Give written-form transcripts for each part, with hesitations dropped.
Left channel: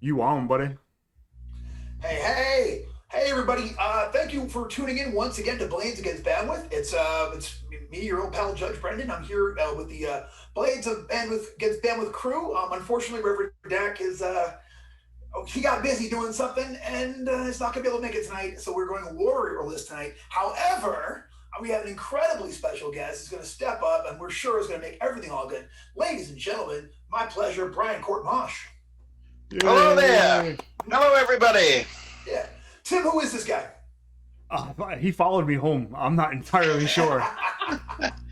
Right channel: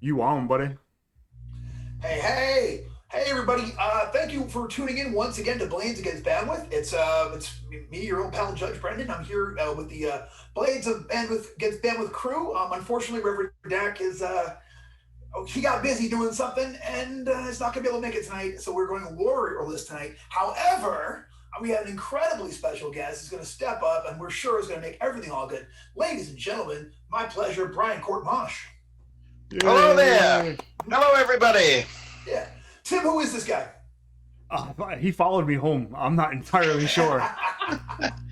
You on, buddy? Hey, everybody! Thank you for tuning in once again to Blades Against Bandwidth. It's me, your own pal Judge Brendan. I'm here with the Blades of Bandwidth Against Bandwidth crew. Unfortunately, Reverend Dak is he got busy doing something and is not going to be able to make it tonight. So we're going to Warrior List tonight. However, we have an incredibly special guest who's going to step up, and we're sure is going to make everything all good. Ladies and gentlemen, my pleasure, Brian Courtemanche. Hello there. Hello, everybody. Yeah. Tim, who is this guy? He followed me home. I'm not entirely sure.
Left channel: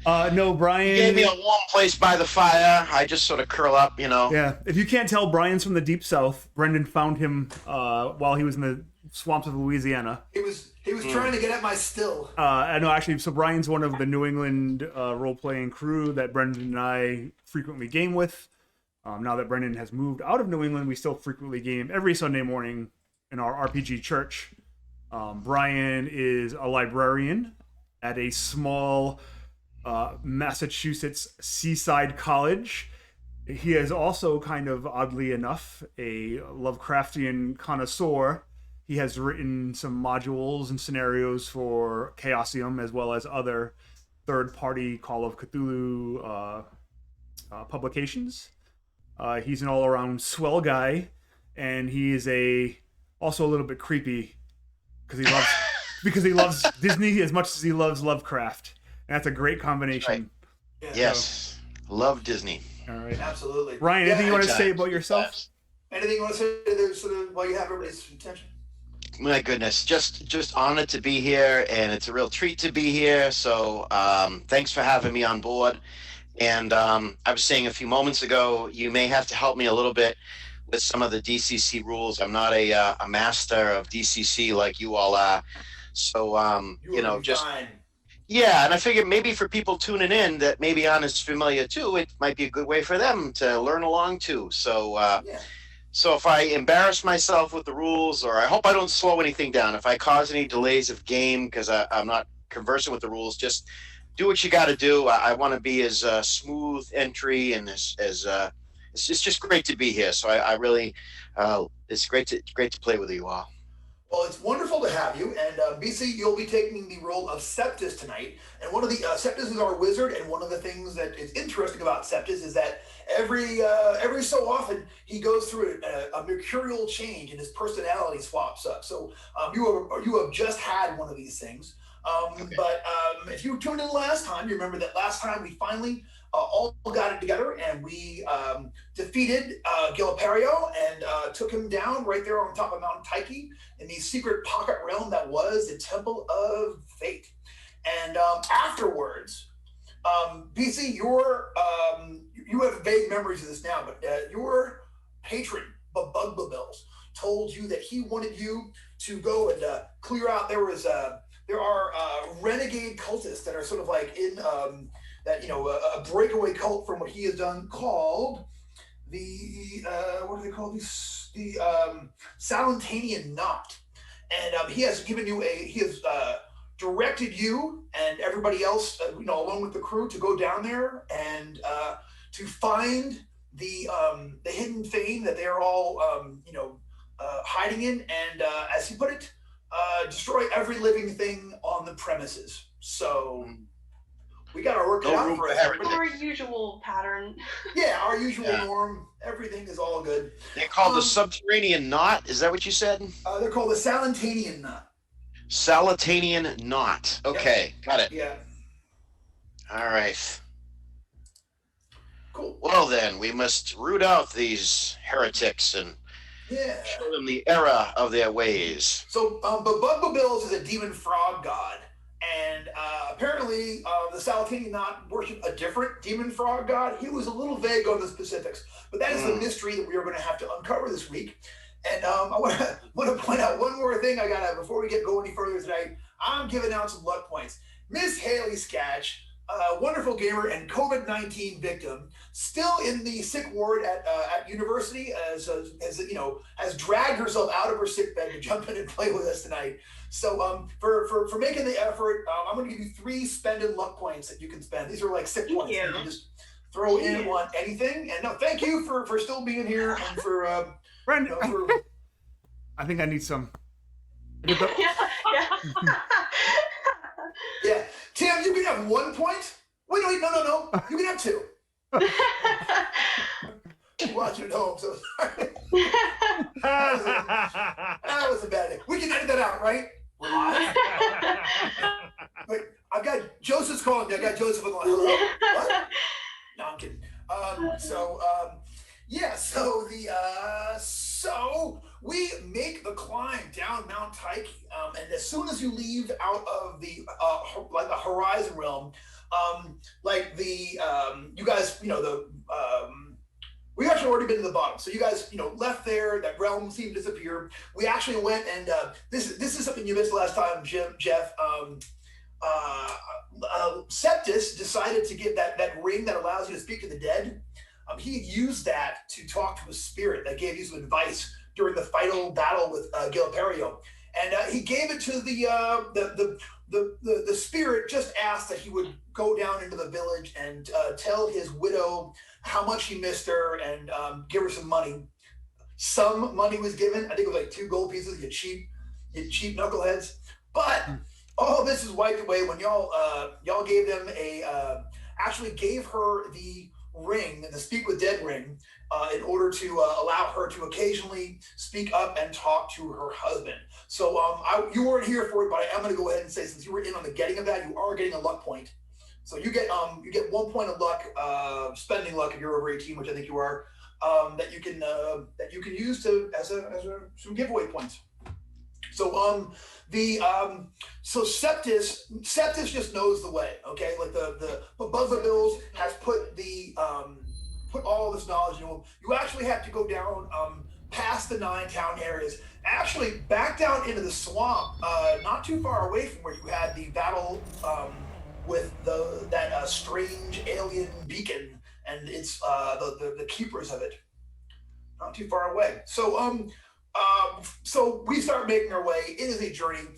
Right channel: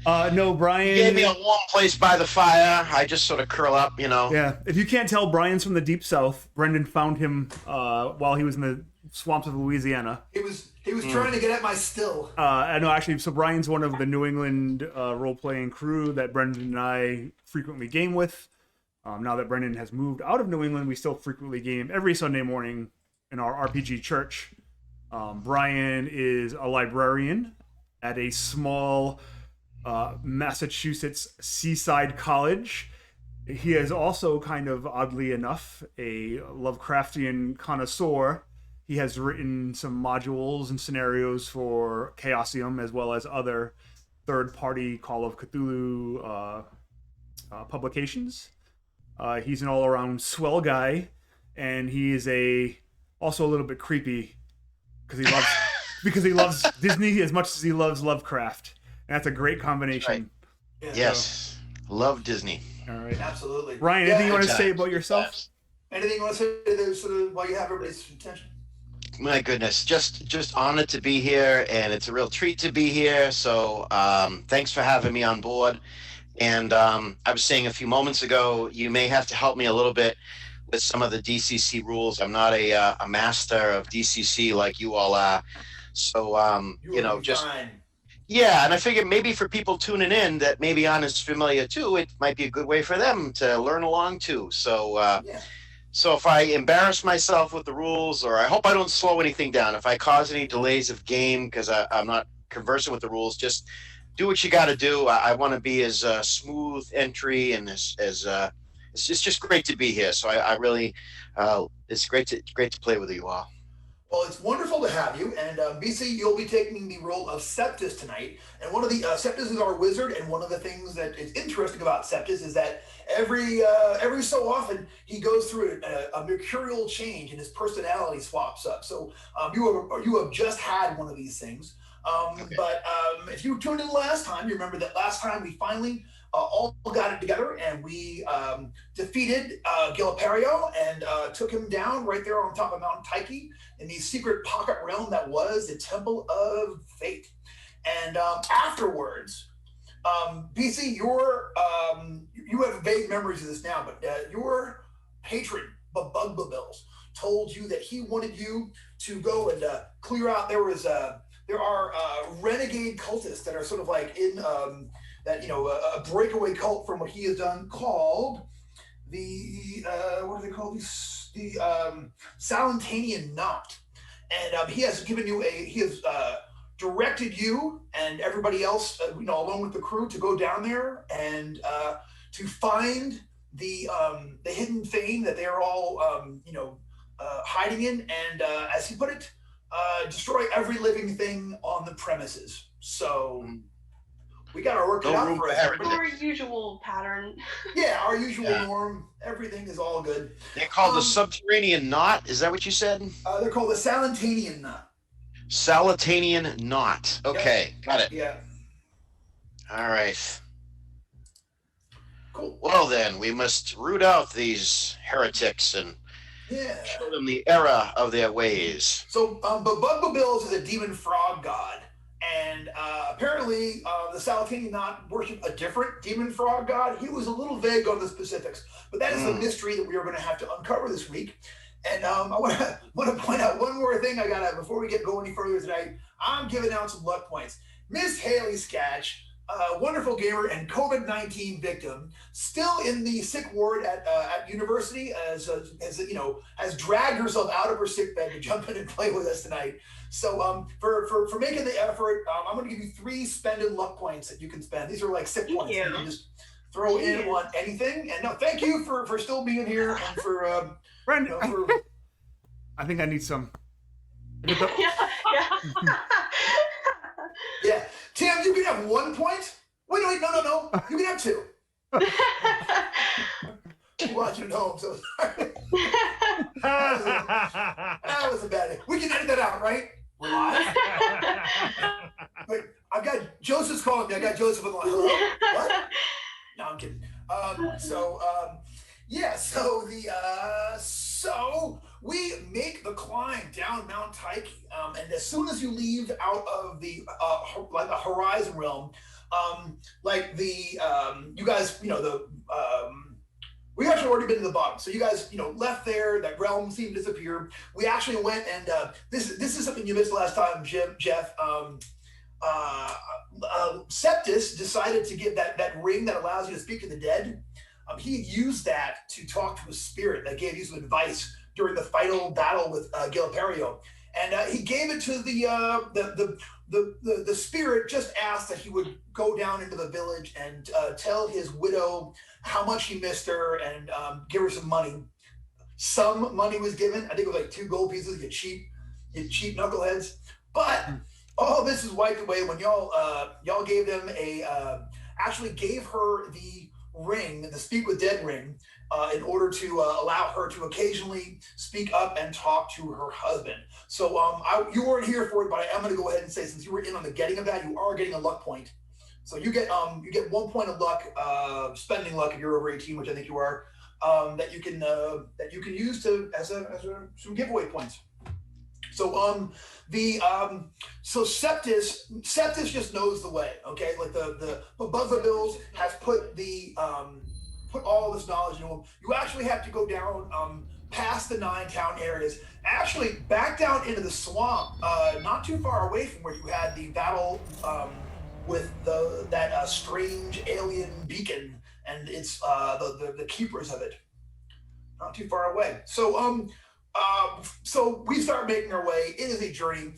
No, Brian. He gave me a warm place by the fire. I just sort of curl up, you know. Yeah. If you can't tell, Brian's from the deep south. Brendan found him while he was in the swamps of Louisiana. He was trying to get at my still. I know, actually. So Brian's one of the New England role-playing crew that Brendan and I frequently game with. Now that Brendan has moved out of New England, we still frequently game every Sunday morning in our RPG church. Brian is a librarian at a small Massachusetts seaside college. He is also, kind of oddly enough, a Lovecraftian connoisseur. He has written some modules and scenarios for Chaosium, as well as other third-party Call of Cthulhu publications. He's an all-around swell guy, and he is also a little bit creepy because he loves Disney as much as he loves Lovecraft, and that's a great combination. Right. Yeah. Yes, love Disney. All right, absolutely. Ryan, anything you want to say about yourself? Anything you want to say there, sort of, while you have everybody's attention? My goodness, just honored to be here, and it's a real treat to be here. So, thanks for having me on board. And I was saying a few moments ago, you may have to help me a little bit with some of the DCC rules. I'm not a master of DCC like you all are. So, fine. Yeah, and I figured maybe for people tuning in that maybe aren't as familiar too, it might be a good way for them to learn along too. So, So if I embarrass myself with the rules, or I hope I don't slow anything down, if I cause any delays of game because I'm not conversant with the rules, just do what you got to do. I want to be as smooth entry and as it's just great to be here. So I really it's great to play with you all. Well, it's wonderful to have you, and BC, you'll be taking the role of Septus tonight. And one of the Septus is our wizard, and one of the things that is interesting about Septus is that every so often he goes through a mercurial change, and his personality swaps up. So you have just had one of these things. Okay. But if you tuned in last time, you remember that last time we finally all got it together, and we defeated Giliperio and took him down right there on top of Mount Tyche in the secret pocket realm that was the Temple of Fate. And afterwards, BC, you have vague memories of this now, but your patron, Bubugbabills, told you that he wanted you to go and clear out. There are renegade cultists that are sort of like in a breakaway cult from what he has done called the what do they call these? The Salentanian Knot, and he has given you directed you and everybody else, along with the crew, to go down there and to find the hidden fane that they're all hiding in, and as he put it, destroy every living thing on the premises. So we got our work cut out for us. Our usual pattern. Yeah, our usual norm. Everything is all good. They're called the Subterranean Knot. Is that what you said? They're called the Salentanian Knot. Salentanian Knot. Okay, got it. Yeah. All right. Cool. Well then, we must root out these heretics and show them the error of their ways. So, Bubugbabills is a demon frog god, and apparently the Salentanian Knot worship a different demon frog god. He was a little vague on the specifics, but that is the mystery that we are going to have to uncover this week. And I want to point out one more thing. Before we go any further tonight, I'm giving out some luck points. Miss Haley Skatch, wonderful gamer and COVID-19 victim, still in the sick ward at university, has dragged herself out of her sick bed to jump in and play with us tonight. So for making the effort, I'm going to give you 3 spended luck points that you can spend. These are like sick points. You can just throw in on anything. And no, thank you for still being here and for Brandon, You know, for- I think I need some. Yeah. yeah. Tim, you can have 1 point. Wait, no. You can have 2. Watch it at home, so sorry. That was a bad thing. We can edit that out, right? We're live. Wait, I've got Joseph's calling me. I got Joseph on the line. Hello? What? No, I'm kidding. So we make the climb down Mount Tyche, and as soon as you leave out of the like the Horizon Realm, you guys, we actually already been to the bottom. So you guys, left there. That realm seemed to disappear. We actually went and this is something you missed last time, Jeff. Septis decided to give that ring that allows you to speak to the dead. He used that to talk to a spirit that gave you some advice during the final battle with Gilperio, and he gave it to the spirit. Just asked that he would go down into the village and tell his widow how much he missed her and give her some money. Some money was given. I think it was like 2 gold pieces. You cheap knuckleheads. But all this is wiped away when y'all gave them actually gave her the ring, the Speak with Dead ring, in order to allow her to occasionally speak up and talk to her husband. So you weren't here for it, but I am going to go ahead and say, since you were in on the getting of that, you are getting a luck point. So you get 1 point of luck, spending luck if you're over 18, which I think you are, that you can use as some giveaway points. So so Septis just knows the way. Okay, like the above the bills has put all this knowledge into him. You actually have to go down past the 9 town areas, actually back down into the swamp, not too far away from where you had the battle with that strange alien beacon, and it's the keepers of it. Not too far away. So we start making our way. It is a journey.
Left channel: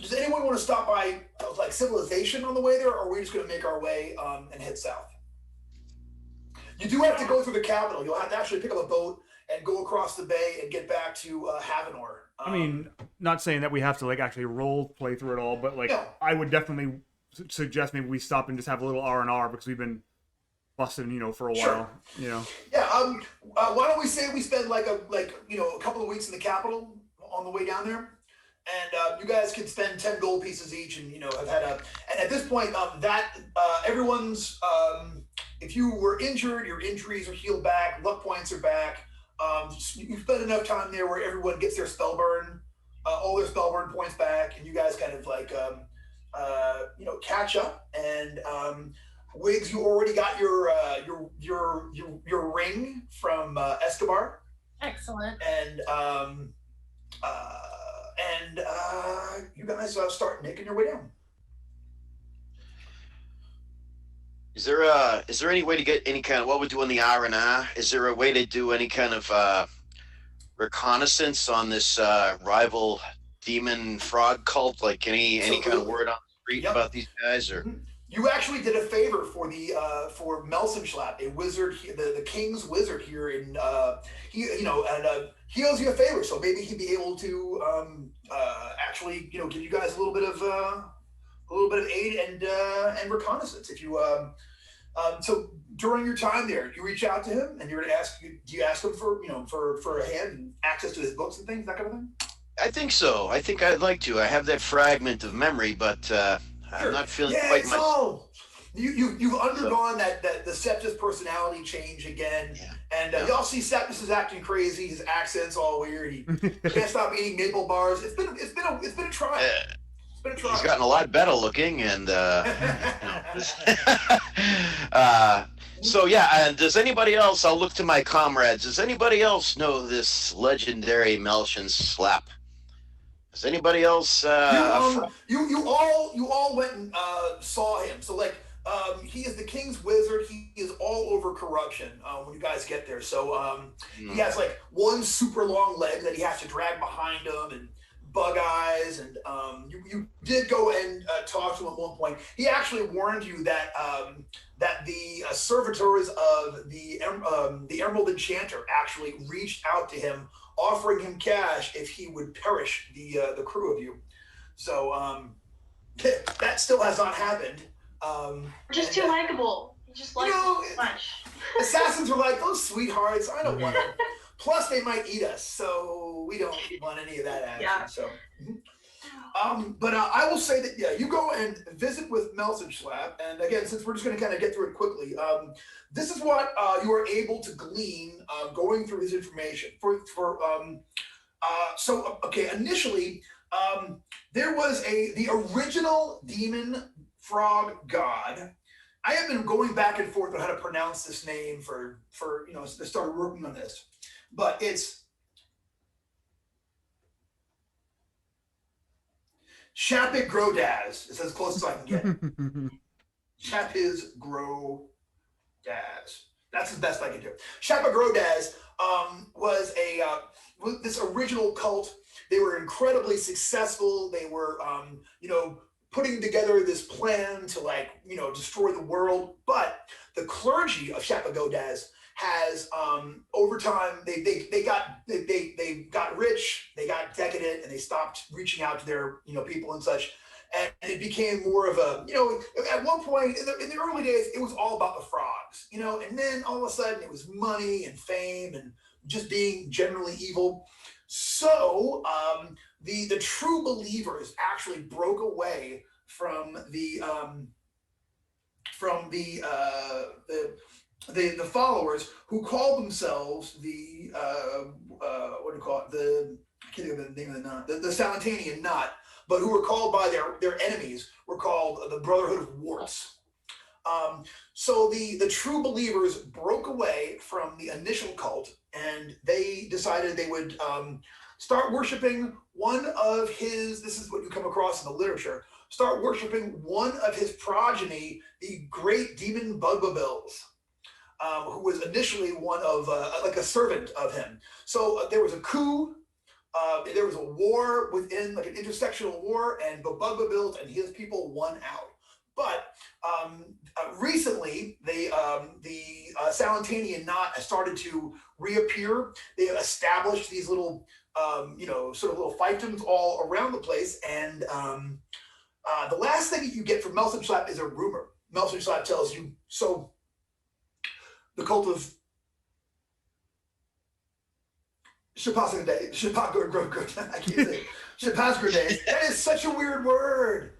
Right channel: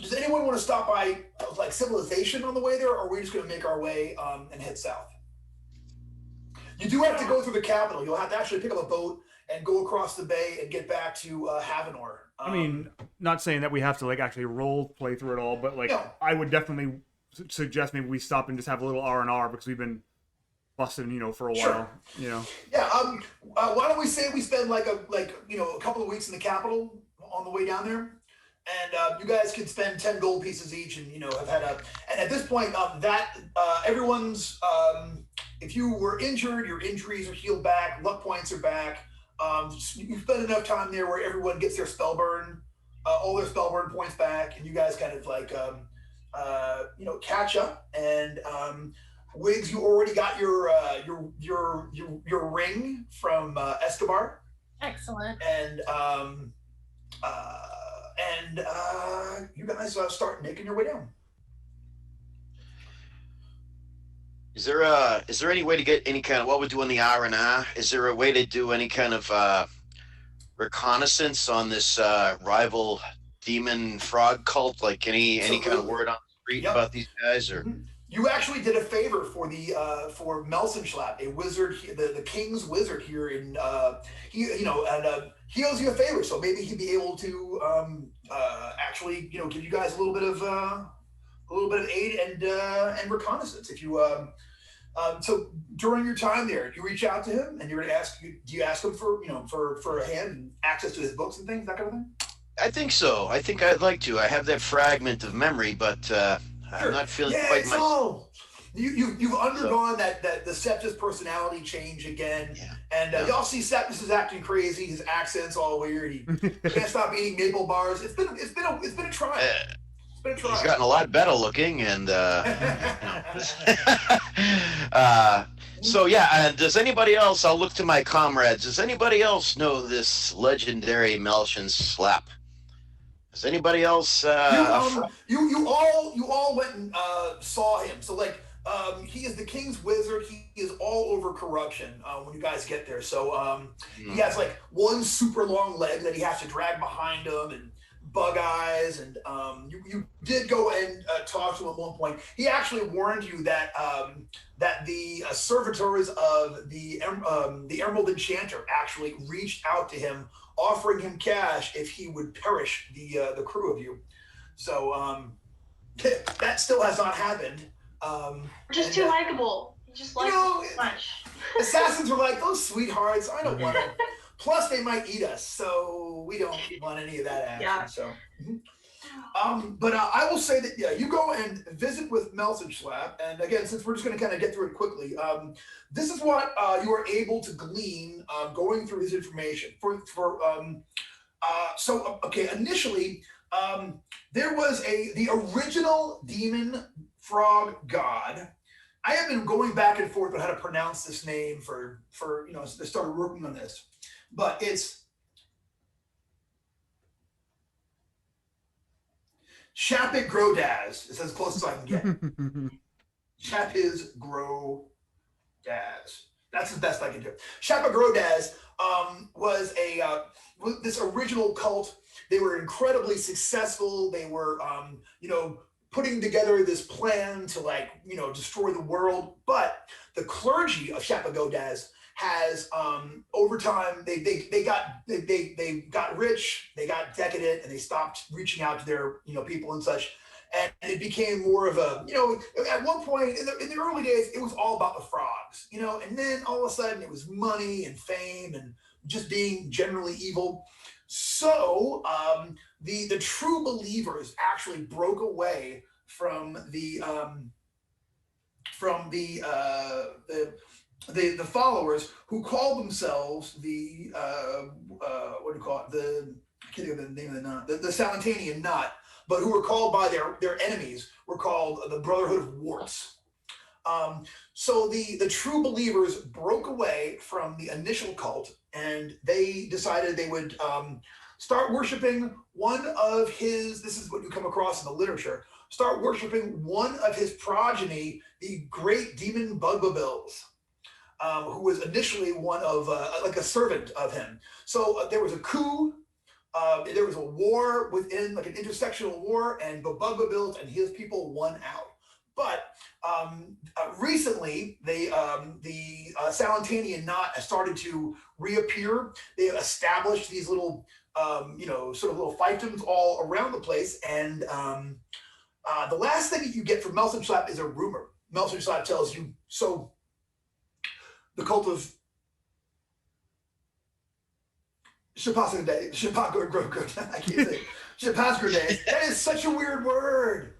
Does anyone want to stop by like civilization on the way there, or are we just going to make our way and head south? You do have to go through the capital. You'll have to actually pick up a boat and go across the bay and get back to Havenor. I mean, not saying that we have to like actually role play through it all, but like No. I would definitely suggest maybe we stop and just have a little R&R because we've been busting, for a while. Yeah. Why don't we say we spend a couple of weeks in the capital on the way down there, and you guys can spend 10 gold pieces each, and have had and at this point everyone's if you were injured, your injuries are healed back, luck points are back. You spend enough time there where everyone gets their spellburn, all their spellburn points back, and you guys kind of catch up. And Wiggs, you already got your ring from Escobar. Excellent. And you guys start making your way down. Is there any way to get any kind of what we're doing the R&R? Is there a way to do any kind of reconnaissance on this rival demon frog cult? Like any kind of word on the street about these guys, or? You actually did a favor for the for Melsenschlapp, a wizard, the king's wizard here in he owes you a favor, so maybe he'd be able to actually give you guys a little bit of aid and reconnaissance if you so during your time there, you reach out to him and you're gonna ask, do you ask him for a hand and access to his books and things, that kind of thing? I think so. I think I'd like to. I have that fragment of memory, but I'm not feeling quite it's all you've undergone that the Septis personality change again, and y'all see Septis is acting crazy. His accent's all weird. He can't stop eating maple bars. It's been a trial. It's been a trial. He's gotten a lot better looking, and so yeah. Does anybody else? I'll look to my comrades. Does anybody else know this legendary Melsenschlapp? Does anybody else? You all went and saw him. So he is the king's wizard. He is all over corruption when you guys get there. So he has one super long leg that he has to drag behind him, and Bug Eyes, and you did go and talk to him at one point. He actually warned you that that the servitors of the Emerald Enchanter actually reached out to him, offering him cash if he would perish the crew of you. So that still has not happened. Just too likable. You just like so much. Assassins are like, those sweethearts, I don't want them. Plus, they might eat us, so we don't want any of that action. Yeah. So, but I will say that, yeah, you go and visit with Melsenschlap, and again, since we're just going to kind of get through it quickly, this is what you are able to glean going through his information. Initially, there was the original demon frog god. I have been going back and forth on how to pronounce this name for I started working on this, but it's Shapit Grodaz. It's as close as I can get. Shapit Grodaz. That's the best I can do. Shapit Grodaz was this original cult. They were incredibly successful. They were, putting together this plan to destroy the world. But the clergy of Shapit Grodaz has over time they got rich, they got decadent, and they stopped reaching out to their people and such. And it became more of a at one point in the early days it was all about the frogs, and then all of a sudden it was money and fame and just being generally evil. So the true believers actually broke away from the followers who called themselves the what do you call it? I can't think of the name of the knot. The Salentanian knot, but who were called by their enemies were called the Brotherhood of Warts. So the true believers broke away from the initial cult, and they decided they would start worshiping one of his. This is what you come across in the literature. Start worshiping one of his progeny, the great demon Bugbabills, who was initially one of like a servant of him. So there was a coup. There was a war within, like an intersectional war, and the Bugbabills and his people won out. But recently, the Salentanian knot has started to reappear. They have established these little, sort of little fiefdoms all around the place. And the last thing that you get from Melsenschlap is a rumor. Melsenschlap tells you, so the cult of Shapasgrade. I can't say Shapasgrade. That is such a weird word.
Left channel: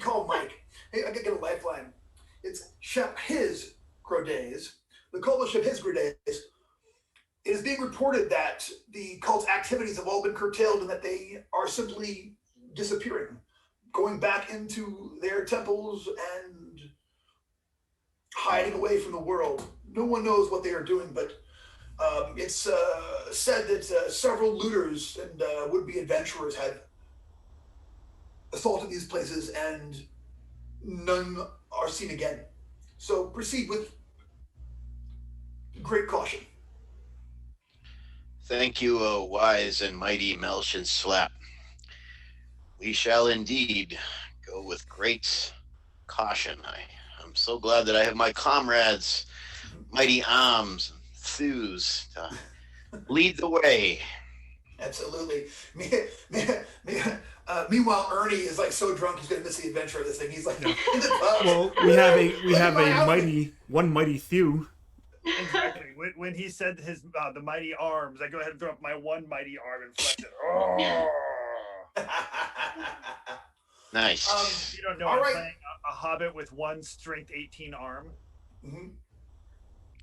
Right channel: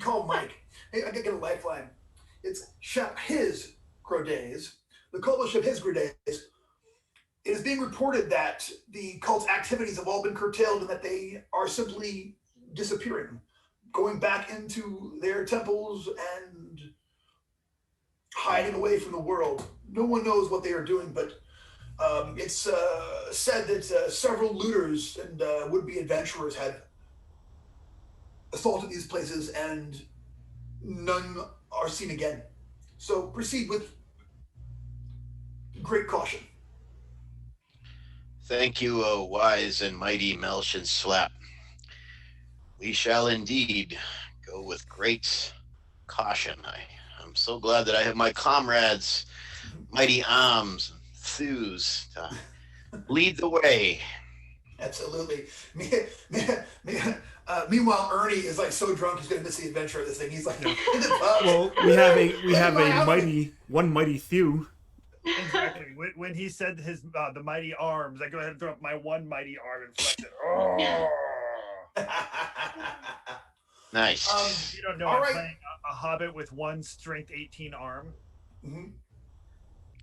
Call Mike. Hey, I could get a lifeline. It's his Grodaz. The cult of his Grodaz. It is being reported that the cult's activities have all been curtailed and that they are simply disappearing, going back into their temples and hiding away from the world. No one knows what they are doing, but it's said that several looters and would-be adventurers had assaulted these places, and none are seen again. So proceed with great caution. Thank you, O wise and mighty Melsenschlap. We shall indeed go with great caution. I'm so glad that I have my comrades, mighty arms, thews, to lead the way. Absolutely. Meanwhile, Ernie is like so drunk he's going to miss the adventure of this thing. He's like, in the pub. Well, we have one mighty thew. Exactly. When he said the mighty arms, I go ahead and throw up my one mighty arm and flex it. Oh. Nice. You don't know, I'm playing a hobbit with one strength 18 arm. Mm-hmm.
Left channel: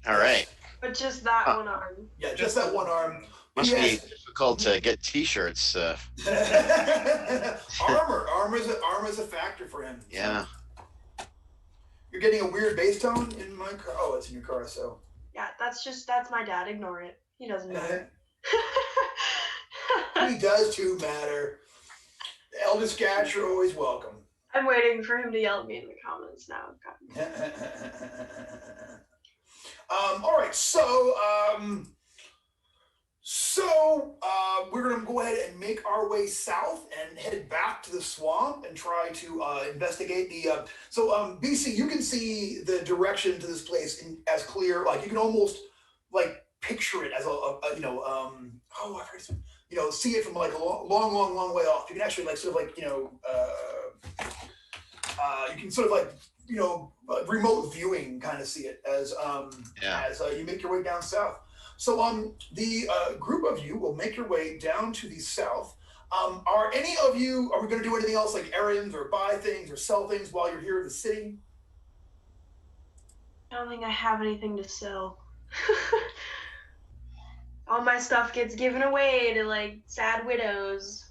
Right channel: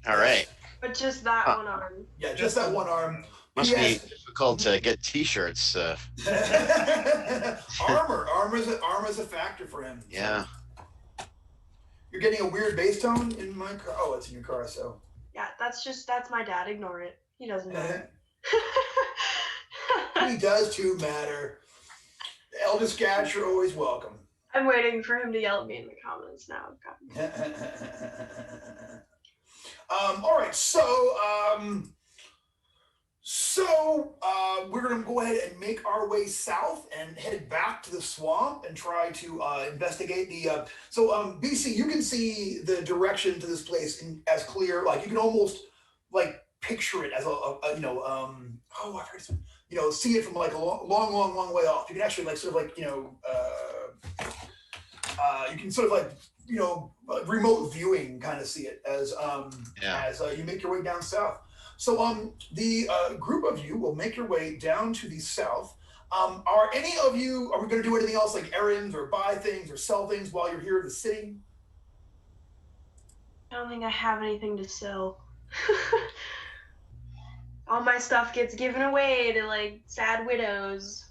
All right. But just that one arm. Yeah, just that one arm. Must be difficult to get T-shirts. Armor is a factor for him. Yeah. You're getting a weird bass tone in my car. Oh, it's in your car, so. Yeah, that's my dad. Ignore it. He doesn't matter. He does too matter. Elder Skatch, you're always welcome. I'm waiting for him to yell at me in the comments now. All right, so So we're going to go ahead and make our way south and head back to the swamp and try to investigate the. BC, you can see the direction to this place as clear. Like you can almost like picture it as see it from like a long way off. You can actually like sort of like you can sort of like remote viewing kind of see it as you make your way down south. So the group of you will make your way down to the south. Are we going to do anything else like errands or buy things or sell things while you're here in the city? I don't think I have anything to sell. All my stuff gets given away to like sad widows.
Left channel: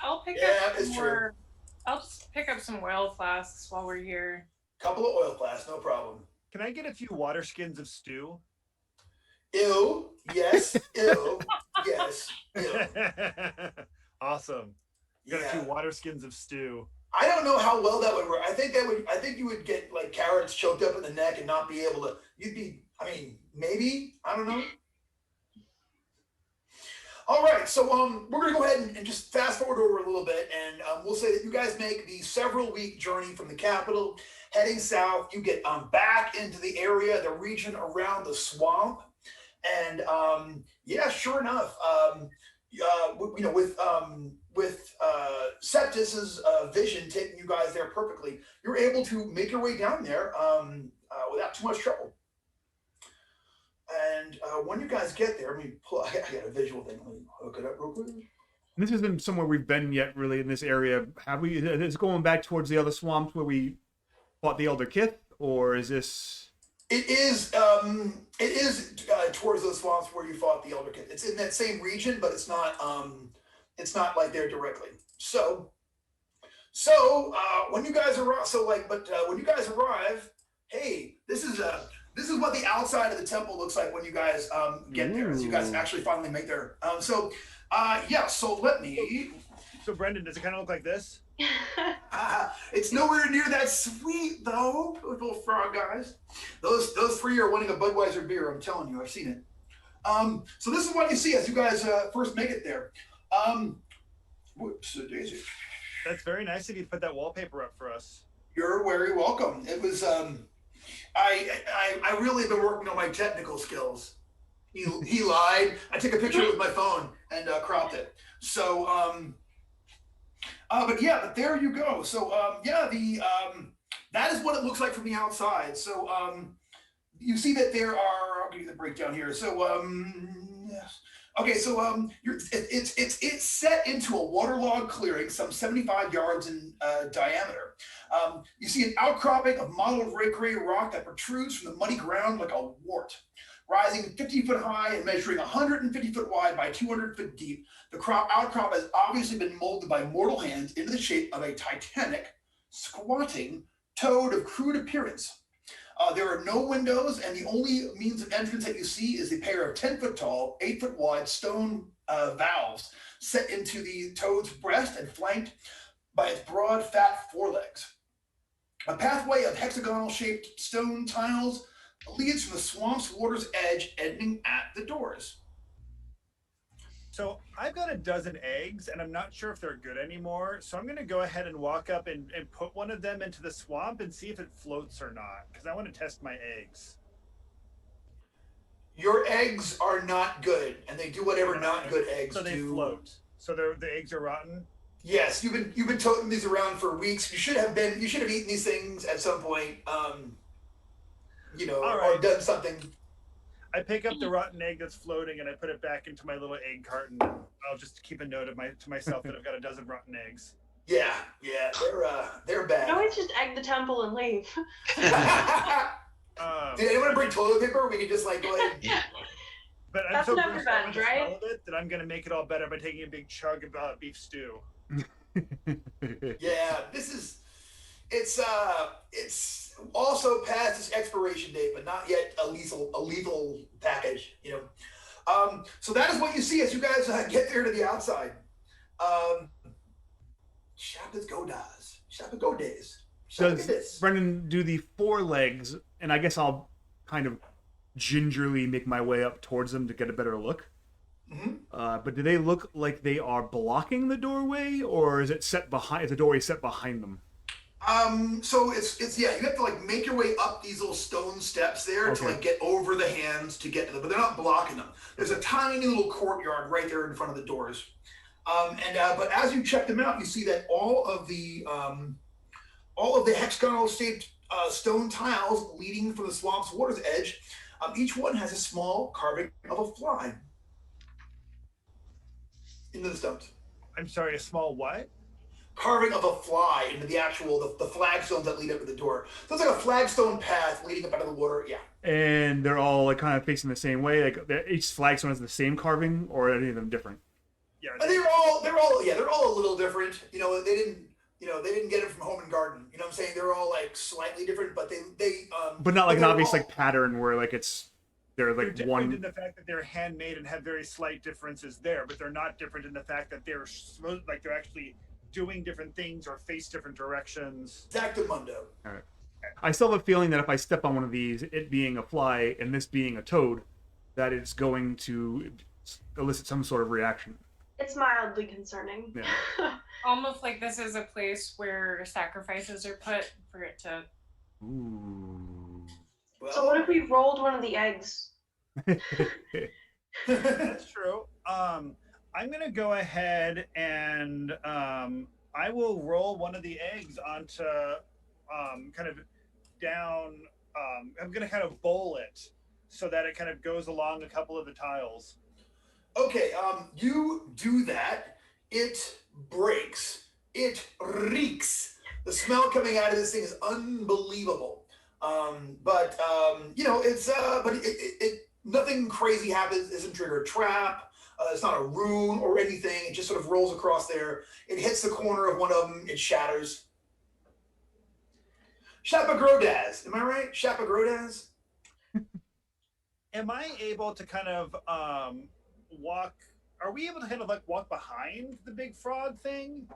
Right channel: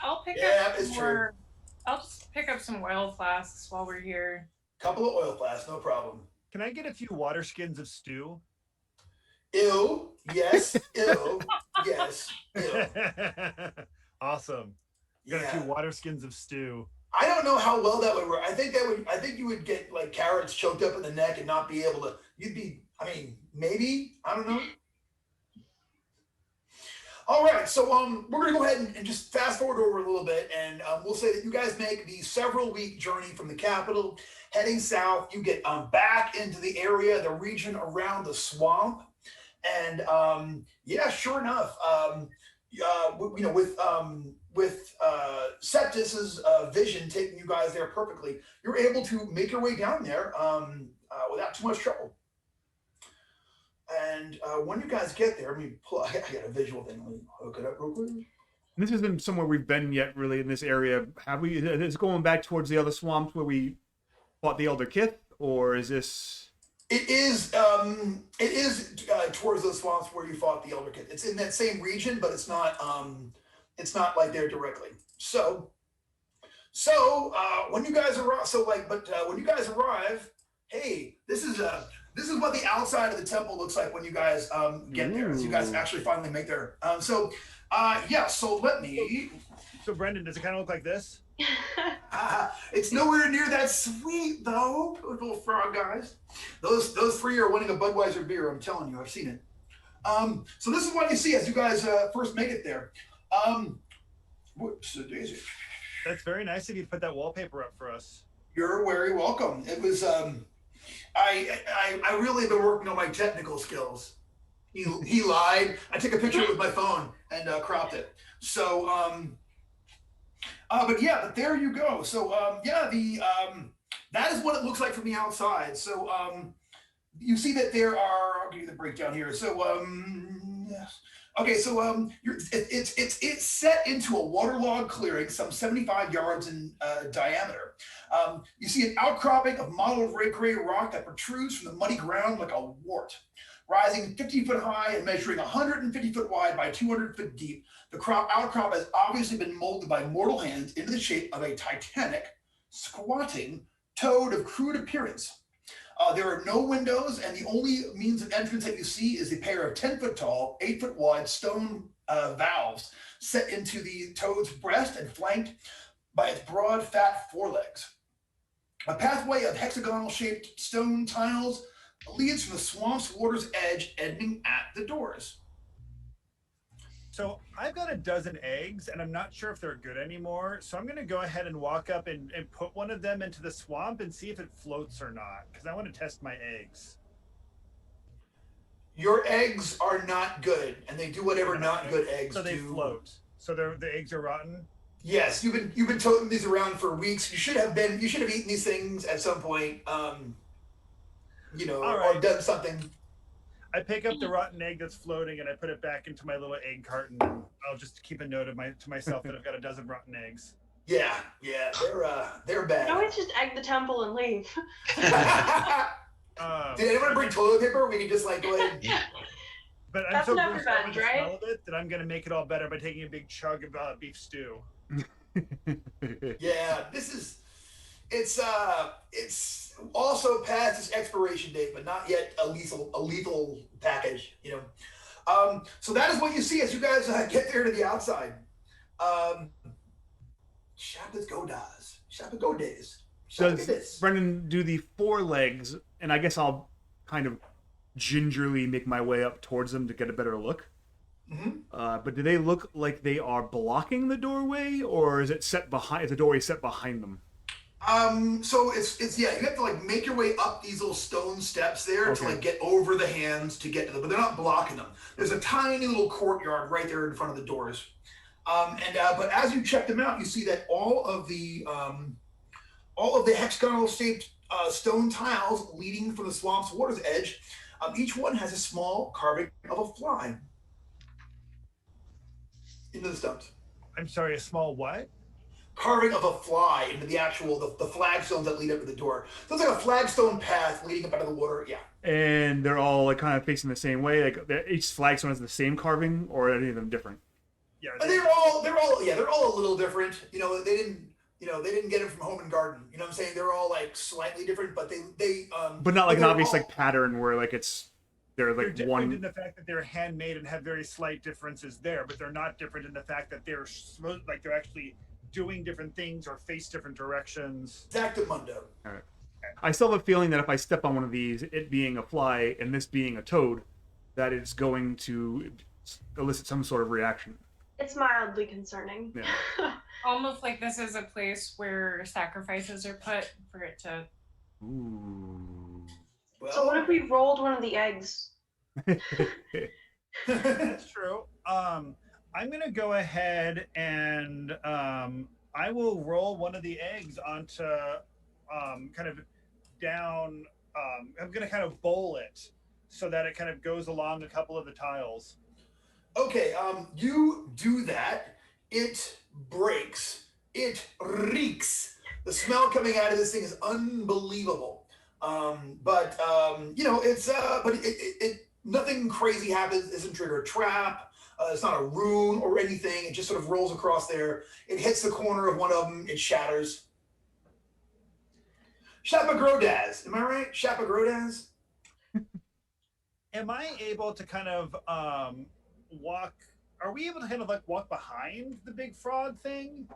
I'll pick I'll just pick up some oil flasks while we're here. Couple of oil flasks, no problem. Can I get a few water skins of stew? Ew. Yes. Ew. Yes. Ew. Awesome. You got a few water skins of stew. I don't know how well that would work. I think you would get like carrots choked up in the neck and not be able to. Maybe. I don't know. All right, so we're gonna go ahead and just fast forward over a little bit, and we'll say that you guys make the several-week journey from the capital, heading south. You get back into the area, the region around the swamp, and sure enough, with Septis's vision taking you guys there perfectly, you're able to make your way down there without too much trouble. And when you guys get there, I got a visual thing. Let me hook it up real quick. This hasn't somewhere we've been yet, really, in this area. Have we? Is it going back towards the other swamps where we fought the Elder Kith, or is this? It is towards those swamps where you fought the Elder Kith. It's in that same region, but it's not like there directly. So when you guys arrive, when you guys arrive, hey, this is what the outside of the temple looks like when you guys get there. So you guys actually finally make there. So let me. So Brendan, does it kind of look like this? It's nowhere near that sweet though, little frog guys. Those three are winning a Budweiser beer. I'm telling you, I've seen it. So this is what you see as you guys first make it there. Whoops, daisy. That's very nice of you to put that wallpaper up for us. You're very welcome. It was I really have been working on my technical skills. He lied. I took a picture with my phone and cropped it. So but there you go. So that is what it looks like from the outside. So you see that there are. I'll give you the breakdown here. So yes. Okay, so it's set into a waterlogged clearing, some 75 yards in diameter. You see an outcropping of mottled gray rock that protrudes from the muddy ground like a wart. Rising 50 foot high and measuring 150 foot wide by 200 foot deep, the outcrop has obviously been molded by mortal hands into the shape of a titanic, squatting toad of crude appearance. There are no windows, and the only means of entrance that you see is a pair of 10 foot tall, 8 foot wide stone valves set into the toad's breast and flanked by its broad, fat forelegs. A pathway of hexagonal shaped stone tiles leads from the swamp's water's edge, ending at the doors. So I've got a dozen eggs, and I'm not sure if they're good anymore. So I'm going to go ahead and walk up and put one of them into the swamp and see if it floats or not, because I want to test my eggs. Your eggs are not good, and they do whatever not good eggs do. So they float. So the eggs are rotten? Yes, you've been toting these around for weeks. You should have eaten these things at some point, or done something. I pick up the rotten egg that's floating and I put it back into my little egg carton. And I'll just keep a note to myself that I've got a dozen rotten eggs. Yeah, they're bad. You always just egg the temple and leave. Did anyone bring toilet paper? We can just like go ahead. But I'm That's so never grossed out with been, the right? smell of it that I'm gonna make it all better by taking a big chug of beef stew. Yeah, it's also past its expiration date, but not yet a lethal package, So that is what you see as you guys get there to the outside. Shapit Go days. Does Brendan do the forelegs? And I guess I'll kind of gingerly make my way up towards them to get a better look. But do they look like they are blocking the doorway, or is it set behind? Is the doorway set behind them? So it's you have to like make your way up these little stone steps there to like get over the hands to get to them, but they're not blocking them. There's a tiny little courtyard right there in front of the doors. But as you check them out, you see that all of the hexagonal shaped stone tiles leading from the swamp's water's edge, each one has a small carving of a fly into the stones. I'm sorry, a small what? Carving of a fly into the actual the flagstones that lead up to the door. So it's like a flagstone path leading up out of the water. Yeah. And they're all like kind of facing the same way. Like each flagstone has the same carving, or are any of them different? Yeah. They're all a little different. You know, they didn't get it from home and garden. You know what I'm saying? They're all like slightly different, but they but not like an obvious like pattern where like they're like they're one in the fact that they're handmade and have very slight differences there, but they're not different in the fact that they're actually doing different things or face different directions. Exactamundo. All right. I still have a feeling that if I step on one of these, it being a fly and this being a toad, that it's going to elicit some sort of reaction. It's mildly concerning. Yeah. Almost like this is a place where sacrifices are put for it to. Ooh. Well, So what if we rolled one of the eggs? That's true. I'm gonna go ahead and I will roll one of the eggs onto kind of down. I'm gonna kind of bowl it so that it kind of goes along a couple of the tiles. Okay, you do that. It breaks. It reeks. The smell coming out of this thing is unbelievable. It's nothing crazy happens. Isn't trigger a trap. It's not a rune or anything. It just sort of rolls across there. It hits the corner of one of them. It shatters. Shapagrodaz. Am I right? Shapagrodaz? Am I able to kind of walk? Are we able to kind of like walk behind the big frog thing?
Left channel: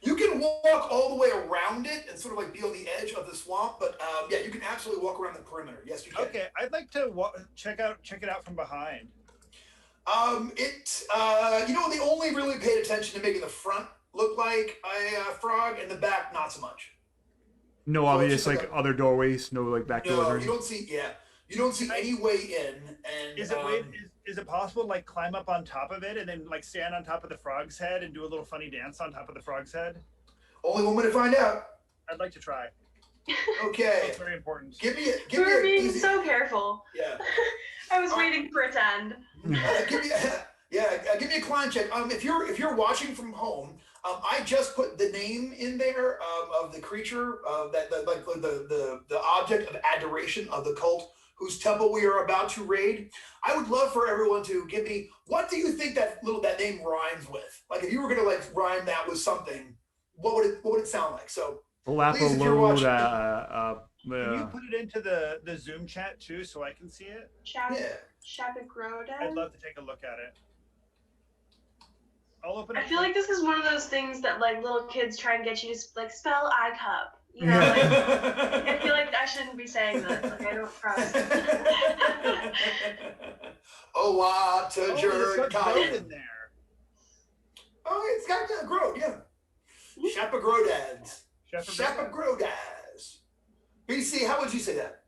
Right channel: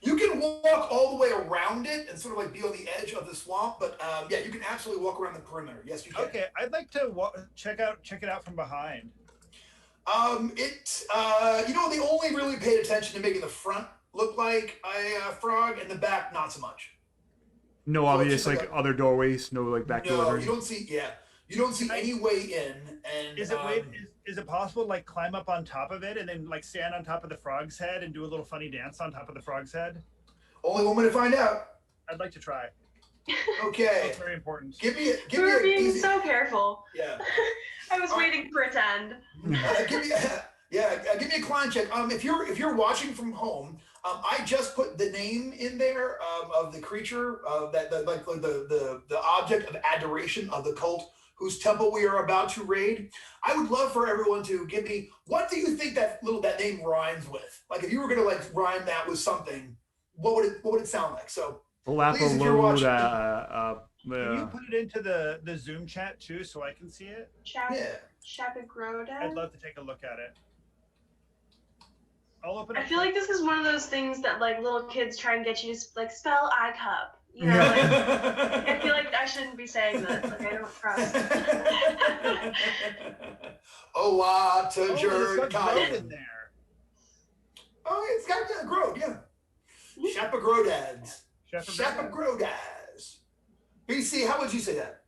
You can walk all the way around it and sort of like be on the edge of the swamp, but you can absolutely walk around the perimeter. Yes, you can. Okay, I'd like to check it out from behind. They only really paid attention to making the front look like a frog and the back not so much. No obvious like other doorways, no like back doors. No, you don't see any way in. And is it possible to like climb up on top of it and then like stand on top of the frog's head and do a little funny dance on top of the frog's head? Only one way to find out. I'd like to try. Okay. That's very important. Give me We're being so careful. Yeah. I was waiting for it to end. Give me a climb check. If you're watching from home, I just put the name in there of the creature, the object of adoration of the cult whose temple we are about to raid. I would love for everyone to give me, what do you think that name rhymes with? Like if you were gonna like rhyme that with something, what would it sound like? So please, if you're watching, can you put it into the Zoom chat too so I can see it? Shapagrodaz? I'd love to take a look at it. I'll open I it. feel like this is one of those things that like little kids try and get you to like spell eye cup. You know, like, I feel like I shouldn't be saying that. Like I don't trust. It's got Goad in there. Oh, it's got Goad, yeah. Shapagrodaz. Shapagrodaz. BC, how would you say that?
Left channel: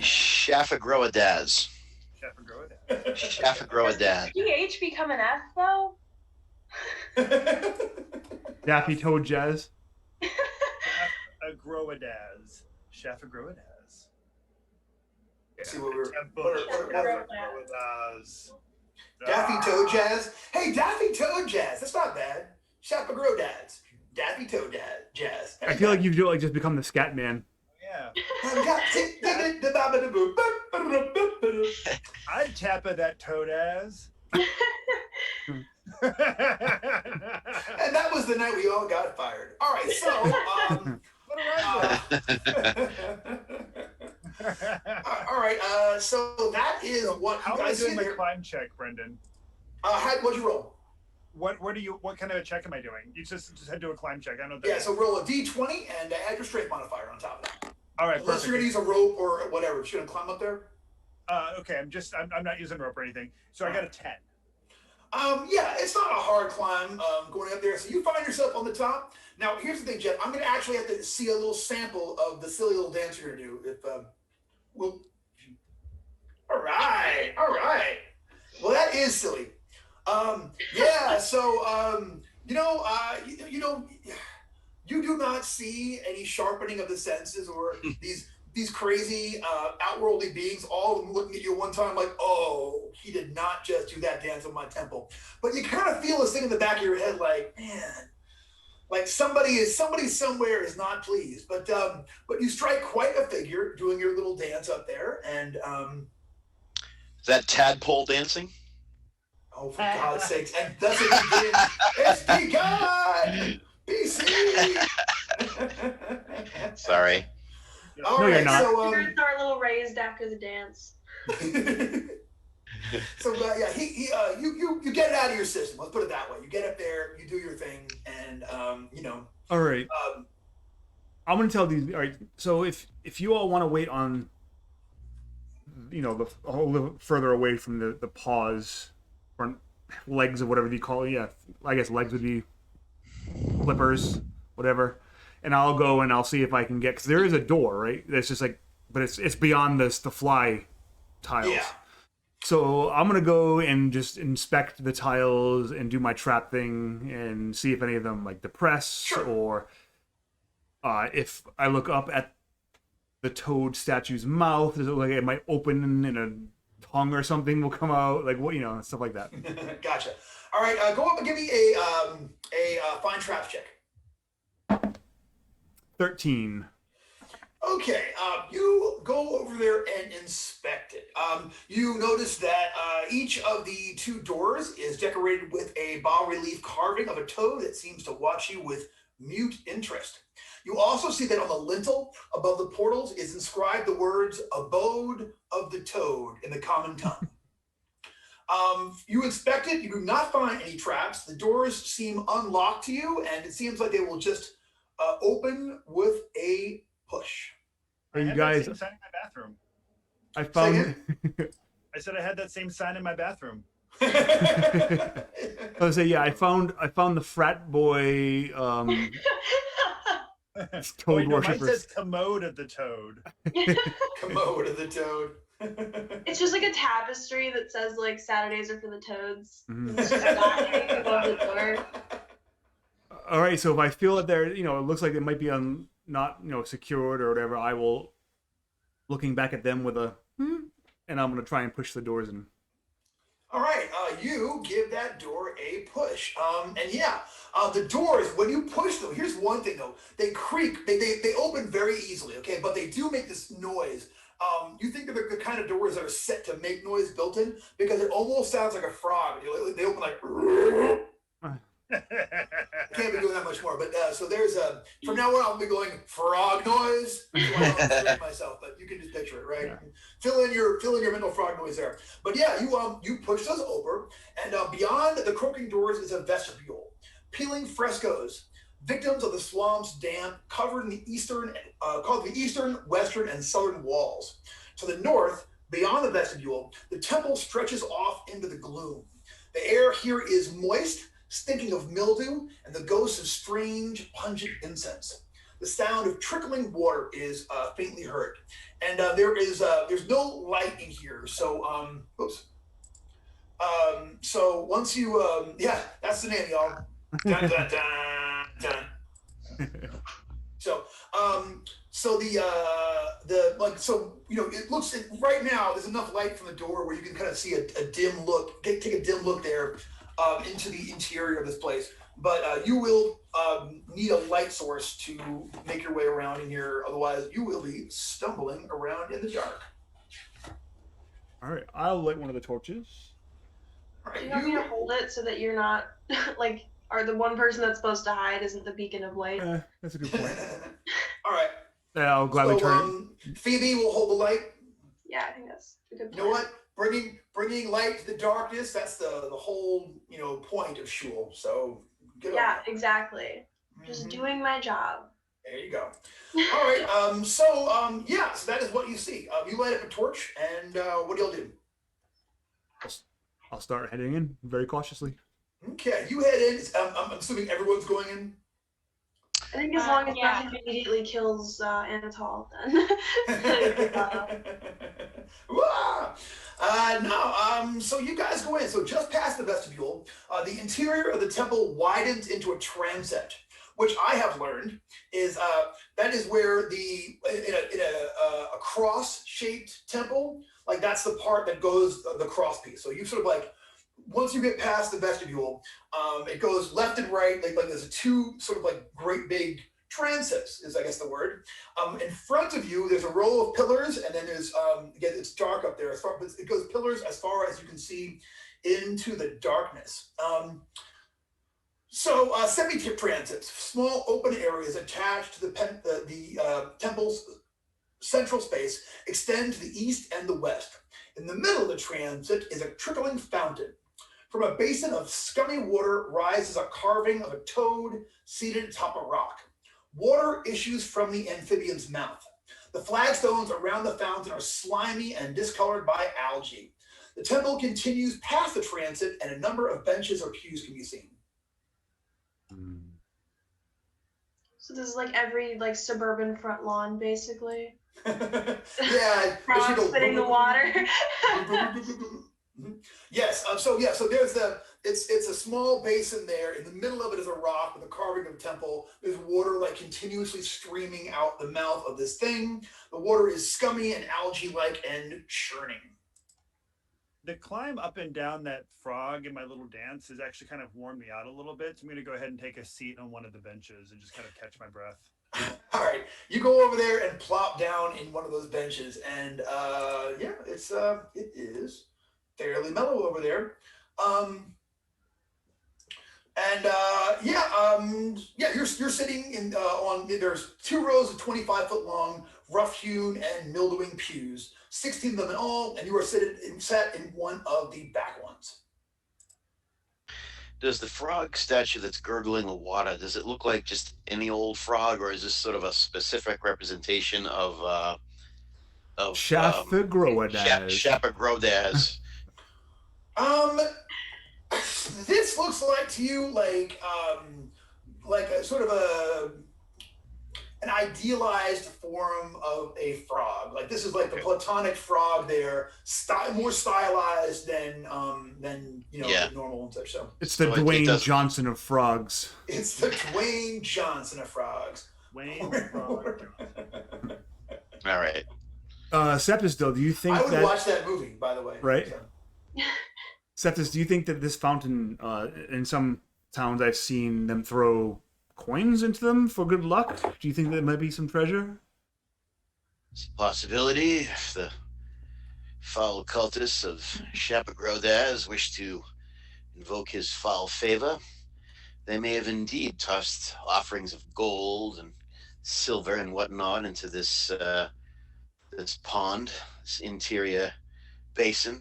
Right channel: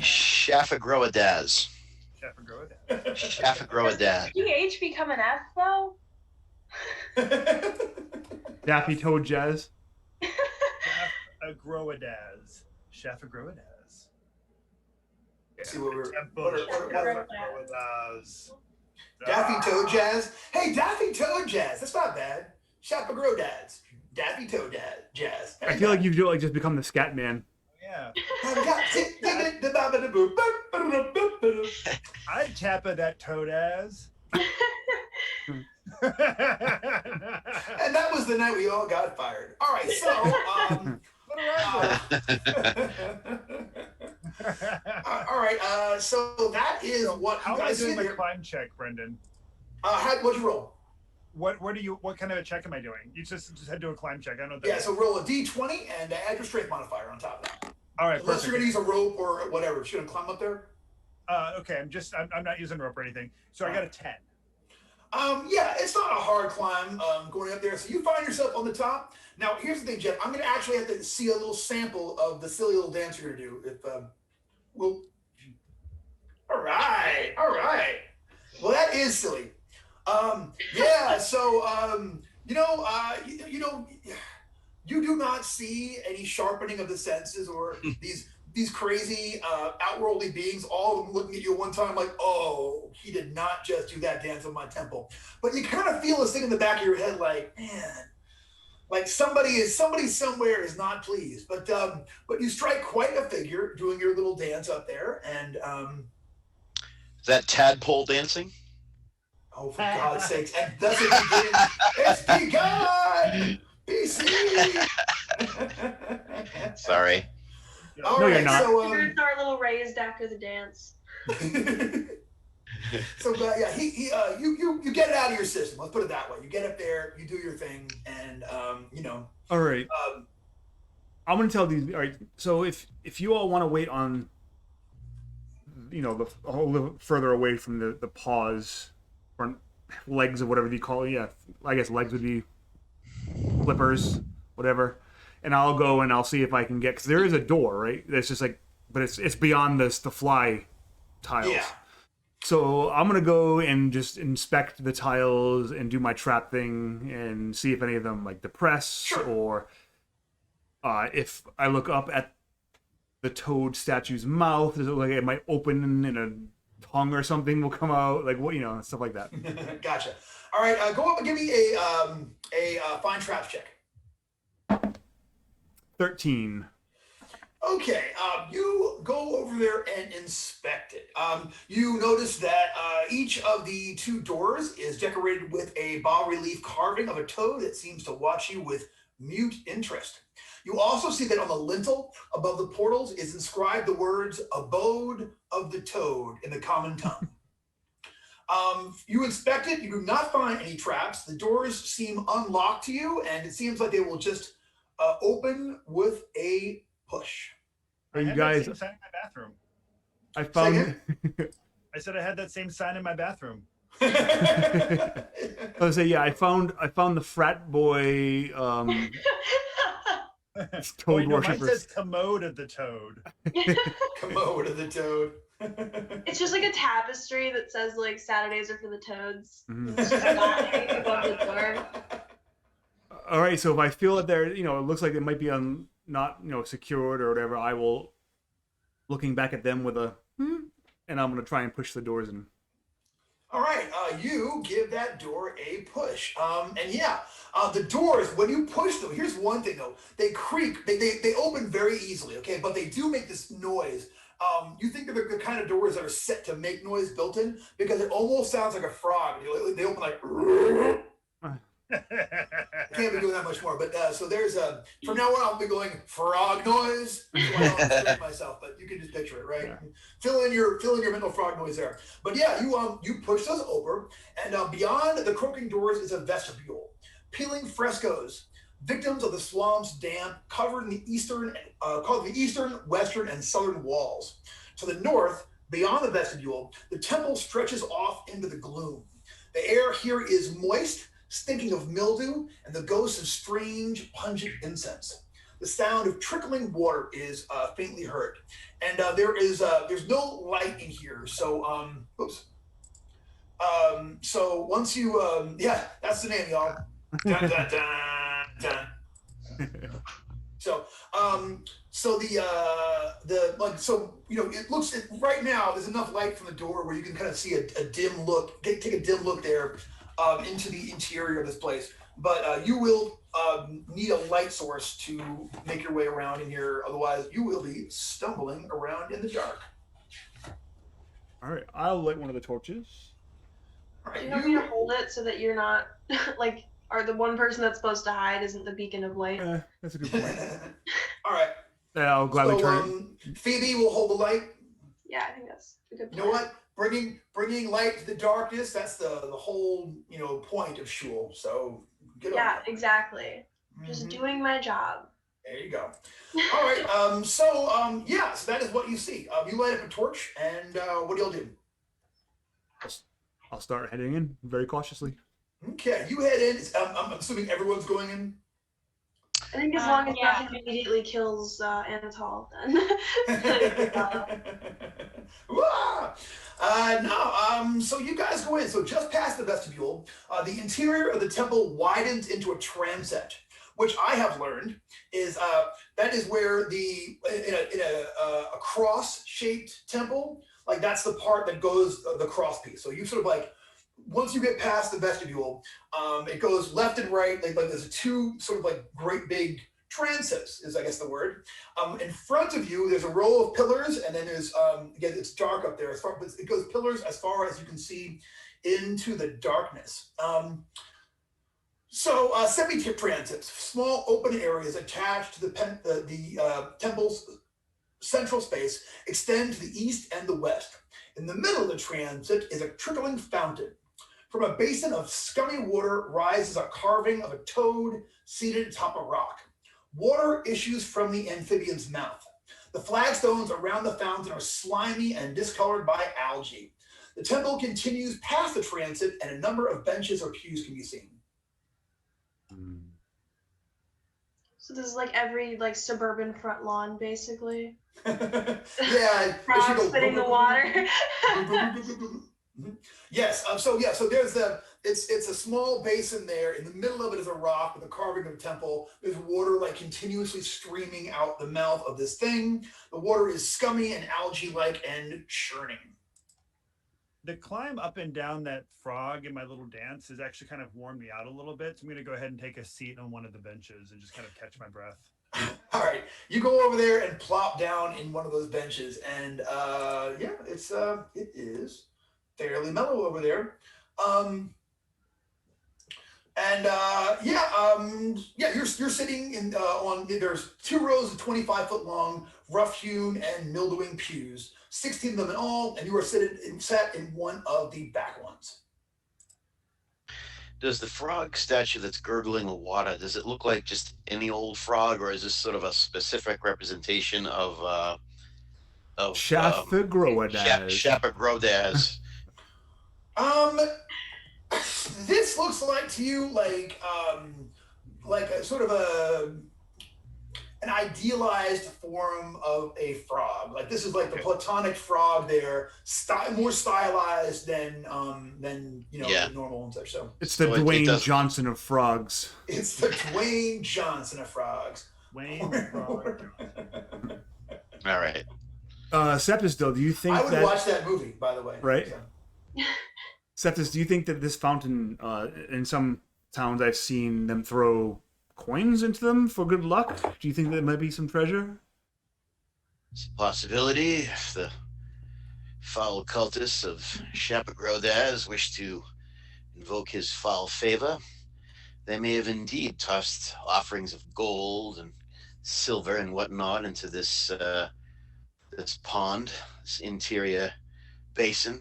Shapagrodaz. Shapagrodaz. PH become an F though? Daffy Toad Jazz. Shapagrodaz. Shapagrodaz. See what we're Shapagrodaz. Daffy Toad Jazz. Hey, Daffy Toad Jazz. That's not bad. Shapagrodaz. Daffy Toad Jazz. I feel like you've like just become the scat man. Yeah. I'd tap that toad as. And that was the night we all got fired. All right, so all right, so that is what How you am I guys doing see my there. climb check, Brendan? What'd you roll? What kind of a check am I doing? You just had to do a climb check. I don't know. Yeah, so roll a d20 and add your strength modifier on top of that. All right, unless perfect. you're gonna use a rope or whatever. You're gonna climb up there. Okay, I'm not using rope or anything. So I got a 10. Yeah, it's not a hard climb going up there. So you find yourself on the top. Now, here's the thing, Jeff. I'm gonna actually have to see a little sample of the silly little dance you're gonna do. If we'll. All right. Well, that is silly. Yeah. So you do not see any sharpening of the senses or these crazy outworldly beings, all of them looking at you at one time like, oh, he did not just do that dance on my temple. But you kind of feel this thing in the back of your head like, man, like somebody somewhere is not pleased. But you strike quite a figure doing your little dance up there. And is that tadpole dancing? oh, for God's sakes, and thus it begins. It's begun! BC! Sorry. No, you're not. So, Spirits are a little raised after the dance. So yeah, you get it out of your system. Let's put it that way. You get up there, you do your thing, and All right. I'm gonna tell these. All right. So if you all want to wait on, a little further away from the paws or legs or whatever you call it. Yeah, I guess legs would be flippers, whatever. And I'll go and I'll see if I can get, because there is a door, right? That's just like, but it's beyond the fly tiles. Yeah. So I'm gonna go and just inspect the tiles and do my trap thing and see if any of them like depress, Sure. or if I look up at the toad statue's mouth, does it look like it might open and a tongue or something will come out, like what, stuff like that. Gotcha. All right, go up and give me a find traps check. 13. Okay, you go over there and inspect it. You notice that each of the two doors is decorated with a bas-relief carving of a toad that seems to watch you with mute interest. You also see that on the lintel above the portals is inscribed the words "Abode of the Toad" in the common tongue. You inspect it, you do not find any traps. The doors seem unlocked to you, and it seems like they will just open with a push. Are you I guys? had that same sign in my bathroom. I found. I said I had that same sign in my bathroom. I was say, yeah. I found the frat boy. Toad Wait, no, mine worshippers. says commode of the toad. Commode of the toad. It's just like a tapestry that says like Saturdays are for the toads. Mhm. It's just not hanging above the door. All right, so if I feel that there, it looks like it might be not secured or whatever, I will, looking back at them with a, and I'm gonna try and push the doors in. All right, you give that door a push. And yeah, the doors, when you push them, here's one thing though, they creak, they open very easily, okay? But they do make this noise. You think of the kind of doors that are set to make noise built in, because it almost sounds like a frog. They open like, I can't be doing that much more, but so there's from now on I'll be going frog noise. I don't understand myself, but you can just picture it, right? Yeah. Fill in your mental frog noise there. But yeah, you push those over, and beyond the croaking doors is a vestibule, peeling frescoes, victims of the swamp's damp, covered in the eastern, called the eastern, western, and southern walls. To the north, beyond the vestibule, the temple stretches off into the gloom. The air here is moist, stinking of mildew and the ghosts of strange, pungent incense. The sound of trickling water is faintly heard, and there's no light in here. So, so once you, that's the name, y'all. Dun, dun, dun, dun. So it looks right now. There's enough light from the door where you can kind of see a dim look. Take a dim look there. Into the interior of this place, but you will need a light source to make your way around in here. Otherwise, you will be stumbling around in the dark. All right, I'll light one of the torches. All right, You don't need to hold it so that you're not like, or the one person that's supposed to hide isn't the beacon of light. That's a good point. All right. I'll gladly turn it. Phoebe will hold the light. Yeah, I think that's a good You know plan. what? bringing light to the darkness. That's the whole point of Shul. So get over it. Exactly. Just doing my job. There you go. All right. So that is what you see. You light up a torch, and what do y'all do? I'll start heading in very cautiously. Okay, you head in. I'm assuming everyone's going in. I think as long as nothing immediately kills Anatol, then. So you guys go in. So just past the vestibule, the interior of the temple widens into a transept, which I have learned is that is where in a cross-shaped temple, like that's the part that goes the cross piece. So you sort of like, once you get past the vestibule, it goes left and right. Like there's two sort of like great big transepts is I guess the word. In front of you, there's a row of pillars, and then there's again it's dark up there. But it goes pillars as far as you can see into the darkness. Semi-tip transepts, small open areas attached to the temple's central space, extend to the east and the west. In the middle of the transept is a trickling fountain. From a basin of scummy water rises a carving of a toad seated atop a rock. Water issues from the amphibian's mouth. The flagstones around the fountain are slimy and discolored by algae. The temple continues past the transept, and a number of benches or pews can be seen. So this is like every suburban front lawn, basically. Yeah. Frogs spitting the water. Yes. So there's it's a small basin there. In the middle of it is a rock with a carving of a temple. There's water continuously streaming out the mouth of this thing. The water is scummy and algae-like and churning. The climb up and down that frog in my little dance has actually kind of worn me out a little bit. So I'm going to go ahead and take a seat on one of the benches and just kind of catch my breath. All right, you go over there and plop down in one of those benches, and it is fairly mellow over there. You're sitting in on there's 2 rows of 25-foot long, rough-hewn and mildewing pews, 16 of them in all, and you are sat in one of the back ones. Does the frog statue that's gurgling the water, does it look like just any old frog, or is this sort of a specific representation of Shapagrodaz? Shapagrodaz. This looks like to you like a sort of an idealized form of a frog. Like this is like the platonic frog there, more stylized than the normal and such. So it's the Dwayne Johnson of frogs. It's the Dwayne Johnson of frogs. Wayne Frog. All right. Septus, though, do you think I would watch that movie, by the way. Right. So. Septus, do you think that this fountain, in some towns I've seen them throw coins into them for good luck? Do you think there might be some treasure? It's a possibility. If the foul cultists of Shapagrodaz wish to invoke his foul favor, they may have indeed tossed offerings of gold and silver and whatnot into this this pond, this interior basin.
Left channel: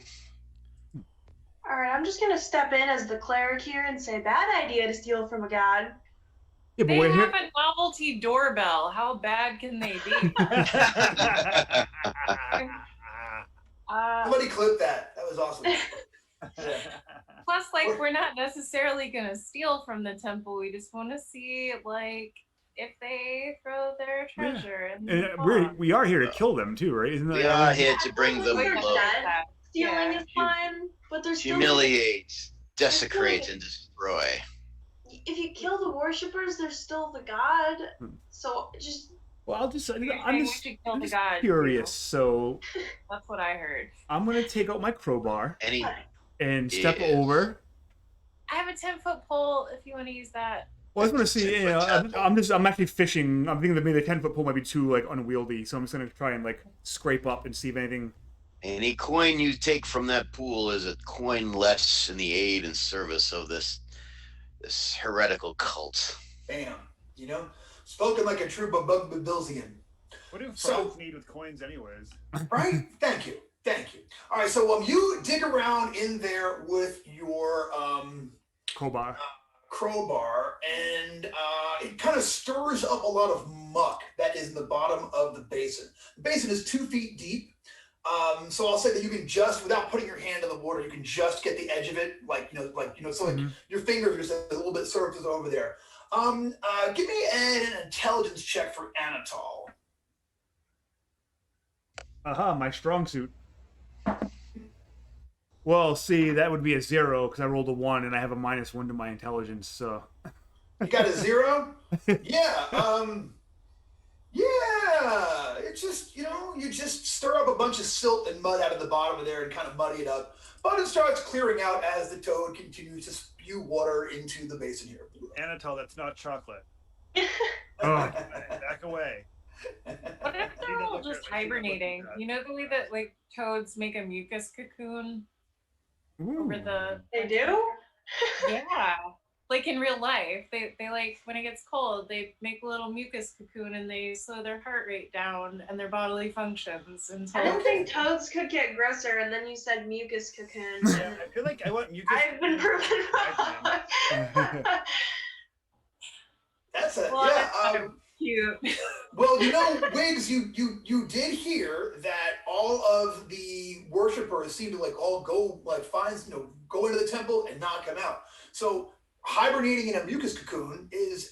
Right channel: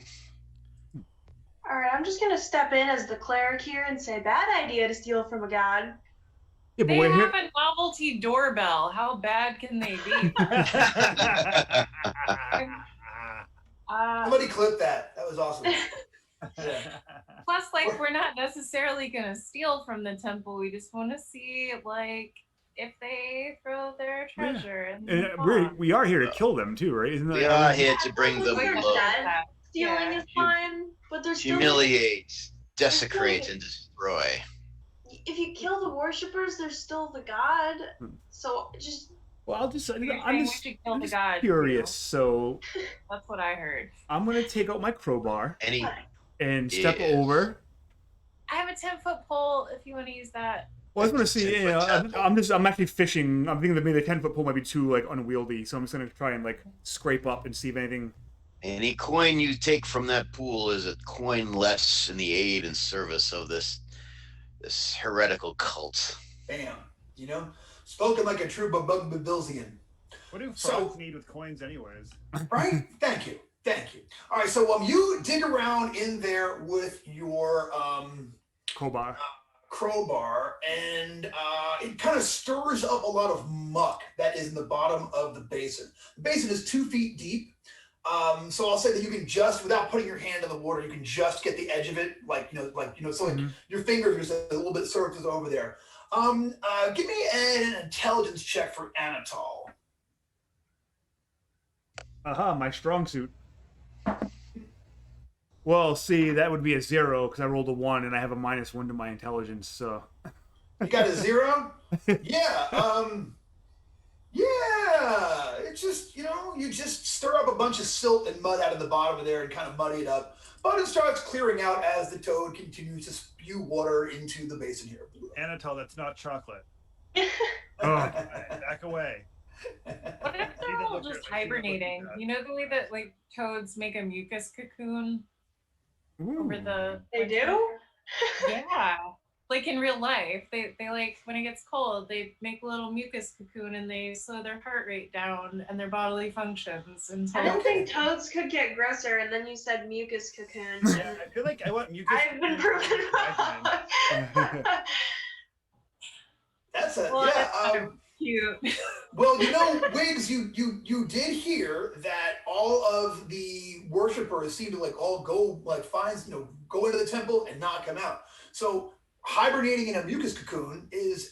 All right, I'm just gonna step in as the cleric here and say, bad idea to steal from a god. Yeah, but They we're have here. a novelty doorbell. How bad can they be? Somebody clip that. That was awesome. Plus, we're not necessarily gonna steal from the temple. We just want to see, if they throw their treasure. And we are here to kill them too, right? Isn't that? We are here to bring them We're low. dead. Stealing is fine, but there's still Humiliate, desecrate, and destroy. If you kill the worshippers, there's still the god. So just. Well, I'm just god, curious. So that's what I heard. I'm gonna take out my crowbar Any and step over. I have a 10-foot pole. If you want to use that. Well, I was gonna see. I'm actually fishing. I'm thinking that maybe the 10-foot pole might be too unwieldy, so I'm just gonna try and scrape up and see if anything. Any coin you take from that pool is a coin less in the aid and service of this heretical cult. Bam. Spoken like a true Babilzian. What do frogs need with coins anyways? Right? Thank you. Thank you. All right, so you dig around in there with your crowbar, and it kind of stirs up a lot of muck that is in the bottom of the basin. The basin is 2 feet deep, so I'll say that you can just, without putting your hand in the water, you can just get the edge of it, so like your fingers are just a little bit surface over there. Give me an intelligence check for Anatol. My strong suit. Well, see, that would be a 0 because I rolled a 1 and I have a -1 to my intelligence. So you got a 0? Yeah. Yeah. It's just, you just stir up a bunch of silt and mud out of the bottom of there and kind of muddy it up. But it starts clearing out as the toad continues to spew water into the basin here. Anatol, that's not chocolate. Oh. Back away. What if they're all just hibernating? You know the way that like toads make a mucus cocoon over the. They do? Yeah, like in real life, they like when it gets cold, they make a little mucus cocoon and they slow their heart rate down and their bodily functions. And I didn't think toads could get grosser, and then you said mucus cocoon. Yeah, I feel like I want mucus. I've been proven wrong. That's a cute. Well, Wiggs, you did hear that all of the worshipers seem to all go go into the temple and not come out. So hibernating in a mucus cocoon is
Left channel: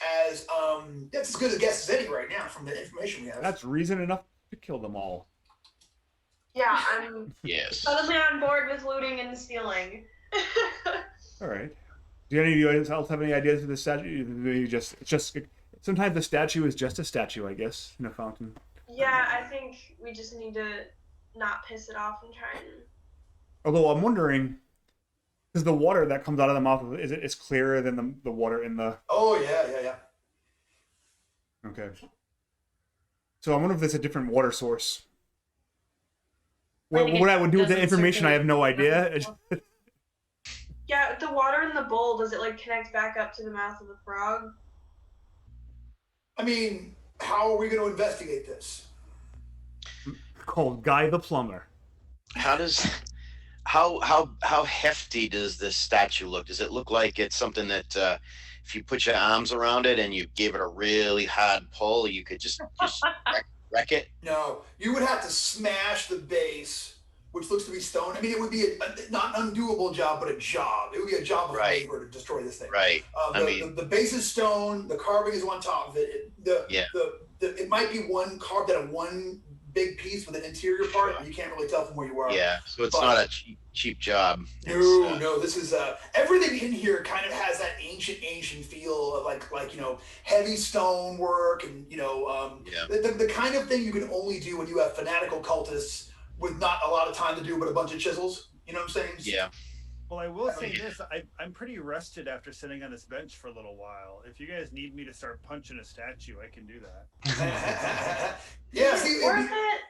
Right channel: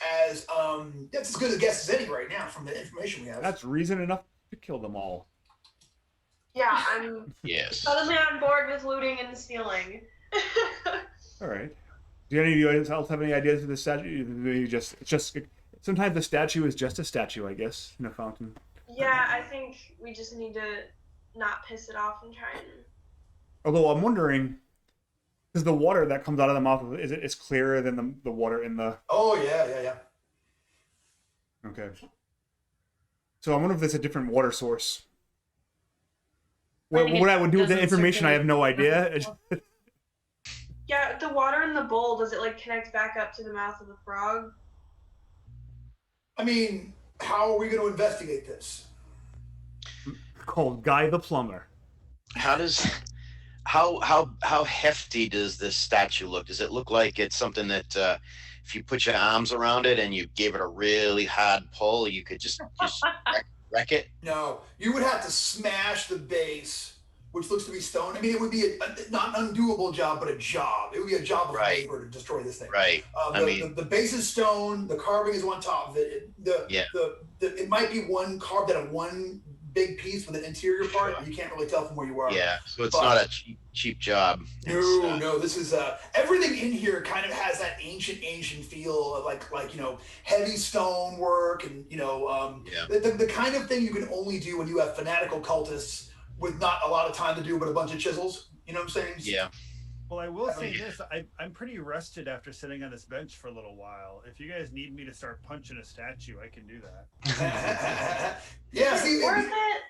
that's as good a guess as any right now from the information we have. That's reason enough to kill them all. Yeah, I'm suddenly on board with looting and stealing. All right. Do any of you else have any ideas for the statue? It's just sometimes the statue is just a statue, I guess, in a fountain. Yeah, I think we just need to not piss it off and try and. Although I'm wondering, is the water that comes out of the mouth is clearer than the water in the? Oh yeah. Okay. So I wonder if there's a different water source. What I would do with the information, I have no idea. Yeah, the water in the bowl, does it connect back up to the mouth of the frog? I mean, how are we going to investigate this? Called Guy the Plumber. How hefty does this statue look? Does it look like it's something that if you put your arms around it and you gave it a really hard pull, you could just wreck it? No, you would have to smash the base, which looks to be stone. I mean, it would be not an undoable job, but a job. It would be a job of labor to destroy this thing. Right. The base is stone. The carving is on top of it. It might be one carved out of one big piece with an interior part. You can't really tell from where you are. Yeah, so it's not a cheap job. No. This is everything in here kind of has that ancient feel of like heavy stone work and the kind of thing you can only do when you have fanatical cultists with not a lot of time to do but a bunch of chisels. You know what I'm saying? Yeah. Well, I will say this: I'm pretty rested after sitting on this bench for a little while. If you guys need me to start punching a statue, I can do that. Yeah, worth it.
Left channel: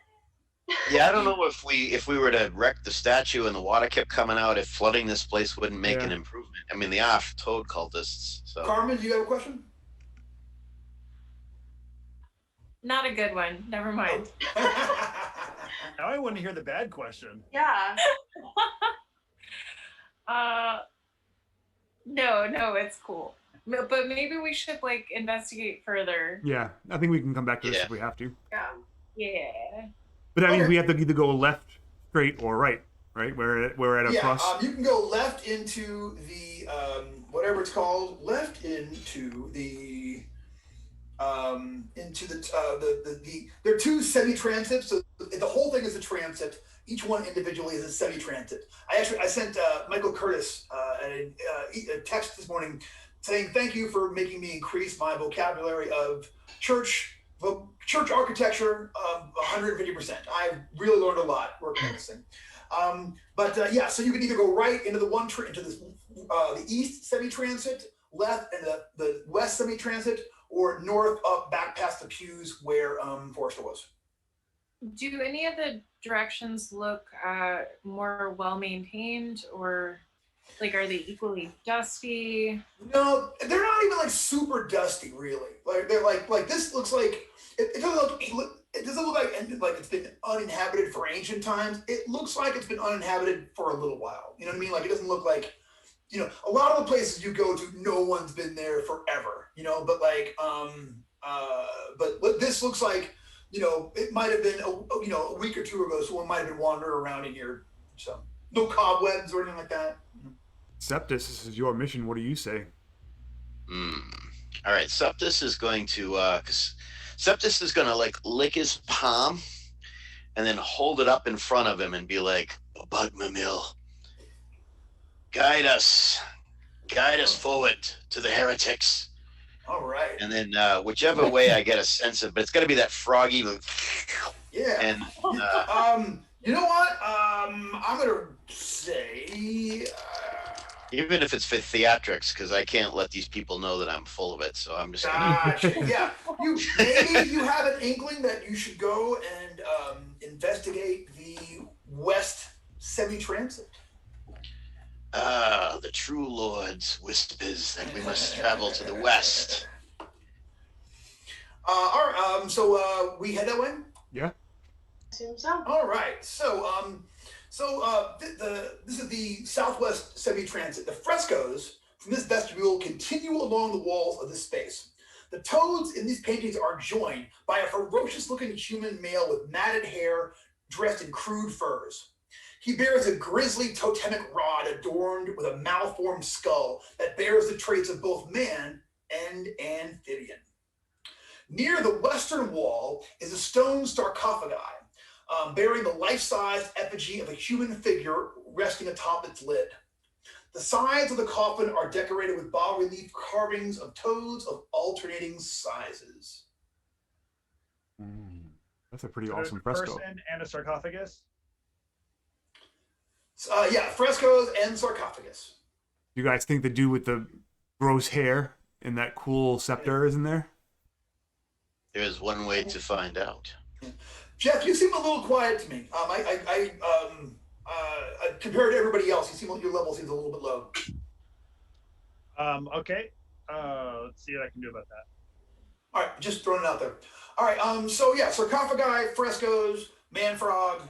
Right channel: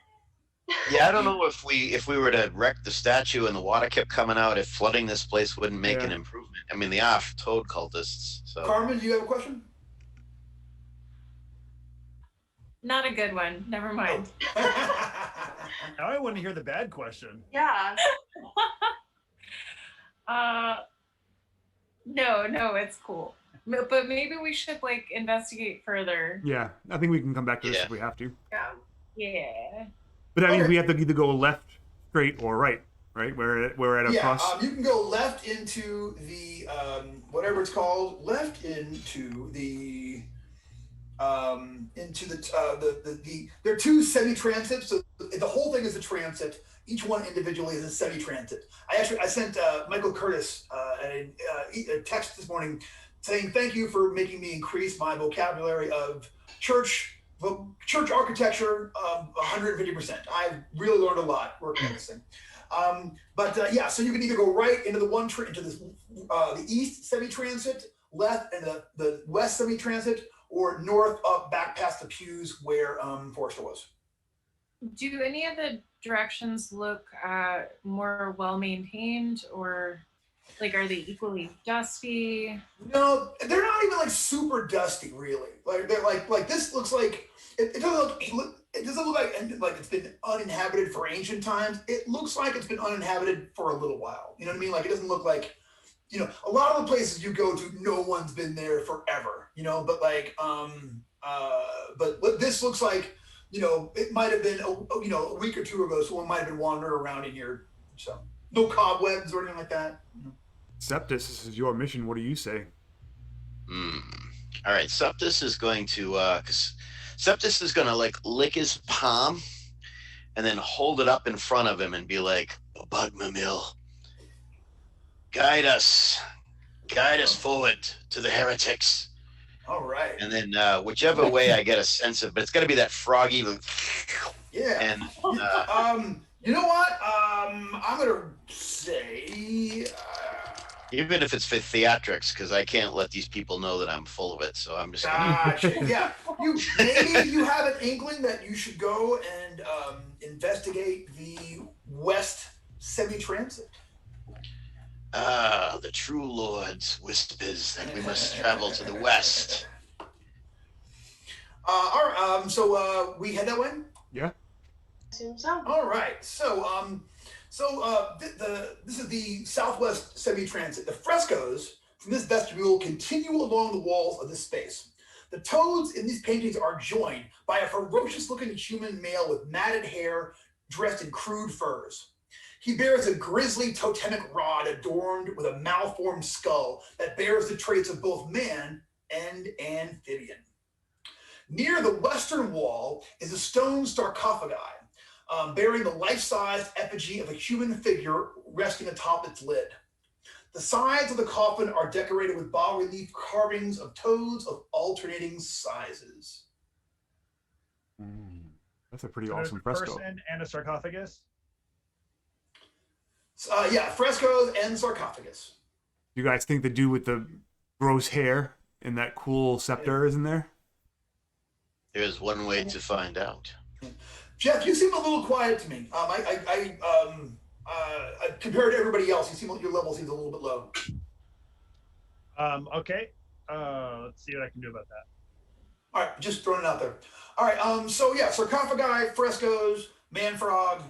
Yeah, I don't know if we were to wreck the statue and the water kept coming out, if flooding this place wouldn't make an improvement. I mean, they are toad cultists. So. Carmen, do you have a question? Not a good one. Never mind. Now I want to hear the bad question. Yeah. No, it's cool. But maybe we should investigate further. Yeah, I think we can come back to this if we have to. Yeah. But I mean, we have to either go left, straight, or right. We're at a cross. You can go left into the whatever it's called. Left into the there are 2 semi-transits. So the whole thing is a transit. Each one individually is a semi-transit. I sent Michael Curtis a text this morning saying thank you for making me increase my vocabulary of church architecture 150%. I've really learned a lot working on this thing. So you can either go right into the east semi-transit, left into the west semi-transit, or north up back past the pews where Forrester was. Do any of the directions look more well maintained, or are they equally dusty? No, they're not even super dusty, really. They're like this looks like it doesn't look like it's been uninhabited for ancient times, it looks like it's been uninhabited for a little while. You know what I mean? Like, it doesn't look like, you know, a lot of the places you go to, no one's been there forever, you know, but like, but what this looks like, you know, it might have been, a week or two ago, someone might have been wandering around in here. So no cobwebs or anything like that. Septus, this is your mission. What do you say? All right, Septus is going to, Septus is going to like lick his palm and then hold it up in front of him and be like, Bugmamil, guide us forward to the heretics. All right. And then whichever way I get a sense of, but it's going to be that froggy. Yeah. And you know what? I'm gonna say. Even if it's for theatrics, because I can't let these people know that I'm full of it, so I'm just. Gotcha. Yeah. Maybe you have an inkling that you should go and investigate the West Semi-Transit. The true lords whispers that we must travel to the west. All right. So we head that way. Yeah. Assume so. All right. So this is the Southwest Semi-Transit. The frescoes from this vestibule continue along the walls of this space. The toads in these paintings are joined by a ferocious-looking human male with matted hair, dressed in crude furs. He bears a grisly totemic rod adorned with a malformed skull that bears the traits of both man and amphibian. Near the western wall is a stone sarcophagi, bearing the life-sized effigy of a human figure resting atop its lid. The sides of the coffin are decorated with bas-relief carvings of toads of alternating sizes. That's a pretty awesome fresco. Person and a sarcophagus. Yeah, frescoes and sarcophagus. You guys think the dude with the gross hair and that cool scepter is in there? There's one way to find out. Jeff, you seem a little quiet to me. Compared to everybody else, you seem like your level seems a little bit low. Okay. Let's see what I can do about that. All right, just throwing it out there. All right. So yeah, sarcophagi, frescoes, man frog.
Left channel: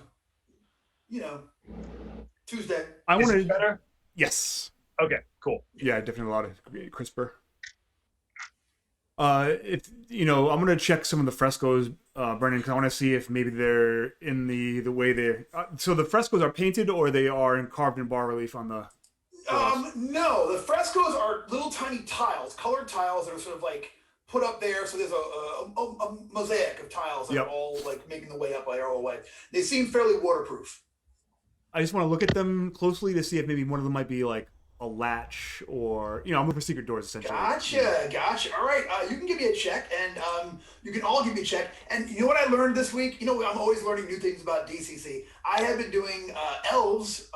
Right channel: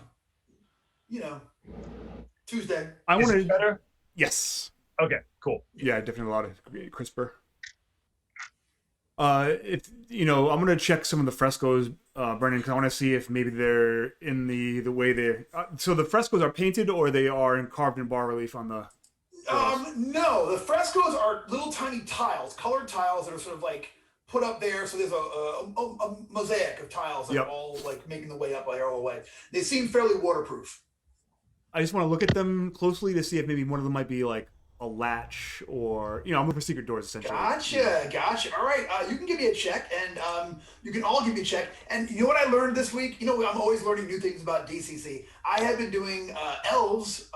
You know, Tuesday. I want to. Better. Yes. Okay. Cool. Yeah, definitely a lot of crisper. If you know, I'm gonna check some of the frescoes, Brendan, because I want to see if maybe they're in the way they. So the frescoes are painted, or they are carved in bas relief on the. No, the frescoes are little tiny tiles, colored tiles that are sort of like put up there. So there's a mosaic of tiles that are all like making the way up their own way. They seem fairly waterproof. I just want to look at them closely to see if maybe one of them might be like a latch, or I'm looking for secret doors essentially. Gotcha. All right, you can give me a check, and you can all give me a check. And you know what I learned this week? You know, I'm always learning new things about DCC. I have been doing elves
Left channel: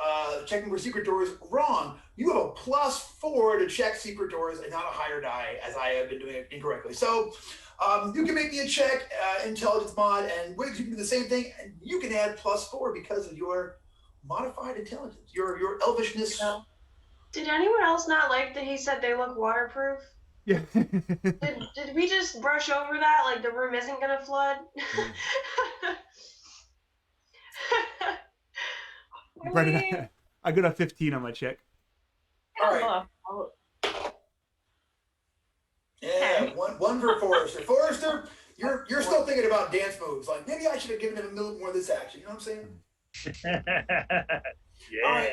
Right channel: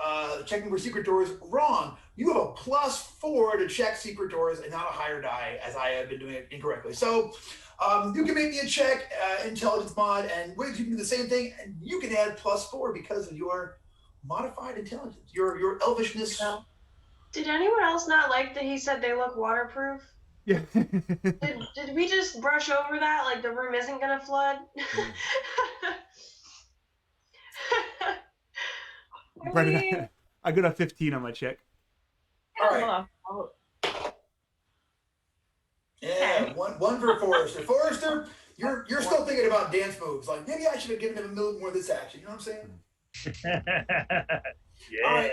checking for secret doors wrong. You have a +4 to check secret doors and not a higher die, as I have been doing it incorrectly. So you can make me a check, intelligence mod, and Wiggs, you can do the same thing, and you can add +4 because of your modified intelligence, your elvishness. Did anyone else not like that he said they look waterproof? Yeah. Did we just brush over that? Like the room isn't gonna flood? Brendan, I got a 15 on my check. All right. Yeah, one for Forrester. Forrester, you're still thinking about dance moves. Like maybe I should have given him a little more of this action. You know what I'm saying? Yeah. All right.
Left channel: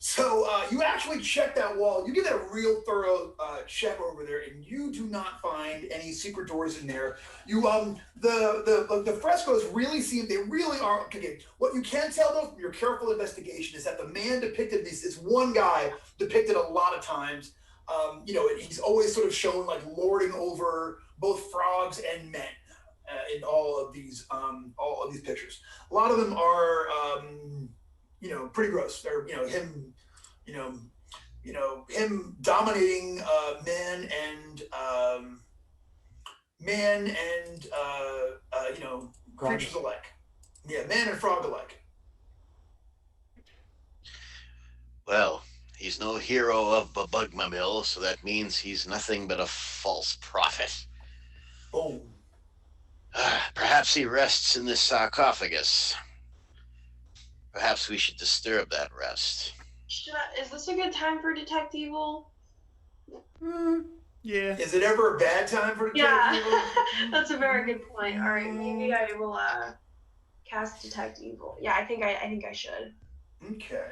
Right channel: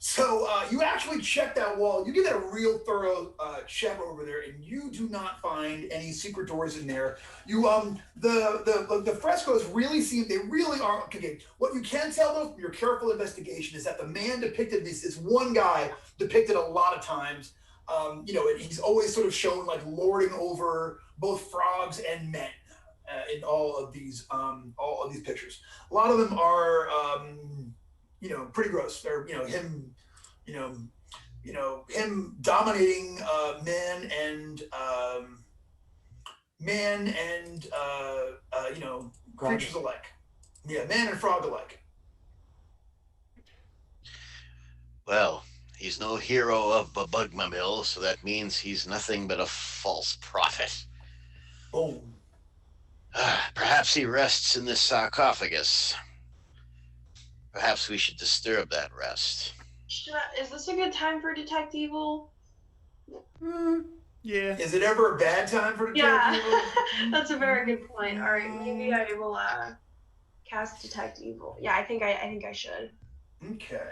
So you actually check that wall. You give that a real thorough check over there, and you do not find any secret doors in there. You the frescoes really seem, they really are okay. What you can tell though from your careful investigation is that the man depicted, this one guy depicted a lot of times. He's always sort of shown like lording over both frogs and men in all of these pictures. A lot of them are pretty gross. They're him dominating men and creatures alike. Yeah, man and frog alike. Well, he's no hero of Bugmamil, so that means he's nothing but a false prophet. Boom. Perhaps he rests in this sarcophagus. perhaps we should disturb that rest. Is this a good time for Detect Evil? Yeah. Is it ever a bad time for Detect Evil? That's a very good point. All right, maybe I will cast Detect Evil. Yeah, I think I should. Okay.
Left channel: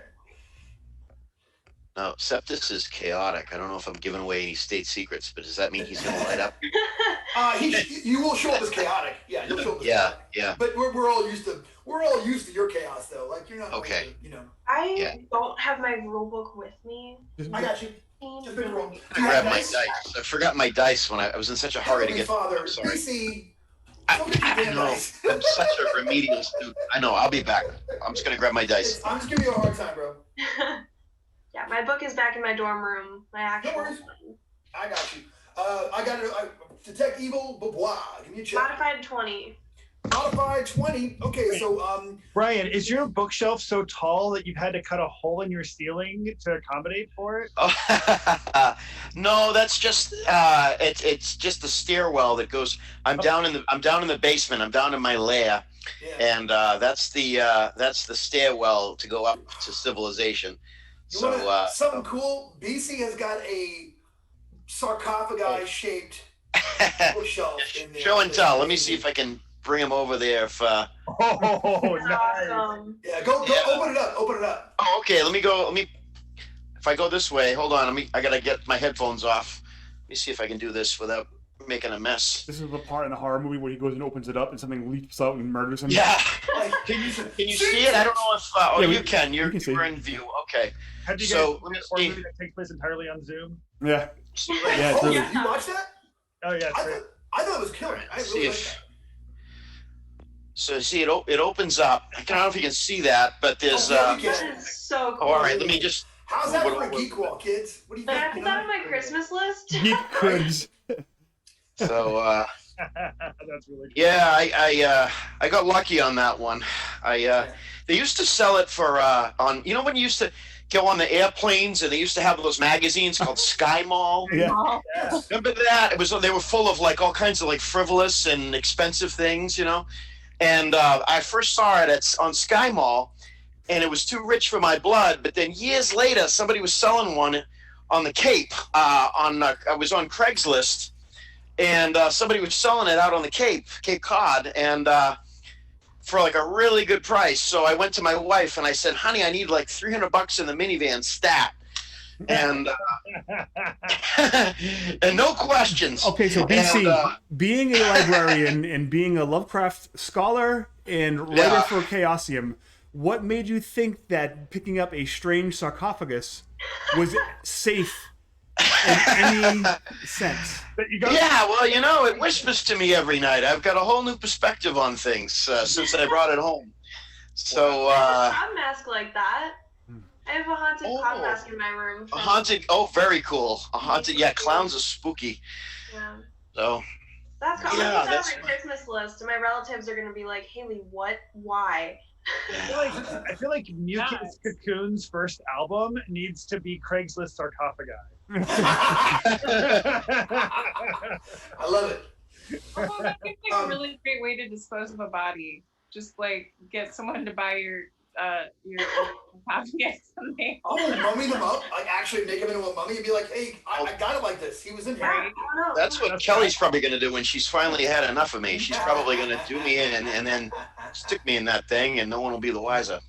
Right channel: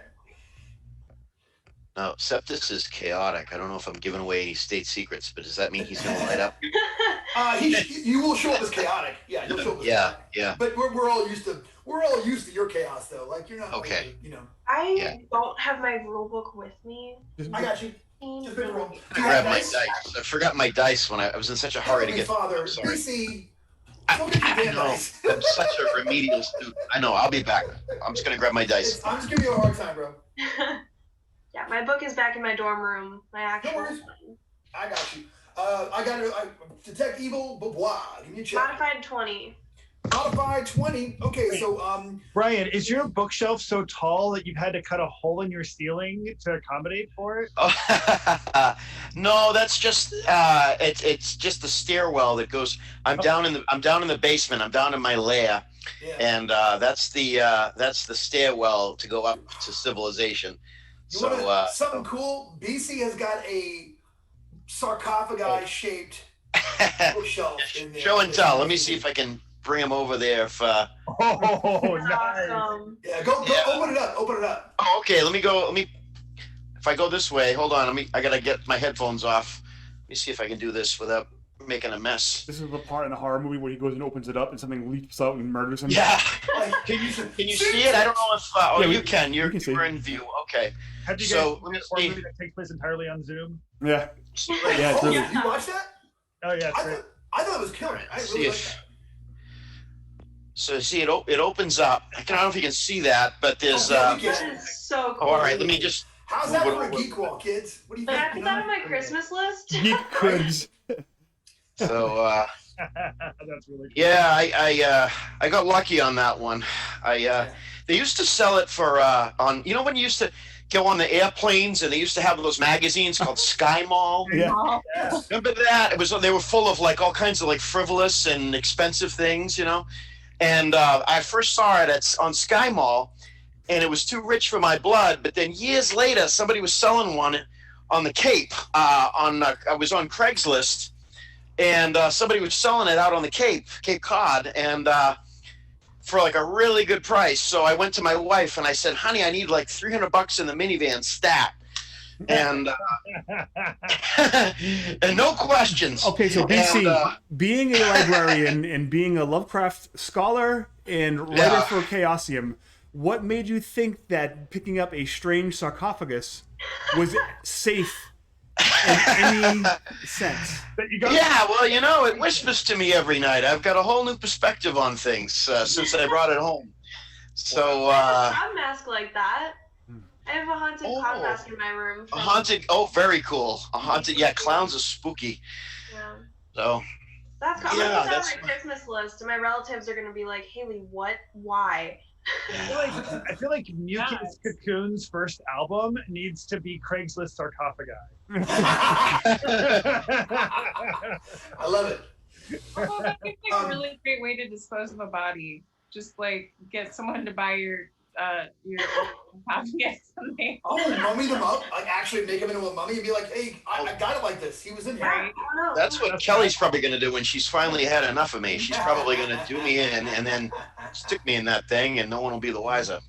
Now, Septus is chaotic. I don't know if I'm giving away any state secrets, but does that mean he's going to light up? You will show up as chaotic. Yeah, you'll show up as chaotic. Yeah. But we're all used to your chaos though. Like you're not okay. Like, I don't have my rule book with me. I got you. Just been wrong. I grabbed my dice. I forgot my dice when I was in such a hurry to get. Father, sorry. BC. I know. I'm such a remedial student. I know. I'll be back. I'm just gonna grab my dice. I'm just giving you a hard time, bro. Yeah, my book is back in my dorm room. My actual. No worries. I got you. I got to Detect Evil, blah. Give me a check. Modified 20. Modified 20. Okay, so Brian, is your bookshelf so tall that you've had to cut a hole in your ceiling to accommodate for it? Oh, no, that's just it's just the stairwell that goes. I'm down in the basement. I'm down in my lair, and that's the stairwell to go up to civilization. Something cool. BC has got a sarcophagi-shaped bookshelf in there. Show and tell. Let me see if I can bring him over there. If nice. Awesome. Yeah, go open it up. Open it up. Oh, okay. Let me go. If I go this way, hold on. I gotta get my headphones off. Let me see if I can do this without making a mess. This is the part in the horror movie where he goes and opens it up and something leaps out and murders him. Yeah. Can you see it? I don't know if. You can. You're in view. Okay. Have you guys seen a horror movie that takes place entirely on Zoom? Yeah. Yeah, it's really. You watched that? Oh yeah, it's great. I thought it was killer. I really liked that. So see, it opens up. I don't know if you can see that, but there's. That is so cool. All right, let me just. How's that for a geek wall, kids? What do you think? Can I put that on my Christmas list? Geek quiz. So. That's really cool. Yeah, I got lucky on that one. They used to sell it for on when you used to go on the airplanes and they used to have those magazines called Sky Mall. Yeah. Remember that? They were full of like all kinds of like frivolous and expensive things, And I first saw it on Sky Mall, and it was too rich for my blood. But then years later, somebody was selling one on the Cape. I was on Craigslist, and somebody was selling it out on the Cape Cod, and for like a really good price. So I went to my wife and I said, "Honey, I need like $300 in the minivan stat." And and no questions. Okay, so BC, being a librarian and being a Lovecraft scholar and writer for Chaosium, what made you think that picking up a strange sarcophagus was safe in any sense? Yeah, well, it whispers to me every night. I've got a whole new perspective on things since I brought it home. So I have a clown mask like that. I have a haunted clown mask in my room. A haunted, very cool. A haunted, clowns are spooky. Yeah. So. That's cool. I'm gonna put that on my Christmas list, and my relatives are gonna be like, "Haley, what? Why?" I feel like Mucus Cocoon's first album needs to be Craigslist sarcophagi. I love it. Although that seems like a really great way to dispose of a body. Just like get someone to buy your copy of something. Mummy them up, like actually make him into a mummy and be like, "Hey, I got it like this. He was in here." That's what Kelly's probably going to do when she's finally had enough of me. She's probably going to do me in and then stick me in that thing, and no one will be the wiser.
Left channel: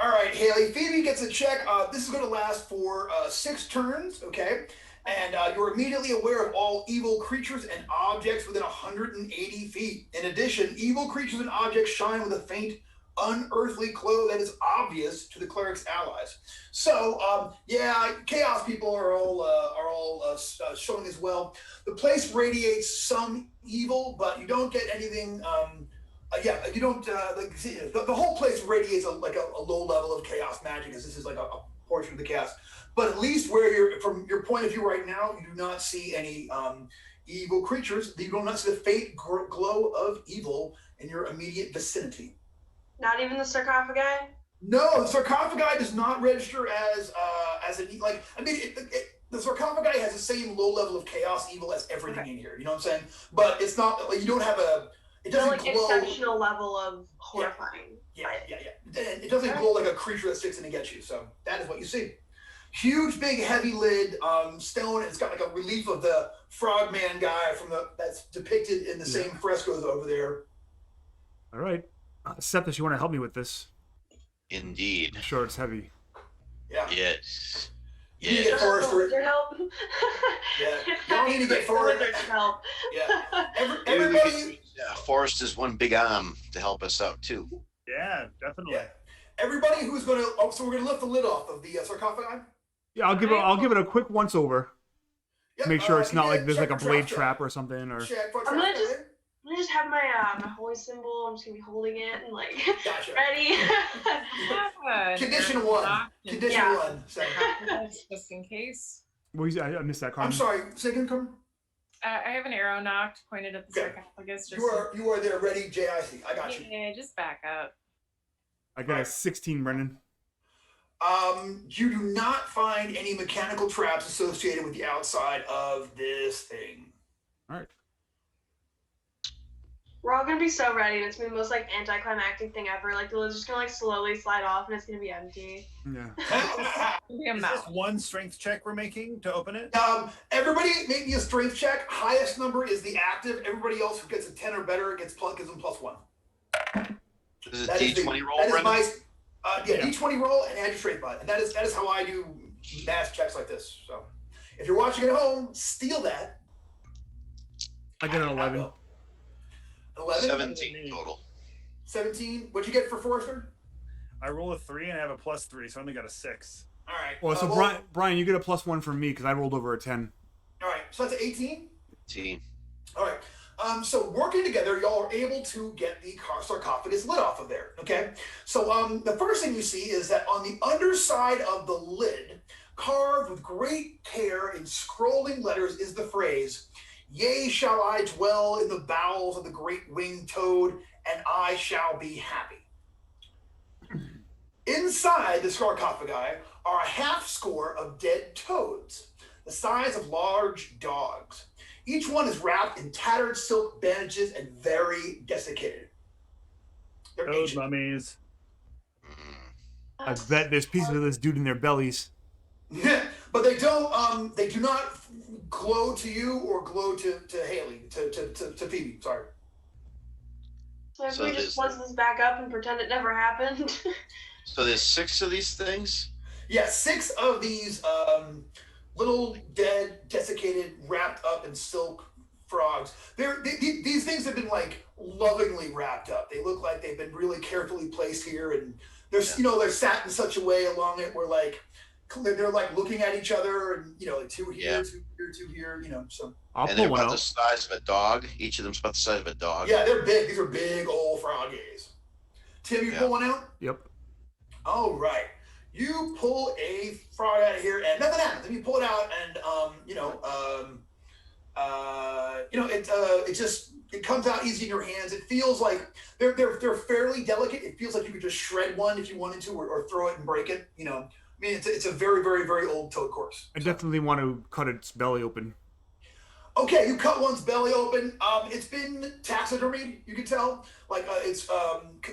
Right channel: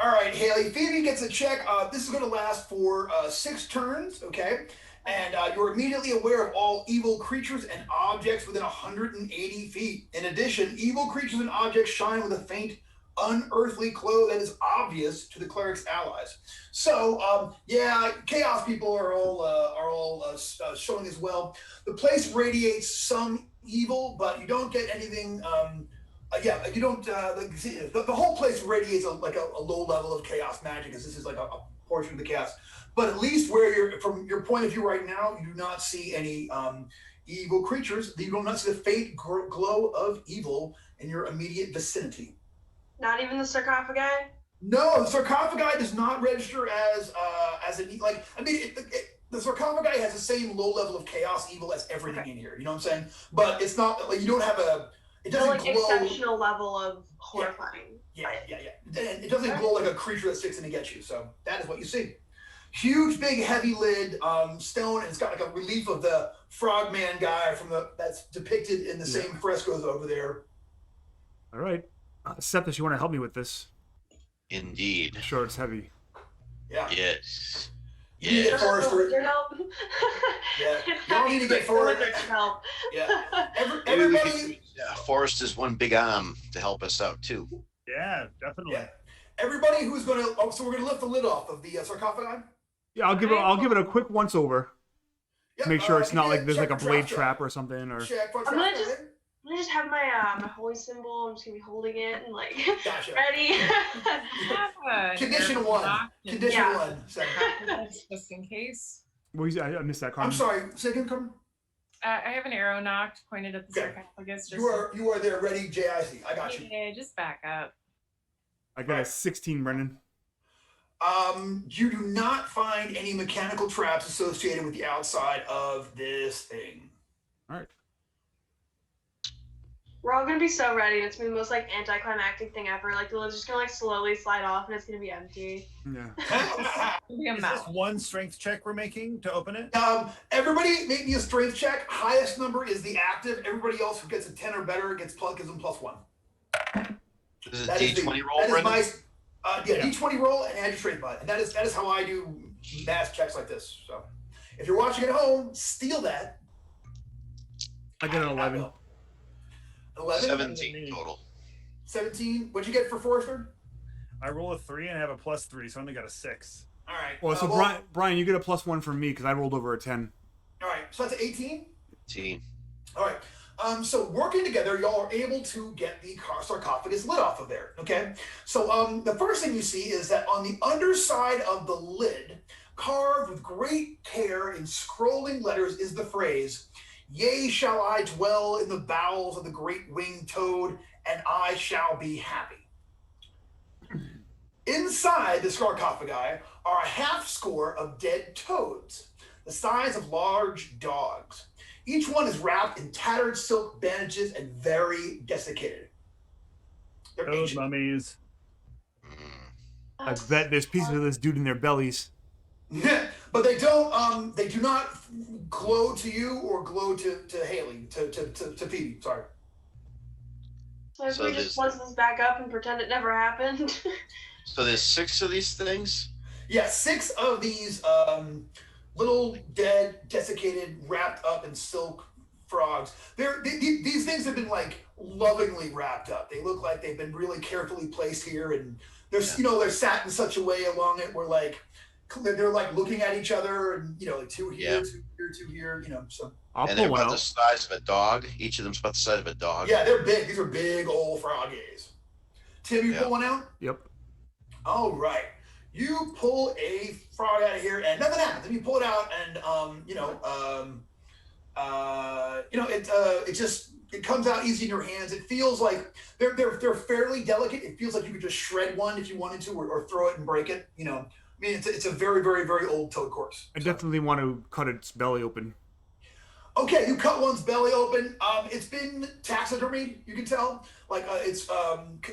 All right, Haley. Phoebe gets a check. This is going to last for 6 turns, okay? And you're immediately aware of all evil creatures and objects within 180 feet. In addition, evil creatures and objects shine with a faint, unearthly glow that is obvious to the cleric's allies. So, chaos people are all showing as well. The place radiates some evil, but you don't get anything. You don't. The whole place radiates a low level of chaos magic, as this is like a portion of the chaos. But at least from your point of view right now, you do not see any evil creatures. You do not see the faint glow of evil in your immediate vicinity. Not even the sarcophagi? No, the sarcophagi does not register as the sarcophagi has the same low level of chaos evil as everything in here. You know what I'm saying? But it's not like you don't have it doesn't glow. Exceptional level of horrifying. Yeah. And it doesn't glow like a creature that sticks in to get you. So that is what you see. Huge, big, heavy lid, stone, and it's got like a relief of the frogman guy that's depicted in the same frescoes over there. All right. Septus, you want to help me with this? Indeed. I'm sure it's heavy. Yeah. Yes. You need to get Forrest for it. Your help. Yeah. You don't need to get Forrest. Help. Yeah. Maybe we Everybody. could use, Forrest is one big arm to help us out too. Yeah, definitely. Yeah. Everybody who's going to. Oh, so we're going to lift the lid off of the sarcophagi. Yeah, I'll give it a quick once over. Yep, Make sure it's not like there's check like a the blade trap trap or something. Or I'm gonna just have my my holy symbol. I'm just gonna be holding it and like Gotcha. ready. Condition 1. Condition 1. Sorry. Just in case. I missed that, Carmen. I'm sorry. Say again, Carmen. I have an arrow knocked pointed at the sarcophagus. Just You are there, ready, JIC. I got you. Yeah, just back up. I got a 16, Brendan. You do not find any mechanical traps associated with the outside of this thing. All right. We're all gonna be so ready. It's been the most like anticlimactic thing ever. Like the lid's just gonna like slowly slide off and it's gonna be empty. Yeah. Is this one strength check we're making to open it? Everybody make me a strength check. Highest number is the active. Everybody else who gets a 10 or better gives them +1. This is a D20 roll, Brendan? D20 roll and add your strength mod. And that is how I do mass checks like this. So if you're watching at home, steal that. I got an 11. 11? 17 total. 17. What'd you get for Forrester? I roll a 3 and I have a +3, so I only got a 6. All right. Well, so Brian, you get a +1 from me because I rolled over a 10. All right. So that's 18? 18. All right. So working together, y'all are able to get the sarcophagus lid off of there. Okay. So the first thing you see is that on the underside of the lid, carved with great care in scrolling letters, is the phrase, "Yea, shall I dwell in the bowels of the great winged toad, and I shall be happy." Inside the sarcophagi are a half score of dead toads, the size of large dogs. Each one is wrapped in tattered silk bandages and very desiccated. They're Those ancient. mummies. I bet there's pieces of this dude in their bellies. But they do not glow to you or glow to Haley, to Phoebe, sorry. So if So we just close this back up and pretend it never happened. So there's 6 of these things? Yeah, 6 of these little dead, desiccated, wrapped up in silk frogs. These things have been like lovingly wrapped up. They look like they've been really carefully placed here, and they're they're sat in such a way along it where like they're like looking at each other, and like 2 here, 2 here, 2 here, so. I'll And pull they're one about the out. size of a dog. Each of them's about the size of a dog. Yeah, they're big. These are big old froggies. Tim, you pull one out? Yep. All right. You pull a frog out of here, and nothing happens. And you pull it out, and it comes out easy in your hands. It feels like they're fairly delicate. It feels like you could just shred one if you wanted to, or throw it and break it. I mean, it's a very, very, very old toad corpse. I definitely want to cut its belly open. Okay, you cut one's belly open. It's been taxidermied. You can tell, like it's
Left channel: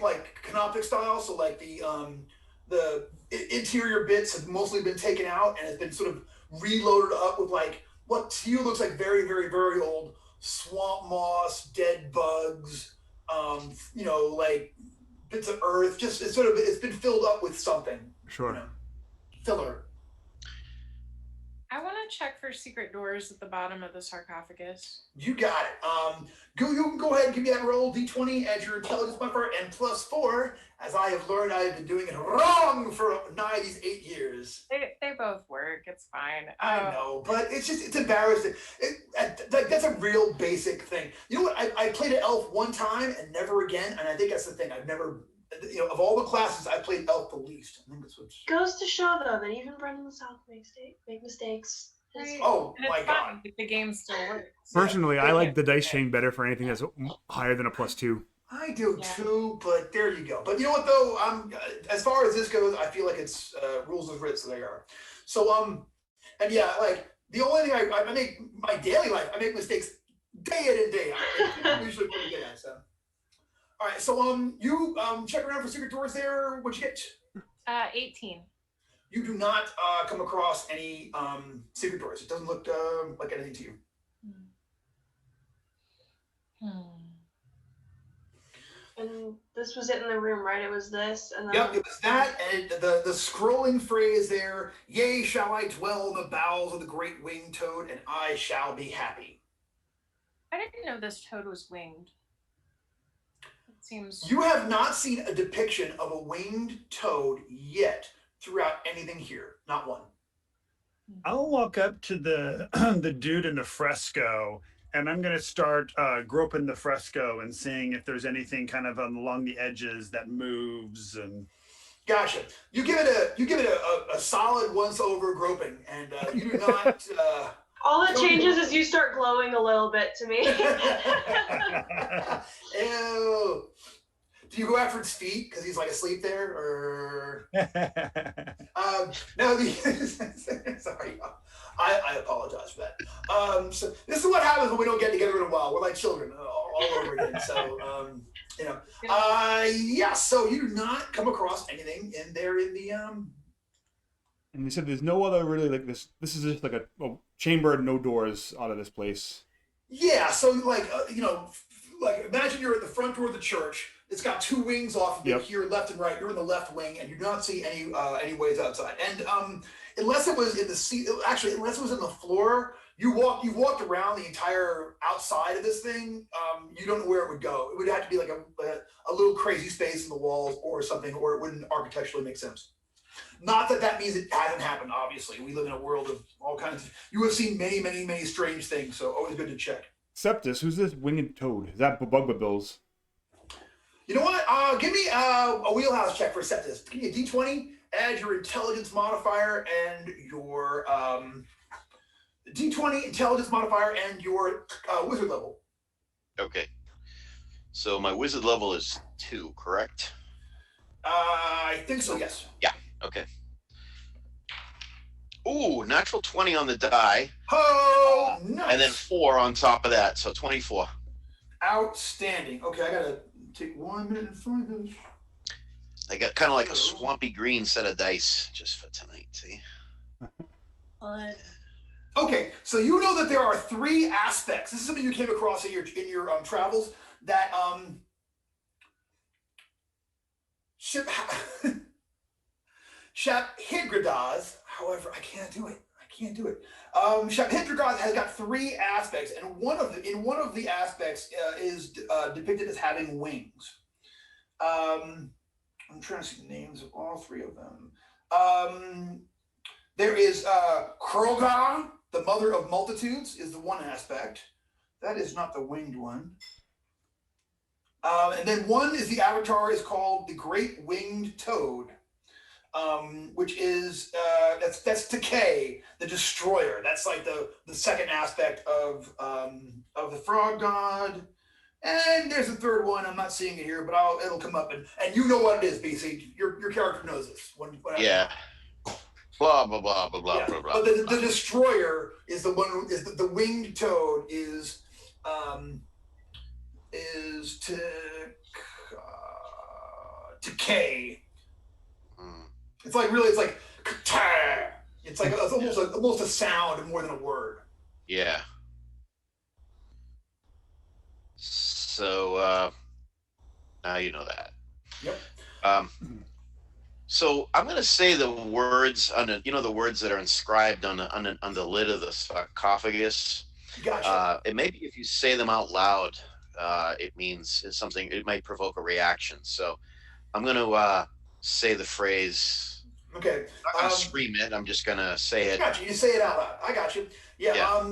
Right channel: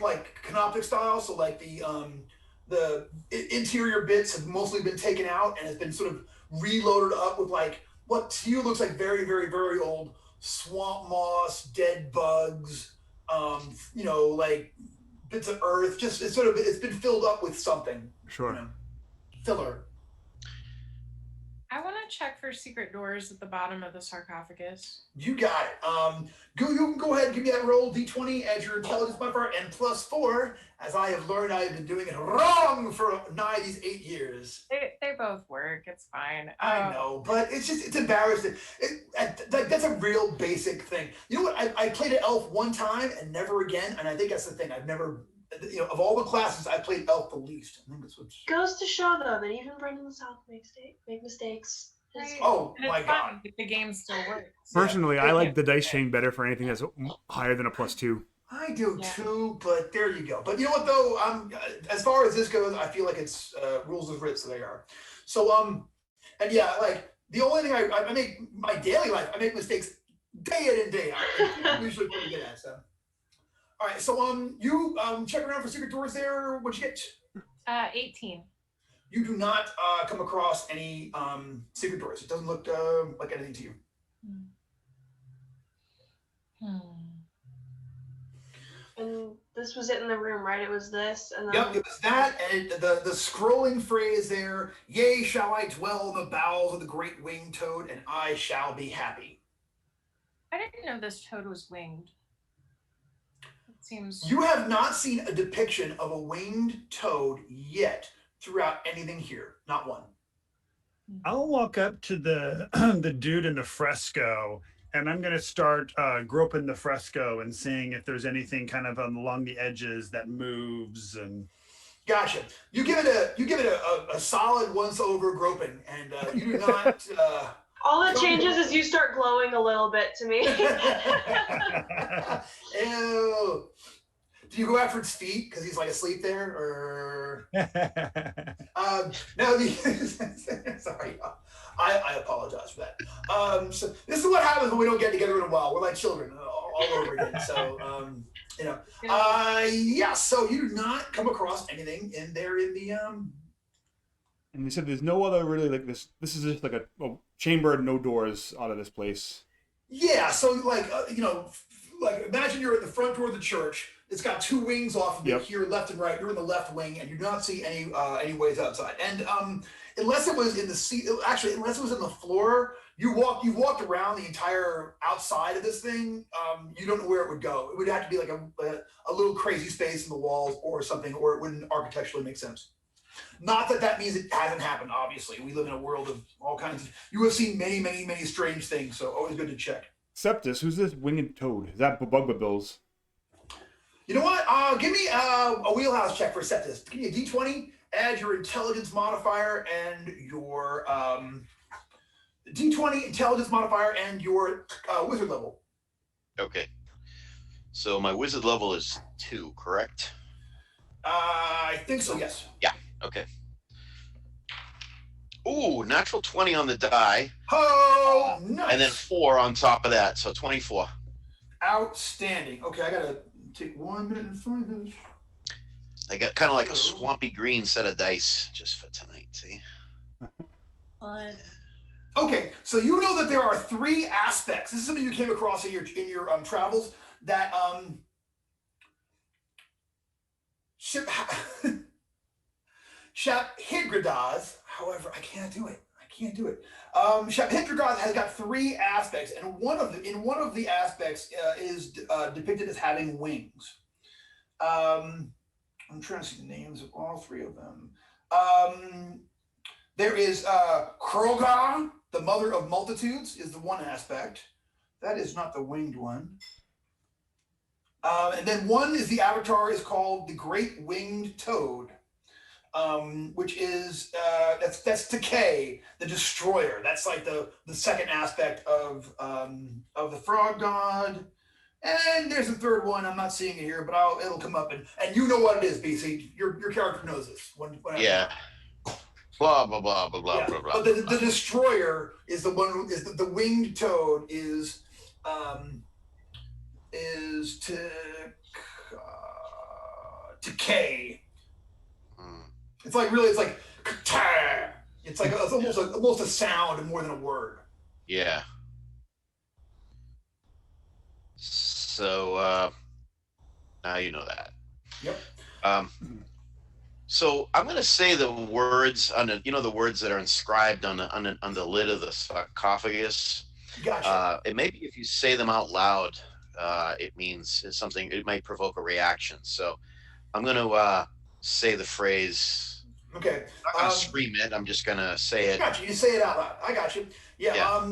like canoptic style. So like the interior bits have mostly been taken out and has been sort of reloaded up with like what to you looks like very, very, very old swamp moss, dead bugs, like bits of earth. Just it's been filled up with something. Sure. Filler. I want to check for secret doors at the bottom of the sarcophagus. You got it. You can go ahead and give me that roll, D20, as your intelligence buffer, and +4, as I have learned I have been doing it wrong for nigh these 8 years. They both work. It's fine. I know, but it's embarrassing. That's a real basic thing. You know what? I played an elf one time and never again, and I think that's the thing. I've never, of all the classes, I played elf the least. I think that's what's... Goes to show though that even Brendan the South make mistakes. Right. Oh And my it's god! fine if the game still works. Personally, I like the dice chain better for anything that's higher than a +2. I do Yeah. too, but there you go. But you know what though? As far as this goes, I feel like it's rules is written, so they are. So and yeah, like the only thing I make my daily life, I make mistakes day in and day out. I'm usually pretty good at so. All right, so you check around for secret doors there. What'd you get? 18. You do not come across any secret doors. It doesn't look like anything to you. And this was it in the room, right? It was this, and then... Yep, it was that, and the scrolling phrase there, "Yea, shall I dwell in the bowels of the great winged toad, and I shall be happy." I didn't know this toad was winged. It seems... You have not seen a depiction of a winged toad yet throughout anything here. Not one. I'll walk up to the the dude in the fresco, and I'm going to start groping the fresco and seeing if there's anything kind of along the edges that moves. And Gotcha. You give it a solid once over groping, and you do not. All that changes is you start glowing a little bit to me. Ew. Do you go after its feet because he's like asleep there, or? No. Sorry. I apologize for that. So this is what happens when we don't get together in a while. We're like children all over again. So, yeah. So you do not come across anything in there in the And you said there's no other really like this. This is just like a chamber, no doors out of this place. Yeah. So like like imagine you're at the front door of the church. It's got two wings off of it here, left and right. You're in the left wing, and you do not see any ways outside. And unless it was in the seat, actually, unless it was in the floor, you walked around the entire outside of this thing. You don't know where it would go. It would have to be like a little crazy space in the walls or something, or it wouldn't architecturally make sense. Not that means it hasn't happened. Obviously, we live in a world of all kinds. You have seen many, many, many strange things. So always good to check. Septus, who's this winged toad? Is that Bugbabills? You know what? Give me a wheelhouse check for Septus. Give me a D20. Add your intelligence modifier and your D20 intelligence modifier and your wizard level. Okay. So my wizard level is 2, correct? I think so, yes. Yeah, okay. Ooh, natural 20 on the die. Oh, nice. And then 4 on top of that, so 24. Outstanding. Okay, I gotta take 1 minute and 5 minutes. I got kind of like a swampy green set of dice just for tonight, see? Okay, so you know that there are 3 aspects. This is something you came across in your travels that Shaphidradaz. However, I can't do it. Shaphidradaz has got 3 aspects, and one of the aspects is depicted as having wings. I'm trying to see the names of all 3 of them. There is Kroga, the mother of multitudes, is the one aspect. That is not the winged one. And then one is the avatar is called the Great Winged Toad, which is that's Decay, the Destroyer. That's like the second aspect of the Frog God. And there's a third one. I'm not seeing it here, but it'll come up, and you know what it is, BC. Your character knows this. When yeah. Blah blah blah blah blah blah blah. But the Destroyer is the one who is the winged toad is Decay. It's like really, it's like it's almost a sound more than a word. Yeah. So now you know that. Yep. So I'm going to say the words on the words that are inscribed on the lid of the sarcophagus. Gotcha. It may be if you say them out loud, it means something. It might provoke a reaction. So I'm going to say the phrase. Okay. I'm not going to scream it. I'm just going to say it. Gotcha. You say it out loud. I got you. Yeah.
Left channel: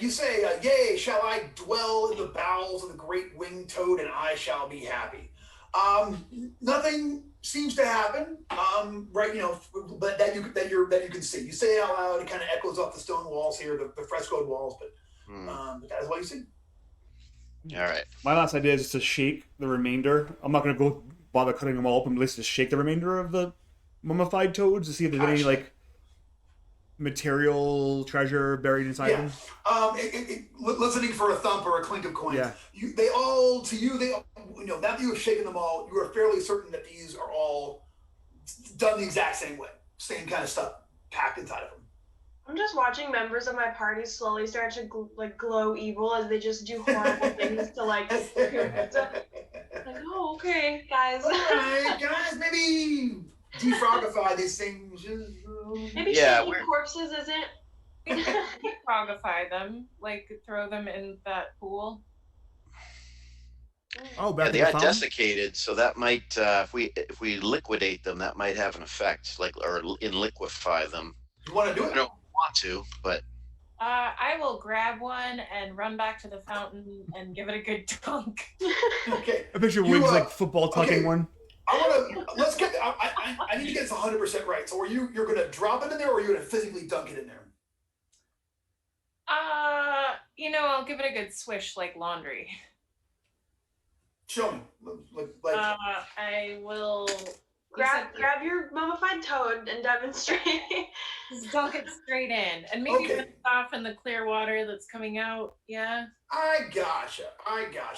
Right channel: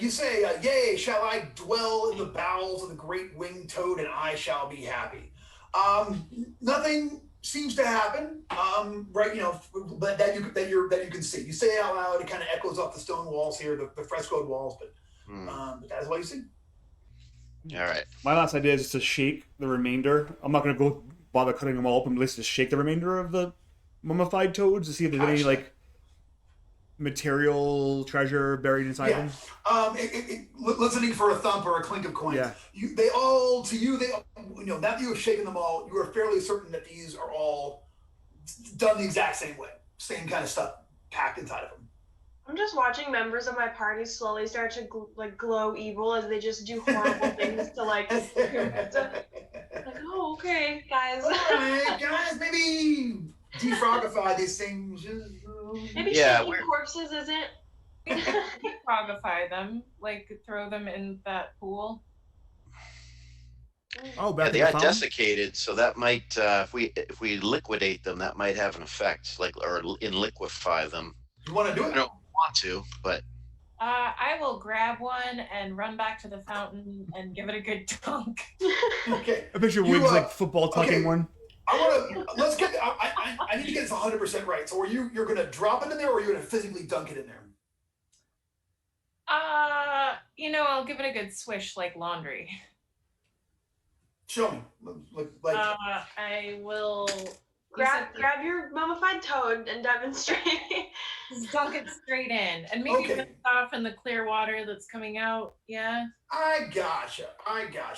You say, "Yea, shall I dwell in the bowels of the great winged toad, and I shall be happy." Nothing seems to happen, right? But that you can see. You say it out loud. It kind of echoes off the stone walls here, the frescoed walls. But that is what you see. All right. My last idea is just to shake the remainder. I'm not going to go bother cutting them all up, but let's just shake the remainder of the mummified toads to see if there's any like material treasure buried inside them. Listening for a thump or a clink of coins. Yeah. They all now that you have shaken them all, you are fairly certain that these are all done the exact same way, same kind of stuff packed inside of them. I'm just watching members of my party slowly start to glow evil as they just do horrible things to like. Like, oh, okay, guys. All right, guys, maybe defrogify these things. Maybe shaking corpses isn't. Defrogify them, like throw them in that pool. Oh, back they in the are fountain? desiccated, so that might, if we liquidate them, that might have an effect, like, or liquefy them. You want to do I it? don't want to, but I will grab one and run back to the fountain and give it a good dunk. Okay. I picture Wiggs like football tucking one. I want to. Let's get. I need to get this 100% right. So, you're going to drop it in there, or are you going to physically dunk it in there? I'll give it a good swish like laundry. Show me. Like. I will grab your mummified toad and demonstrate. Just dunk it straight in, and maybe rinse off in the clear water that's coming out. Yeah. I gotcha.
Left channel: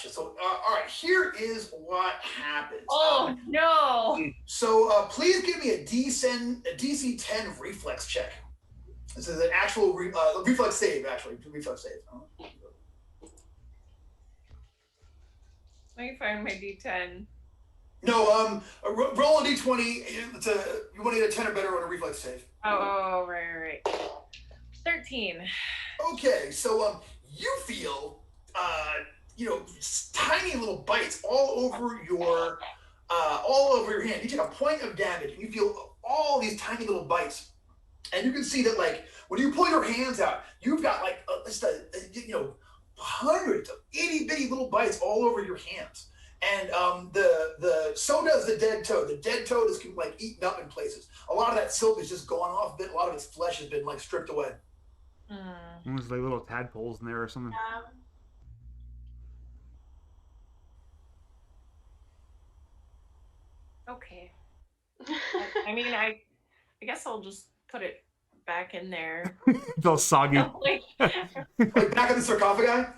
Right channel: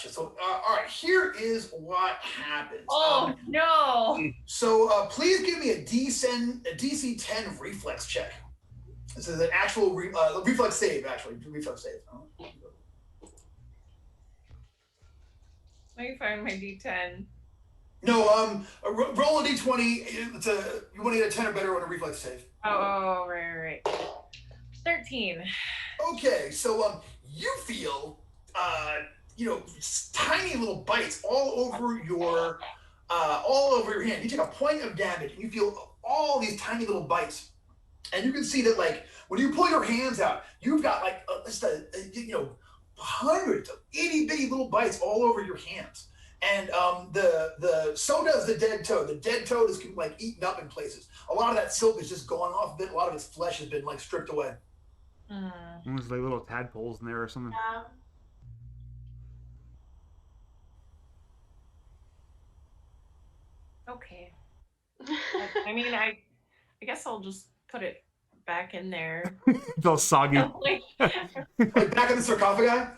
So, all right. Here is what happens. Oh no! So, please give me a DC 10 reflex check. This is an actual reflex save. Actually, reflex save. Let me find my D10. No, roll a D20. You want to get a 10 or better on a reflex save. Oh, right. 13. Okay, so you feel tiny little bites all over your hand. You take a point of damage, and you feel all these tiny little bites, and you can see that like when you pull your hands out, you've got like hundreds of itty bitty little bites all over your hands. And so does the dead toad. The dead toad is like eaten up in places. A lot of that silk is just gone off a bit. A lot of its flesh has been like stripped away. There's like little tadpoles in there or something. Okay. I mean, I guess I'll just put it back in there. It's all soggy. Like back in the sarcophagi?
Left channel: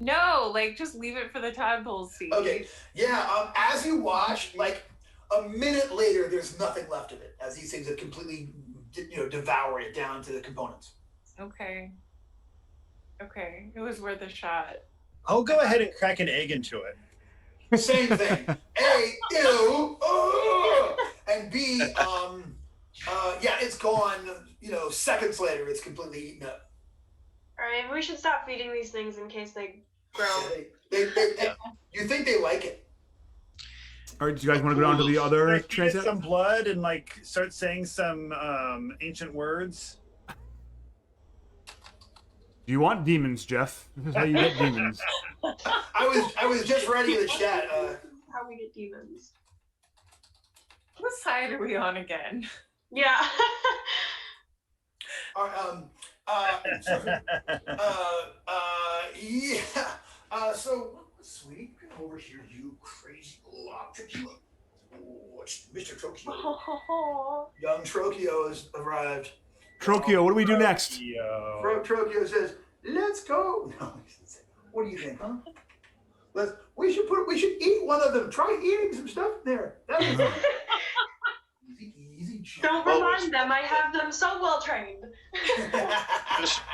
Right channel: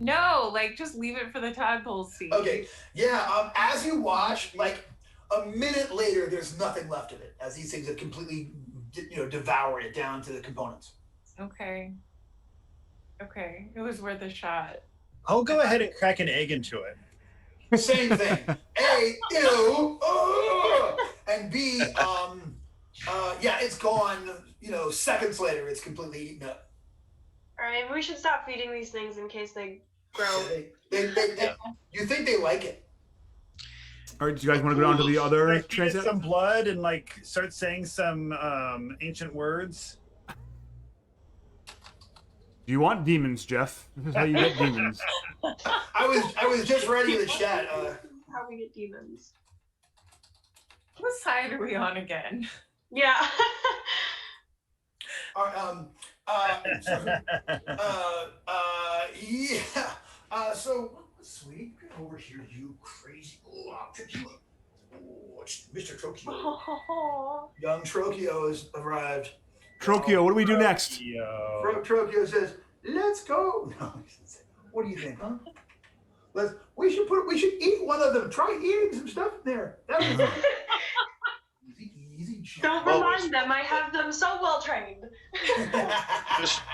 No, like just leave it for the tadpoles to eat. Okay. Yeah. As you watch, like a minute later, there's nothing left of it, as these things have completely, devoured it down to the components. Okay. It was worth a shot. I'll go ahead and crack an egg into it. Same thing. A, ew, and B, it's gone. Seconds later, it's completely eaten up. All right, we should stop feeding these things in case they grow. They you think they like it? All right, do you guys want to go down to the other transit? Some blood and start saying some ancient words. Do you want demons, Jeff? This is how you get demons. I was just writing in the chat. How we get demons? What side are we on again? Yeah. So sweet, come over here, you crazy Trokio. Oh, it's Mr. Trokio. Young Trokio has arrived. Trokio, what do we do next? Trokio says, "Let's go." No, what do you think, huh? We should eat one of them. Try eating some stuff in there. Easy. Don't remind them. I have them so well trained.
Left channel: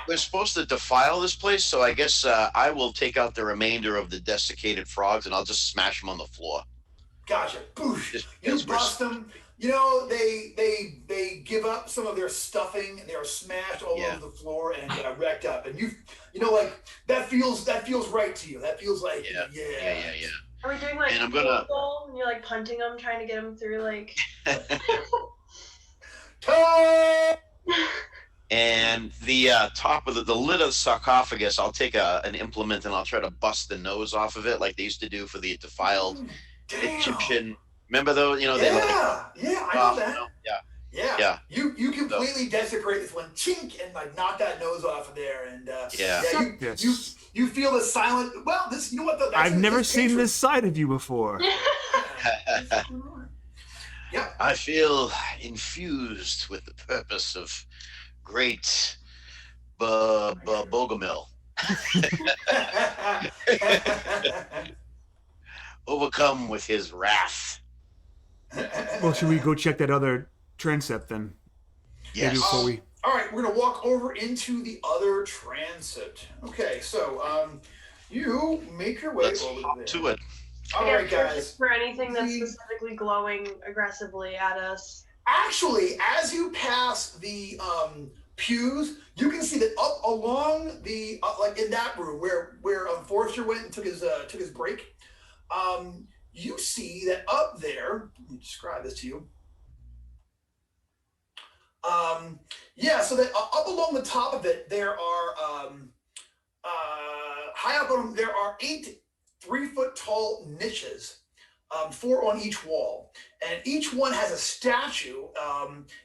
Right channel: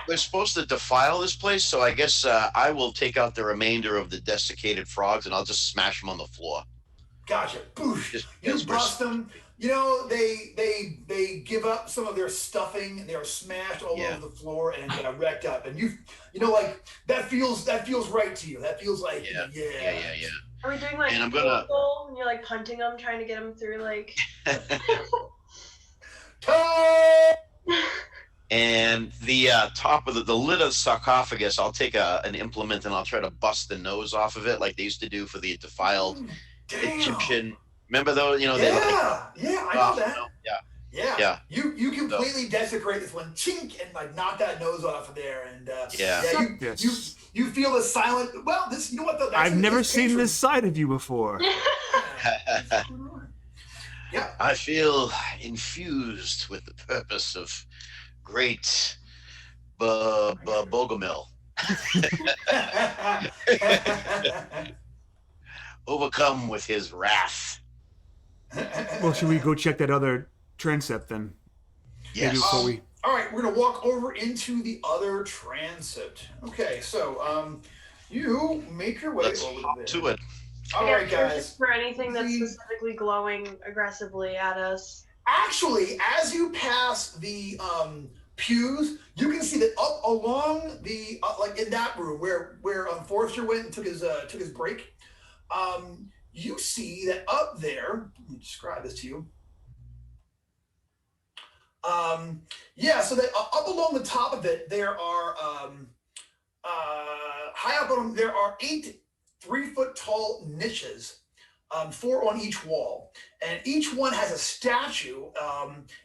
We're supposed to defile this place, so I guess I will take out the remainder of the desiccated frogs and I'll just smash them on the floor. Gotcha. Boosh. You bust them. They give up some of their stuffing and they are smashed all over the floor and wrecked up. And that feels right to you. That feels like yeah. Are we doing and I'm gonna goal and you're like punting them, trying to get them through like? And the top of the lid of the sarcophagus, I'll take an implement and I'll try to bust the nose off of it, like they used to do for the defiled Egyptian. Remember those? I know that. Yeah. You completely desecrate this one, chink, and knock that nose off of there, and you feel the silent. Well, this, you know what? I've never seen this side of you before. Yeah. I feel infused with the purpose of great Bogomil. overcome with his wrath. Well, should we go check that other transept then? Yes. Maybe before we... All right, we're gonna walk over into the other transept. Okay, so you make your way Let's over hop there. to it. All right, guys. For anything that's specifically glowing aggressively at us. Actually, as you pass the pews, you can see that up along the like in that room where Forrester went and took his break. You see that up there. Let me describe this to you. Yeah, so that up along the top of it, there are high up on them, there are 8 3-foot-tall niches, 4 on each wall, and each one has a statue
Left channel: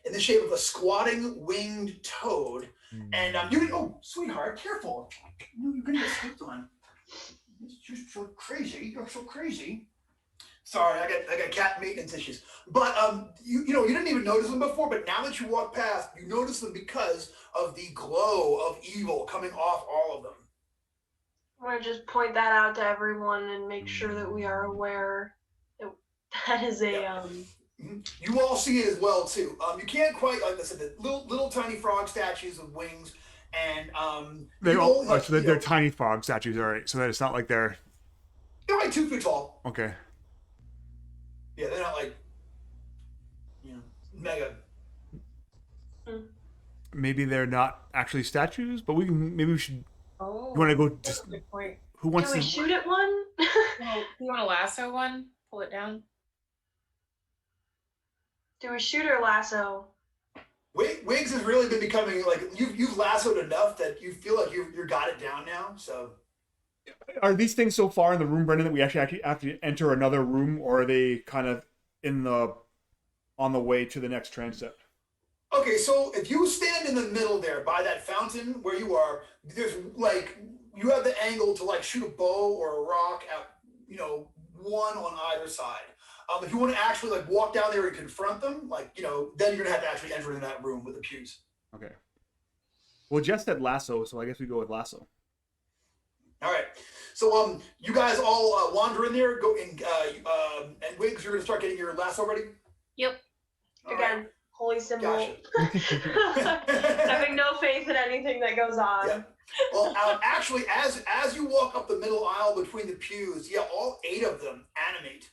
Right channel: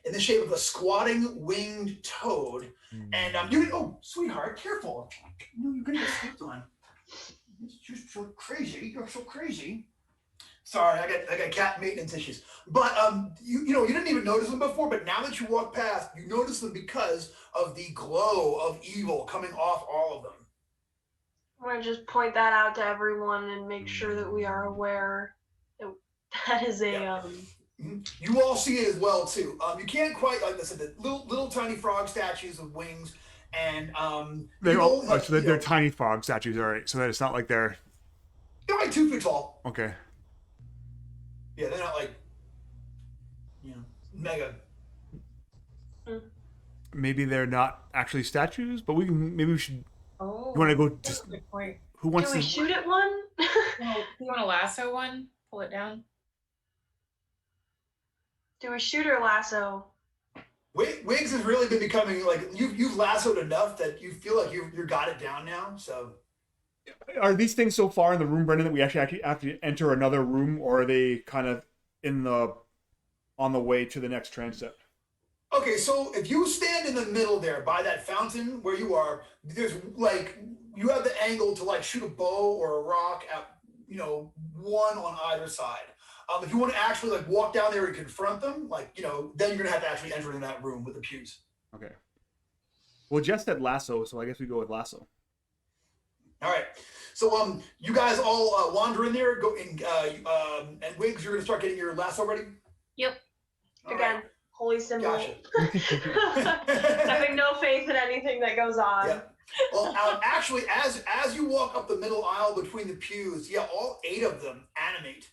in the shape of a squatting winged toad. And you can, oh, sweetheart, careful! No, you're gonna get stepped on. It's just so crazy. You're so crazy. Sorry, I got cat maintenance issues. But you didn't even notice them before, but now that you walk past, you notice them because of the glow of evil coming off all of them. I want to just point that out to everyone and make sure that we are aware that is a You all see it as well too. You can't quite, like I said, the little tiny frog statues with wings, and they're tiny frog statues, all right. So that it's not like they're like 2 feet tall. Okay. Yeah, they're not like, mega. Maybe they're not actually statues, but maybe we should. Oh, you want to go? that's a good point. Who wants Can we to shoot at one? Do you want to lasso one? Pull it down. Do we shoot or lasso? Wiggs has really been becoming like you've lassoed enough that you feel like you've got it down now. So, are these things so far in the room, Brendan, that we actually have to enter another room, or are they kind of on the way to the next transept? Okay, so if you stand in the middle there by that fountain where you are, there's like you have the angle to like shoot a bow or a rock at one on either side. If you want to actually like walk down there and confront them, like then you're gonna have to actually enter in that room with the pews. Okay. Well, Jess said lasso, so I guess we go with lasso. All right. So you guys all wander in there, go in, and Wiggs, you're gonna start getting your lasso ready. Yep. All Again, right. holy symbol. Gotcha. Having no faith in anything that goes on. Yeah. Well, actually, as you walk up the middle aisle between the pews, all 8 of them animate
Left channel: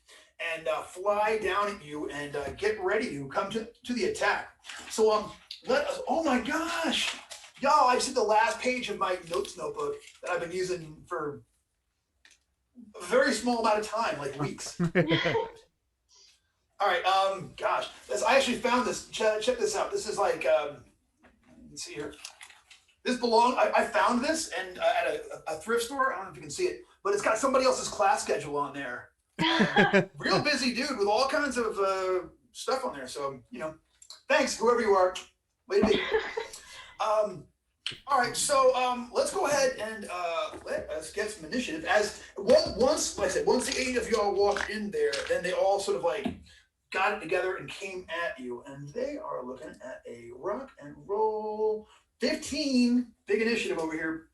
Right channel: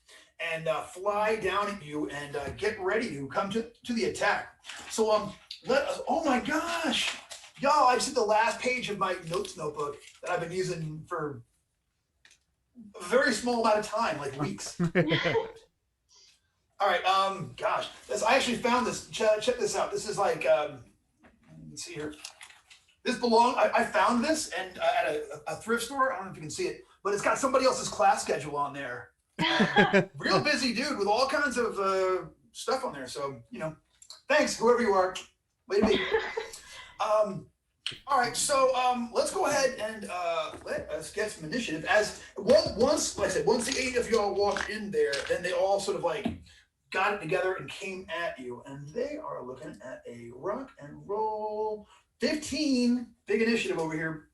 and fly down at you and get ready to come to the attack. So let us. Oh my gosh, y'all! I just hit the last page of my notes notebook that I've been using for a very small amount of time, like weeks. All right. Gosh, I actually found this. Check this out. This is like. Let's see here. This I found this and at a thrift store. I don't know if you can see it, but it's got somebody else's class schedule on there. Real busy dude with all kinds of stuff on there. So thanks whoever you are. Way to be. All right, so let's go ahead and let us get some initiative. Once the 8 of y'all walked in there, then they all sort of like got it together and came at you, and they are looking at a rock and roll 15. Big initiative over here.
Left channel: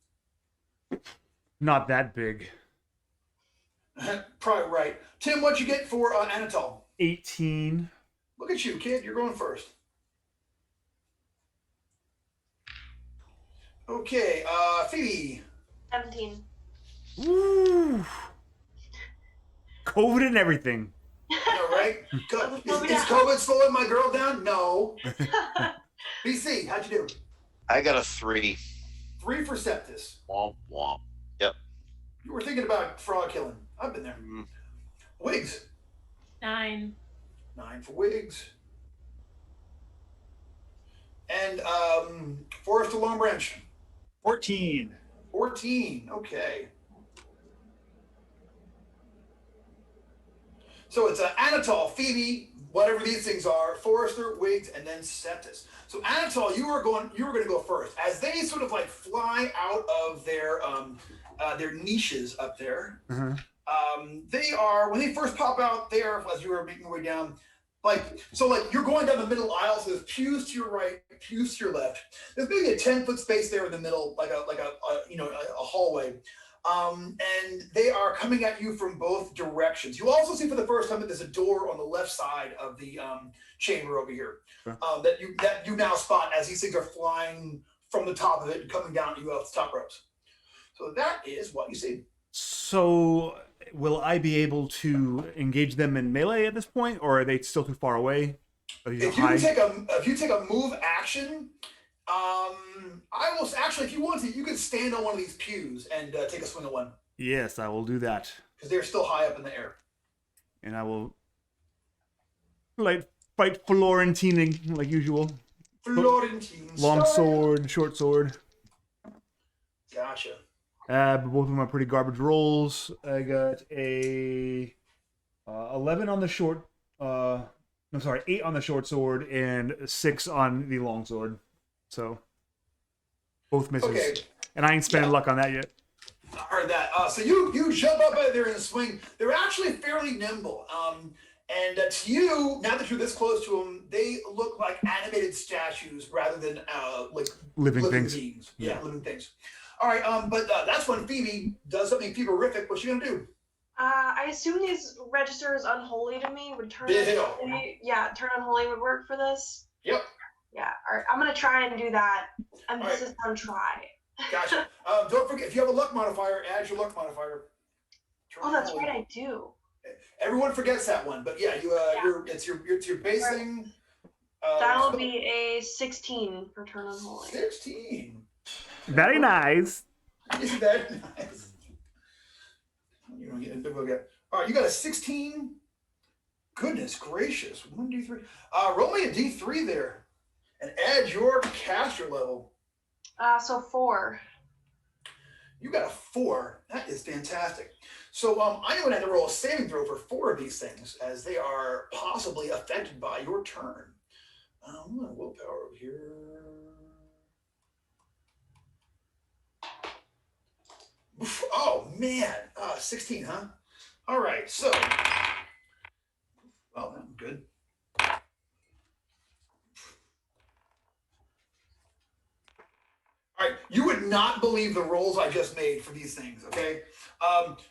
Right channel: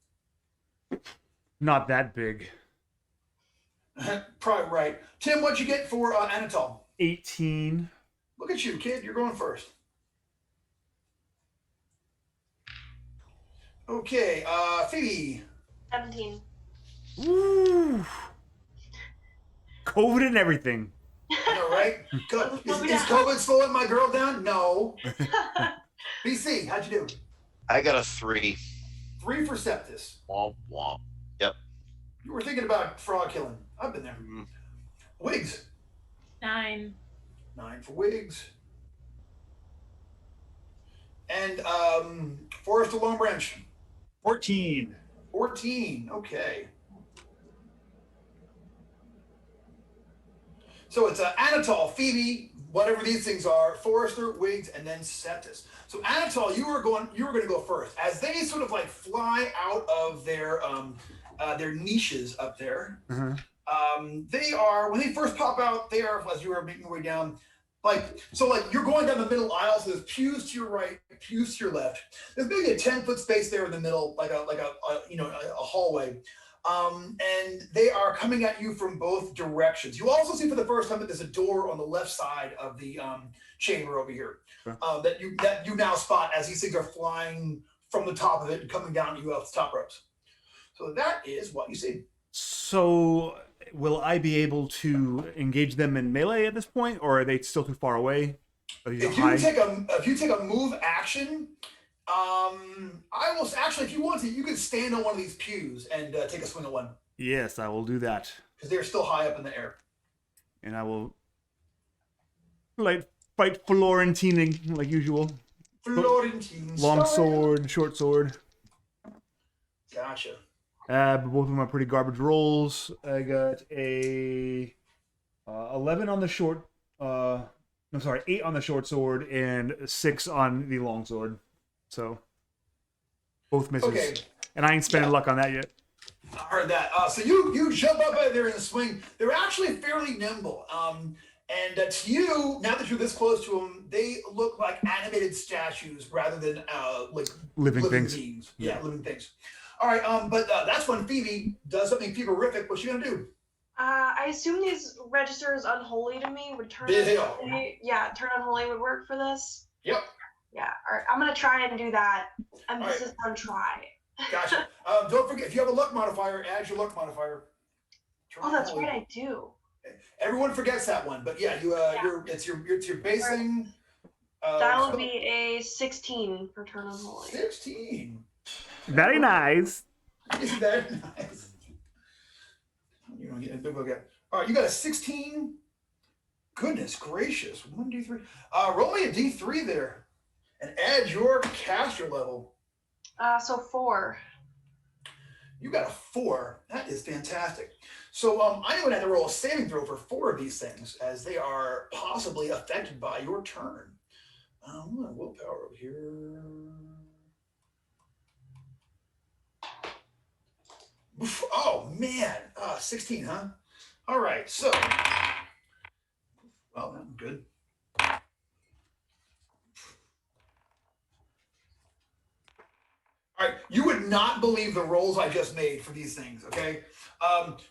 Not that big. Probably right. Tim, what'd you get for Anatol? 18. Look at you, kid. You're going first. Okay, Phoebe. 17. Woo! COVID and everything. I know, right? Is COVID slowing my girl down? No. BC, how'd you do? I got a 3. 3 for Septus. Womp womp. Yep. You were thinking about frog killing. I've been there. Wiggs. 9. 9 for Wiggs. And Forrester Long Branch. 14. 14. Okay. So it's Anatol, Phoebe, whatever these things are, Forrester, Wiggs, and then Septus. So Anatol, you were going to go first. As they sort of like fly out of their niches up there. Uh-huh. They are, when they first pop out, they are, as you are making your way down, you're going down the middle aisle, so there's pews to your right, pews to your left. There's maybe a 10-foot space there in the middle, like a hallway. and they are coming at you from both directions. You also see for the first time that there's a door on the left side of the chamber over here that you now spot as these things are flying from the top of it and coming down at you off the top ropes. So that is what you see. So, will I be able to engage them in melee at this point, or are they still too far away? If you take a move action, I will actually, if you want to, you can stand on one of these pews and take a swing at one. Yes, I will do that. Because they're still high up in the air. And I will fight Florentine like usual. Florentine. Long sword, short sword. Gotcha. Both of them are pretty garbage rolls. I got a 11 on the short. 8 on the short sword and 6 on the long sword. So both misses. Okay. And I ain't spending luck on that yet. I heard that. So you jump up out there and swing. They're actually fairly nimble. And to you, now that you're this close to them, they look like animated statues rather than like living things. Beings. Yeah, living things. All right, but that's when Phoebe does something Phoebe-rific. What's she gonna do? I assume these register as unholy to me. Would turn unholy would work for this. Yep. Yeah. All right. I'm gonna try and do that. And this is on try. Gotcha. Don't forget, if you have a luck modifier, add your luck modifier. That's right, I do. Everyone forgets that one, but yeah, it's your base thing. That'll be a 16 for turn unholy. 16. Very nice. Isn't that nice? You don't get it. All right, you got a 16. Goodness gracious. 1, 2, 3. Roll me a D3 there. And add your caster level. So 4. You got a 4. That is fantastic. So I'm going to have to roll a saving throw for 4 of these things, as they are possibly affected by your turn. I'm going to willpower over here. Oh man, 16, huh? All right, so well, that's good. All right, you would not believe the rolls I just made for these things. Okay,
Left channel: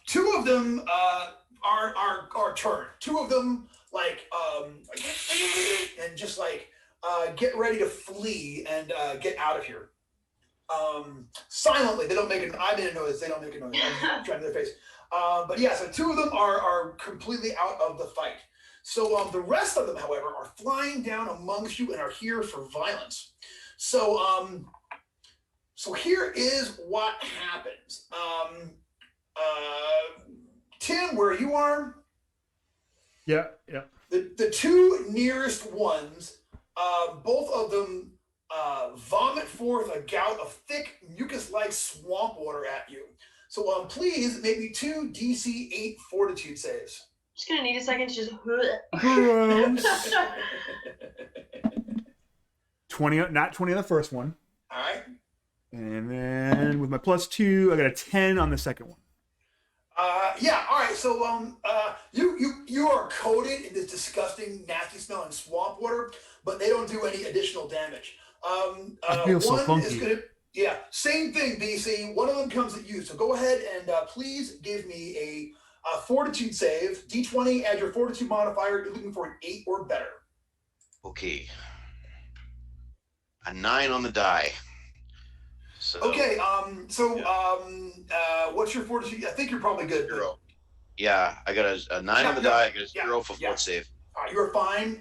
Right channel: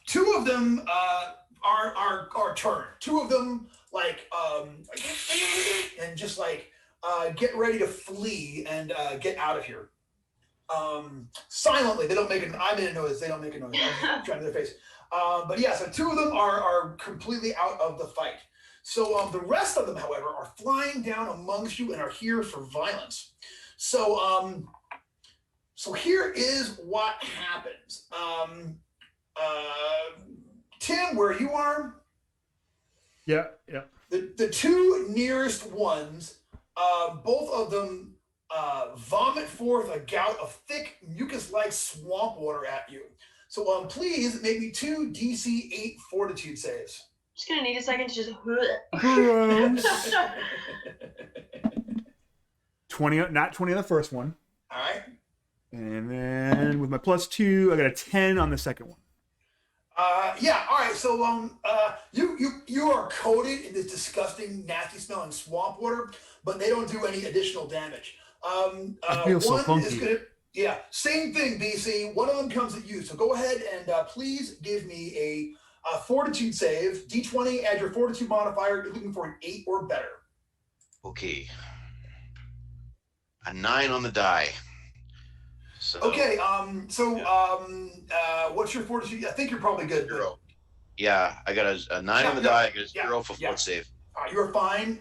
2 of them are turned. 2 of them and just get ready to flee and get out of here. Silently, they don't make it. I made a noise. They don't make a noise. I'm trying to their face. But yeah, so 2 of them are completely out of the fight. So the rest of them, however, are flying down amongst you and are here for violence. So so here is what happens. Tim, where you are? Yeah. The 2 nearest ones, both of them vomit forth a gout of thick mucus-like swamp water at you. So please make me 2 DC 8 fortitude saves. Just gonna need a second to just. Gross. 20, not 20 on the first one. All right. And then with my +2, I got a 10 on the second one. Yeah. All right. So you are coated in this disgusting, nasty smelling swamp water, but they don't do any additional damage. I feel so funky. Same thing, BC. One of them comes at you. So go ahead and please give me a fortitude save. D20, add your fortitude modifier. You're looking for an 8 or better. Okay. A 9 on the die. So, okay. What's your fortitude? I think you're probably good. 0. Yeah, I got a 9 on the die. I got a 0 for fort save. All right, you're fine.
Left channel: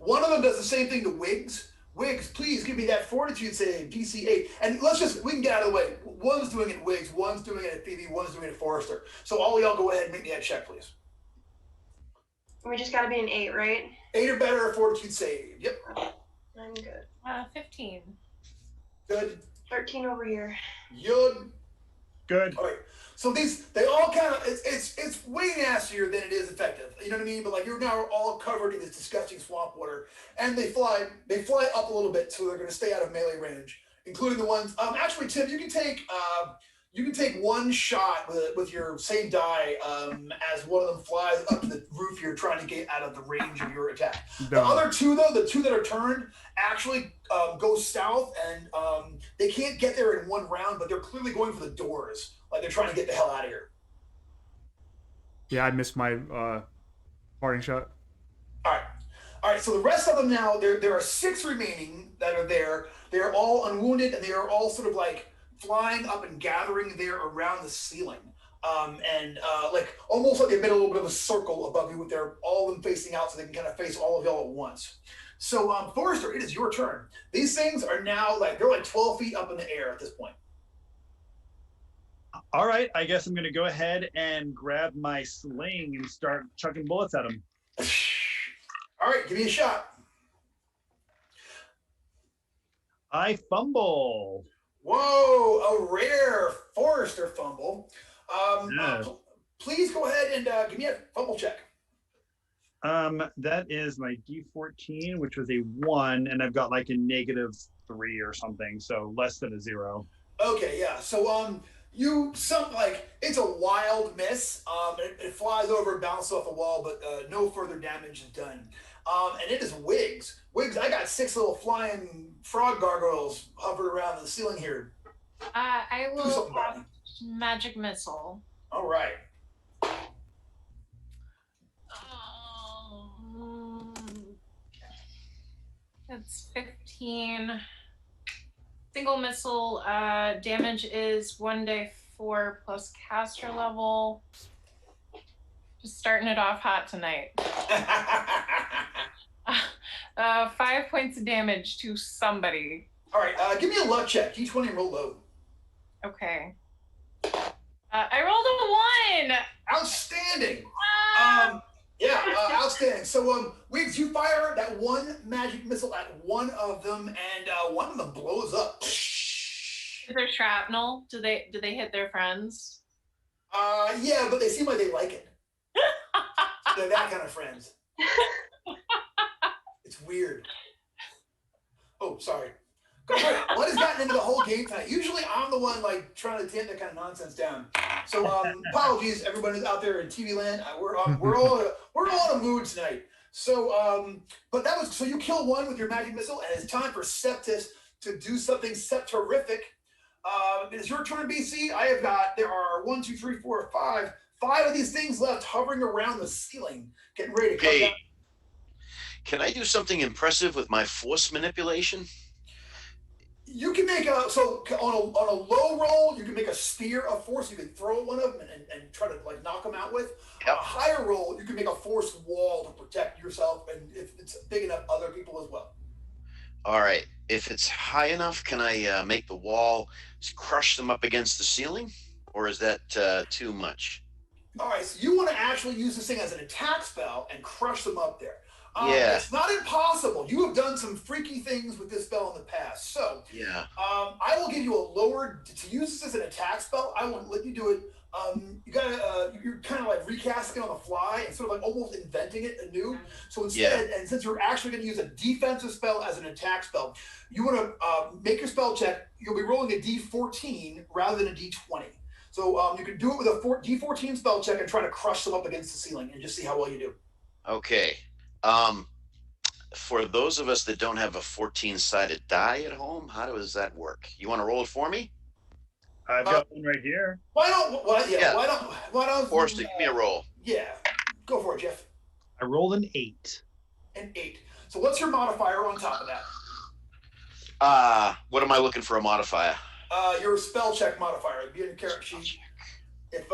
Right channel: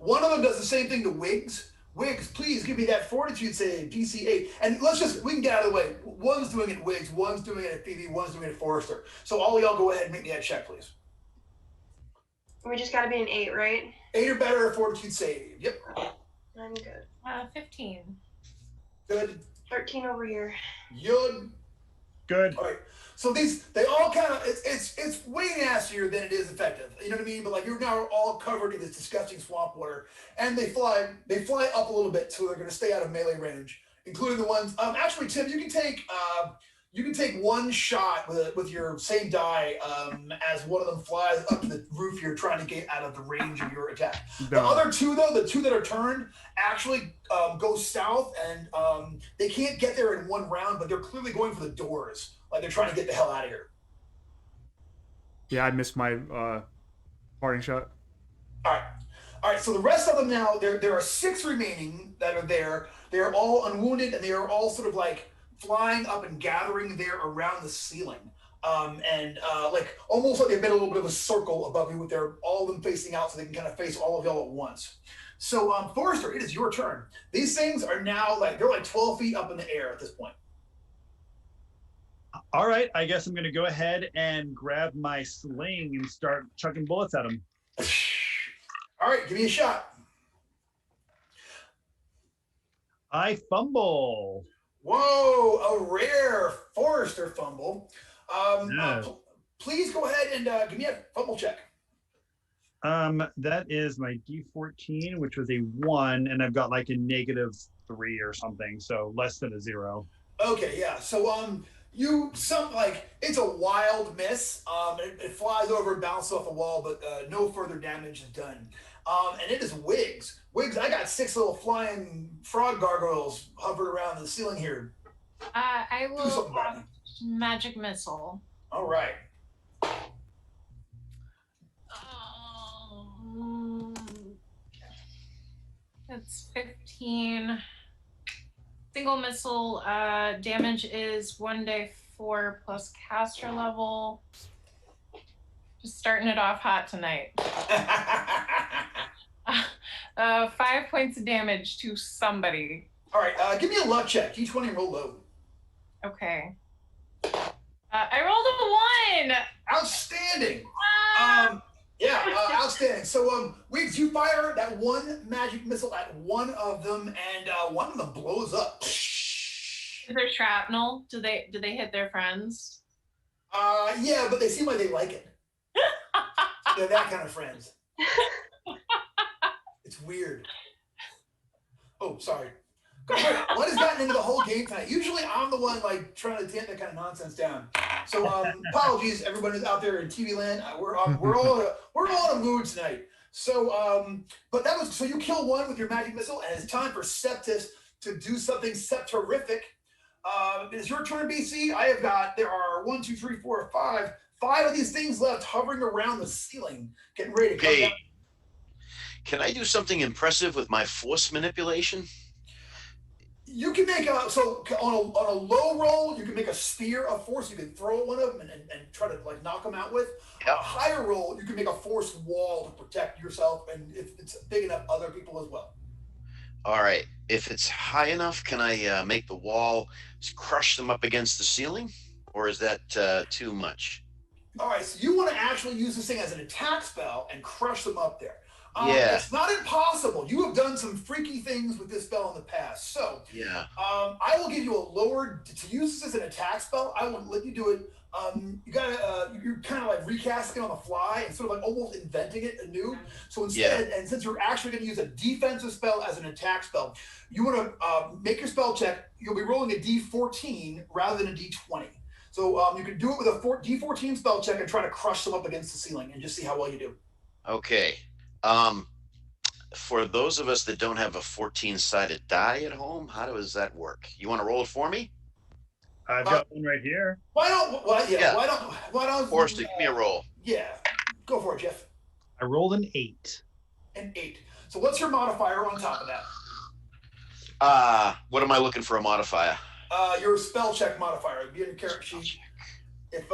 One of them does the same thing to Wiggs. Wiggs, please give me that fortitude save, DC 8. And we can get out of the way. One's doing it at Wiggs, one's doing it at Phoebe, one's doing it at Forrester. So all y'all go ahead and make me that check, please. We just gotta be an 8, right? 8 or better, fortitude save. Yep. I'm good. 15. Good. 13 over here. Good. All right. So they all kind of, it's way nastier than it is effective. You know what I mean? But you're now all covered in this disgusting swamp water, and they fly up a little bit, so they're going to stay out of melee range, including the ones. Actually, Tim, you can take 1 shot with your same die as one of them flies up to the roof here, trying to get out of the range of your attack. The other 2, though, the 2 that are turned, actually go south, and they can't get there in 1 round, but they're clearly going for the doors like they're trying to get the hell out of here. Yeah, I missed my parting shot. All right. So the rest of them now, there are 6 remaining that are there. They are all unwounded, and they are all sort of like flying up and gathering there around the ceiling. Like almost like they made a little bit of a circle above you with all of them facing out so they can kind of face all of y'all at once. So Forrester, it is your turn. These things are now they're like 12 feet up in the air at this point. All right, I guess I'm going to go ahead and grab my sling and start chucking bullets at them. All right, give me a shot. I fumble. Whoa, a rare Forrester fumble. Yes. Please go ahead and give me a fumble check. That is my D14, which was a 1, and I've got like a -3 or something, so less than a 0. Okay, yeah. So it's a wild miss. It flies over and bounces off the wall, but no further damage is done. And it is Wiggs. Wiggs, I got 6 little flying frog gargoyles hovering around the ceiling here. I will magic missile. All right. That's 15. Single missile damage is 1d4 plus caster level. Just starting it off hot tonight. 5 points of damage to somebody. All right, give me a luck check. D20 and roll low. Okay. I rolled a 1. Outstanding. Outstanding. So, Wiggs, you fire that one magic missile at one of them, and one of them blows up. Is there shrapnel? Do they hit their friends? Yeah, but they seem like they like it. They're that kind of friends. It's weird. Oh, sorry. What has gotten into the whole game tonight? Usually I'm the one trying to tamp that kind of nonsense down. So apologies, everybody out there in TV land. We're all in a mood tonight. So so you kill one with your magic missile, and it's time for Septis to do something septorific. It is your turn, BC. There are 1, 2, 3, 4, 5 of these things left hovering around the ceiling, getting ready to come down. Can I do something impressive with my force manipulation? You can make on a low roll, you can make a spear of force. You can throw one of them and try to knock them out with. Yep. On a higher roll, you can make a force wall to protect yourself, and if it's big enough, other people as well. All right. If it's high enough, can I make the wall crush them up against the ceiling, or is that too much? All right. So you want to actually use this thing as an attack spell and crush them up there. Yeah. It's not impossible. You have done some freaky things with this spell in the past. So yeah. I will give you a lower to use this as an attack spell. I won't let you do it. You're kind of recasting on the fly and sort of almost inventing it anew. So instead, and since you're actually going to use a defensive spell as an attack spell, you want to make your spell check. You'll be rolling a D14 rather than a D20. So you can do it with a D14 spell check and try to crush them up against the ceiling and just see how well you do. Okay. For those of us that don't have a 14-sided die at home, how does that work? You want to roll it for me? I've got one right here. Why don't Forrester, give me a roll. Yeah, go for it, Jeff. I rolled an 8. An 8. So what's your modifier on top of that? What am I looking for a modifier? Your spell check modifier. It'd be in your character sheet. If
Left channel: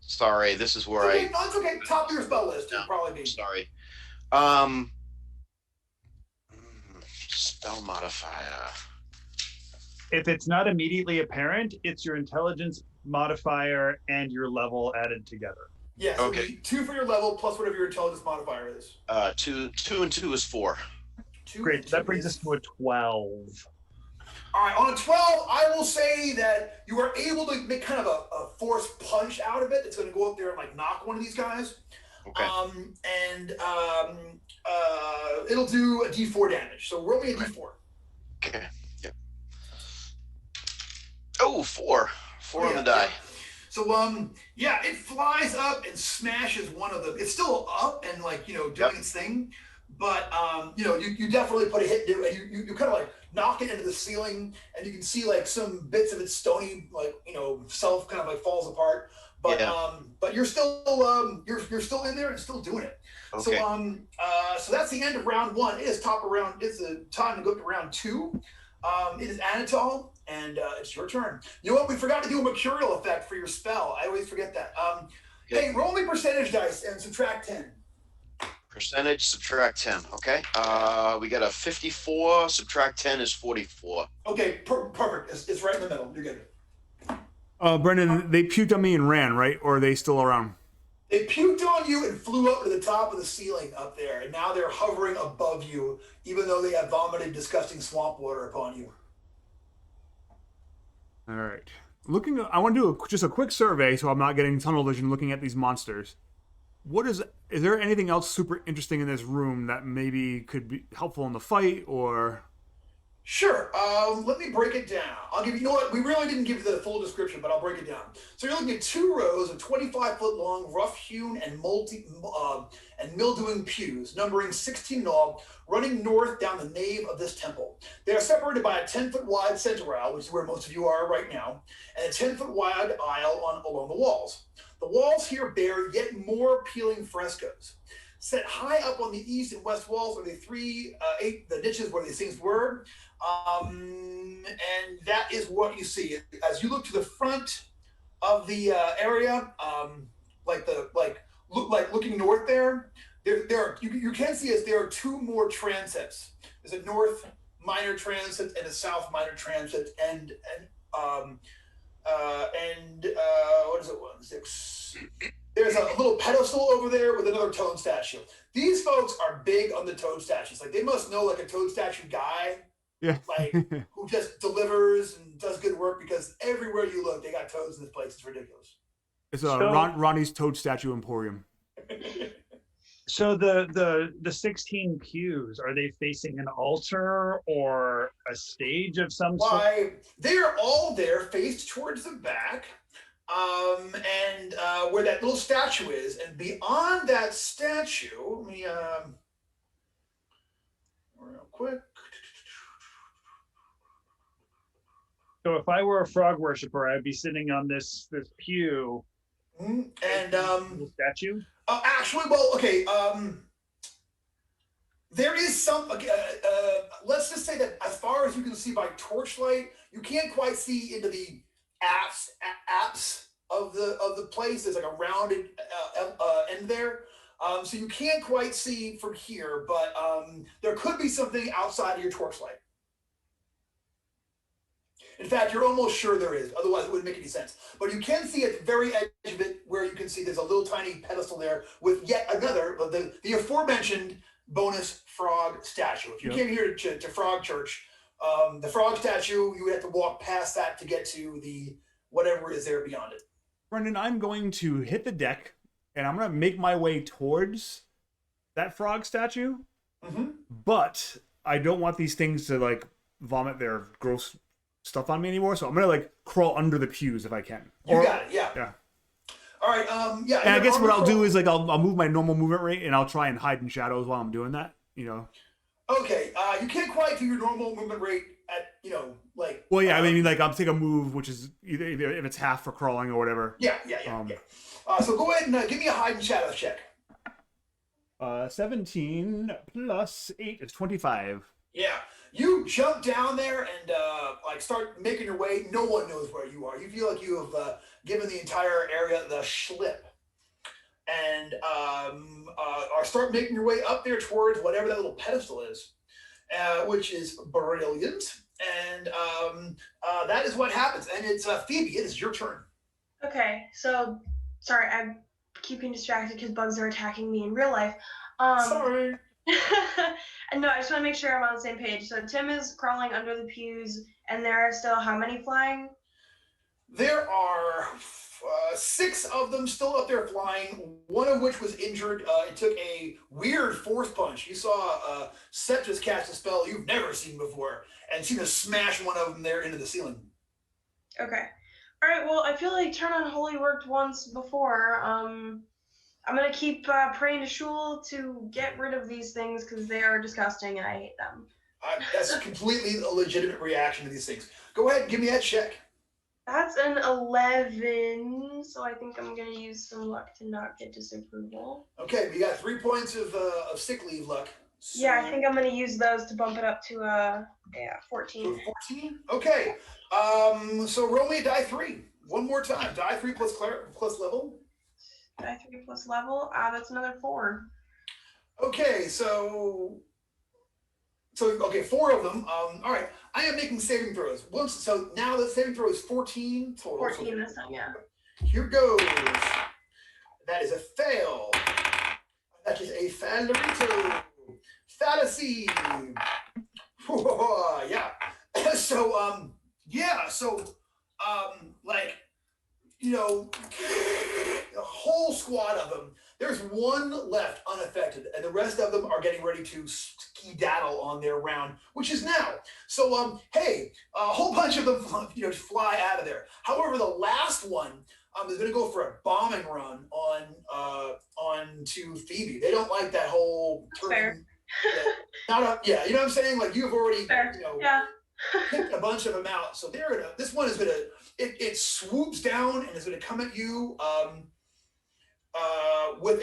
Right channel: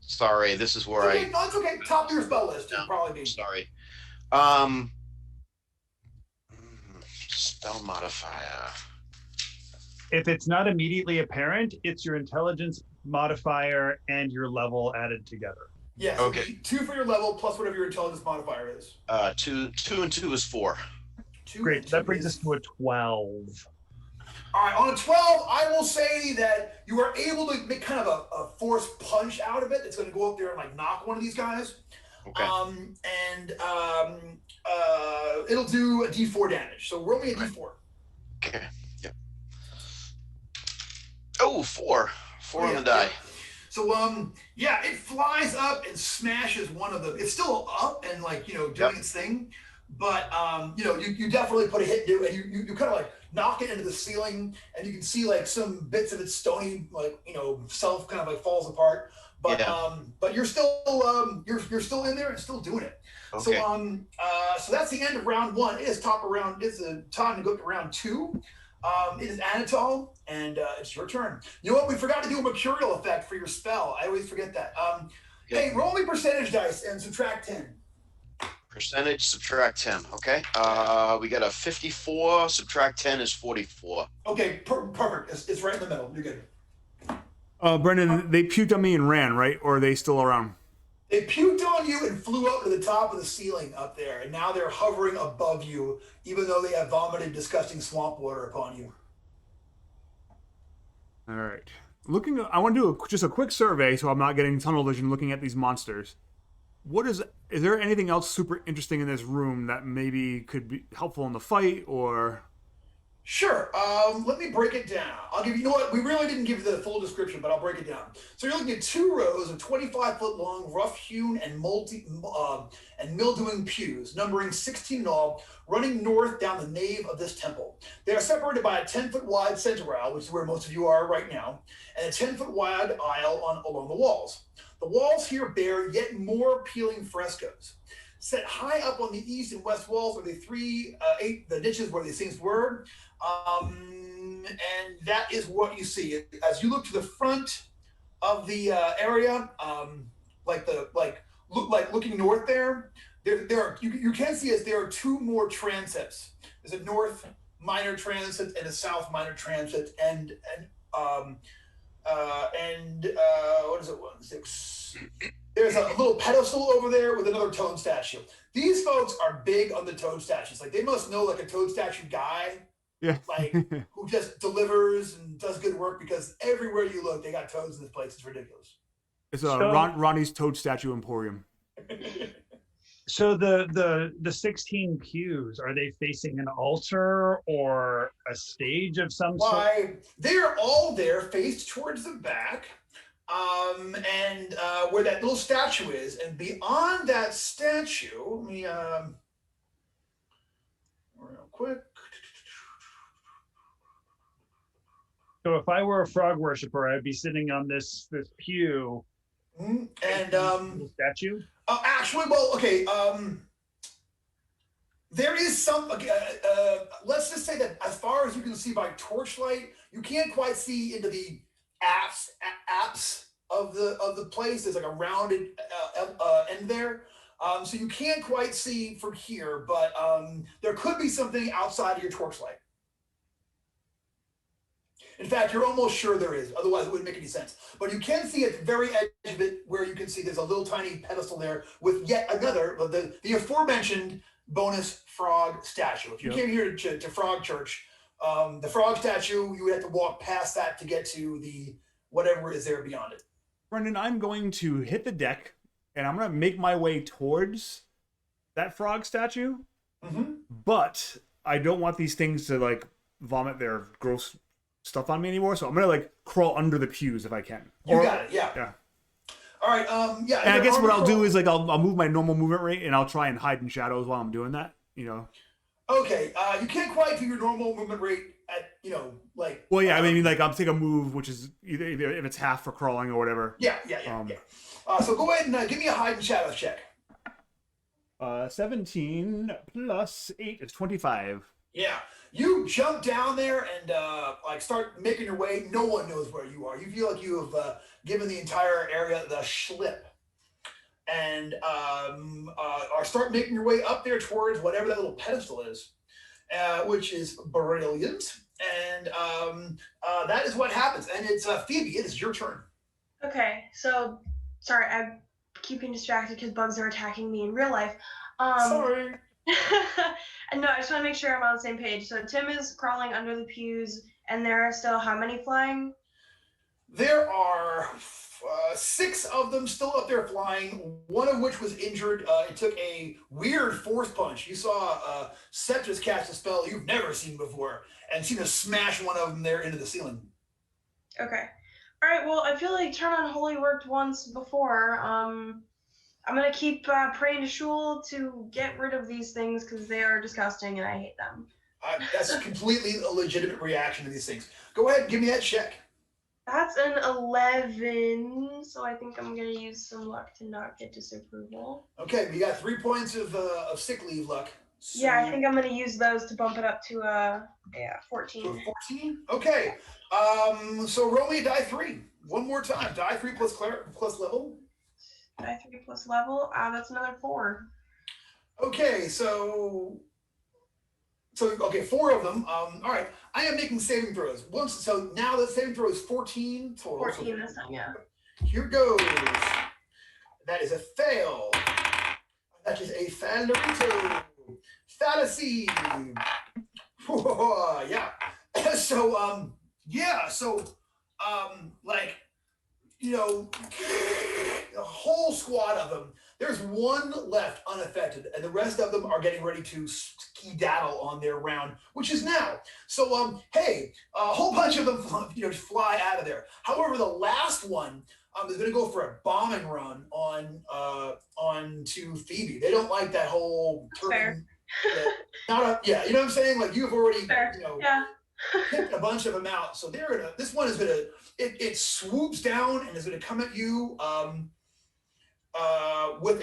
Sorry, this is where No, it's okay. Top of your spell list would probably be. Sorry. Spell modifier. If it's not immediately apparent, it's your intelligence modifier and your level added together. Yeah. So okay. 2 for your level plus whatever your intelligence modifier is. 2 and 2 is 4. Great. That brings us to a 12. All right. On a 12, I will say that you are able to make kind of a force punch out of it. It's going to go up there and knock one of these guys. Okay. It'll do a D4 damage. So roll me a D4. Okay. Yep. Oh, 4. 4 on the die. So it flies up and smashes one of them. It's still up and doing its thing, but you definitely put a hit into it, and you kind of like knock it into the ceiling, and you can see like some bits of its stony, like self kind of like falls apart. But but you're still you're still in there and still doing it. Okay. So that's the end of round one. It is top of round. It's the time to go to round two. It is Anatole, and it's your turn. You know what? We forgot to do a mercurial effect for your spell. I always forget that. Hey, roll me percentage dice and subtract 10. Percentage, subtract 10. Okay. We got a 54. Subtract 10 is 44. Okay, perfect. It's right in the middle. You're good. Brendan, they puked on me and ran, right? Or are they still around? They puked on you and flew up to the top of the ceiling up there, and now they're hovering above you, even though they have vomited disgusting swamp water upon you. All right. I want to do just a quick survey, so I'm not getting tunnel vision looking at these monsters. Is there anything else super interesting in this room that maybe could be helpful in the fight, or? Sure. Let me break it down. I'll give you. You know what? We really didn't give you the full description, but I'll break it down. So you're looking at 2 rows of 25-foot long, rough-hewn and mildewing pews, numbering 16 in all, running north down the nave of this temple. They are separated by a 10-foot wide center aisle, which is where most of you are right now, and a 10-foot wide aisle along the walls. The walls here bear yet more appealing frescoes. Set high up on the east and west walls are the the niches where these things were. And that is what you see. As you look to the front of the area, looking north there you can see as there are 2 more transepts. There's a north minor transept and a south minor transept, and what is it? 1, 6. There's a little pedestal over there with another toad statue. These folks are big on the toad statues. Like, they must know like a toad statue guy. Yeah. Like, who just delivers and does good work, because everywhere you look, they got toads in this place. It's ridiculous. It's Ronnie's Toad Statue Emporium. So the 16 pews, are they facing an altar or a stage of some sort? Why, they're all there, faced towards the back, and where that little statue is, and beyond that statue, let me real quick. So if I were a frog worshiper, I'd be sitting on this pew. And little statue. Actually, well, okay. There is some. Let's just say that as far as you can see by torchlight, you can't quite see into the apse of the place. There's like a rounded end there, so you can't quite see from here. But there could be something outside of your torchlight. In fact, you're almost sure there is. Otherwise, it wouldn't make any sense. But you can see at the very edge of it, where you can see there's a little tiny pedestal there with yet another, the aforementioned bonus frog statue. If you came here to Frog Church, the frog statue, you would have to walk past that to get to the whatever is there beyond it. Brendan, I'm going to hit the deck, and I'm going to make my way towards that frog statue. Mm-hmm. But I don't want these things to like vomit their gross stuff on me anymore, so I'm gonna like crawl under the pews if I can. You got it, yeah. All right, yeah. And I guess what I'll do is like I'll move my normal movement rate, and I'll try and hide in shadows while I'm doing that. Okay, you can't quite do your normal movement rate at like. Well, yeah, I mean like I'll take a move which is either if it's half for crawling or whatever. Yeah. So go ahead and give me a hide and shadows check. 17 plus 8 is 25. Yeah. You jump down there and start making your way. No one knows where you are. You feel like you have given the entire area the schlip, and start making your way up there towards whatever that little pedestal is, which is brilliant. And that is what happens. And it's Phoebe. It is your turn. Okay, so sorry, I'm keeping distracted because bugs are attacking me in real life. Sorry. And no, I just want to make sure I'm on the same page. So Tim is crawling under the pews, and there are still how many flying? There are 6 of them still up there flying, one of which was injured. It took a weird force punch. You saw Septus cast a spell you've never seen before, and seemed to smash one of them there into the ceiling. Okay. All right, well, I feel like Turn on Holy worked once before. I'm gonna keep praying to Shul to get rid of these things because they are disgusting and I hate them. That's completely a legitimate reaction to these things. Go ahead, give me that check. That's an 11, so I think I'm gonna use some luck to not get disapproval. Okay, we got 3 points of sick leave luck. So Yeah, I think I'm gonna use those to bump it up to 14. 14. Okay. So roll me a die 3 one more time. Die 3 plus level. Die 3 plus level. That's another 4. Okay, so okay, 4 of them. All right. I am making saving throws. So now the saving throw is 14 total. 14 this time, yeah. Here goes. That is a fail. That is a failurito. Fallacy. Yeah. So like, you know, a whole squad of them. There's one left unaffected, and the rest of them are getting ready to skedaddle on their round, which is now. So, hey, a whole bunch of them, fly out of there. However, the last one is going to go for a bombing run on to Phoebe. They don't like that whole turning. You know what I'm saying? Like you've already, picked a bunch of them out. So this one is going to, it swoops down and is going to come at you. With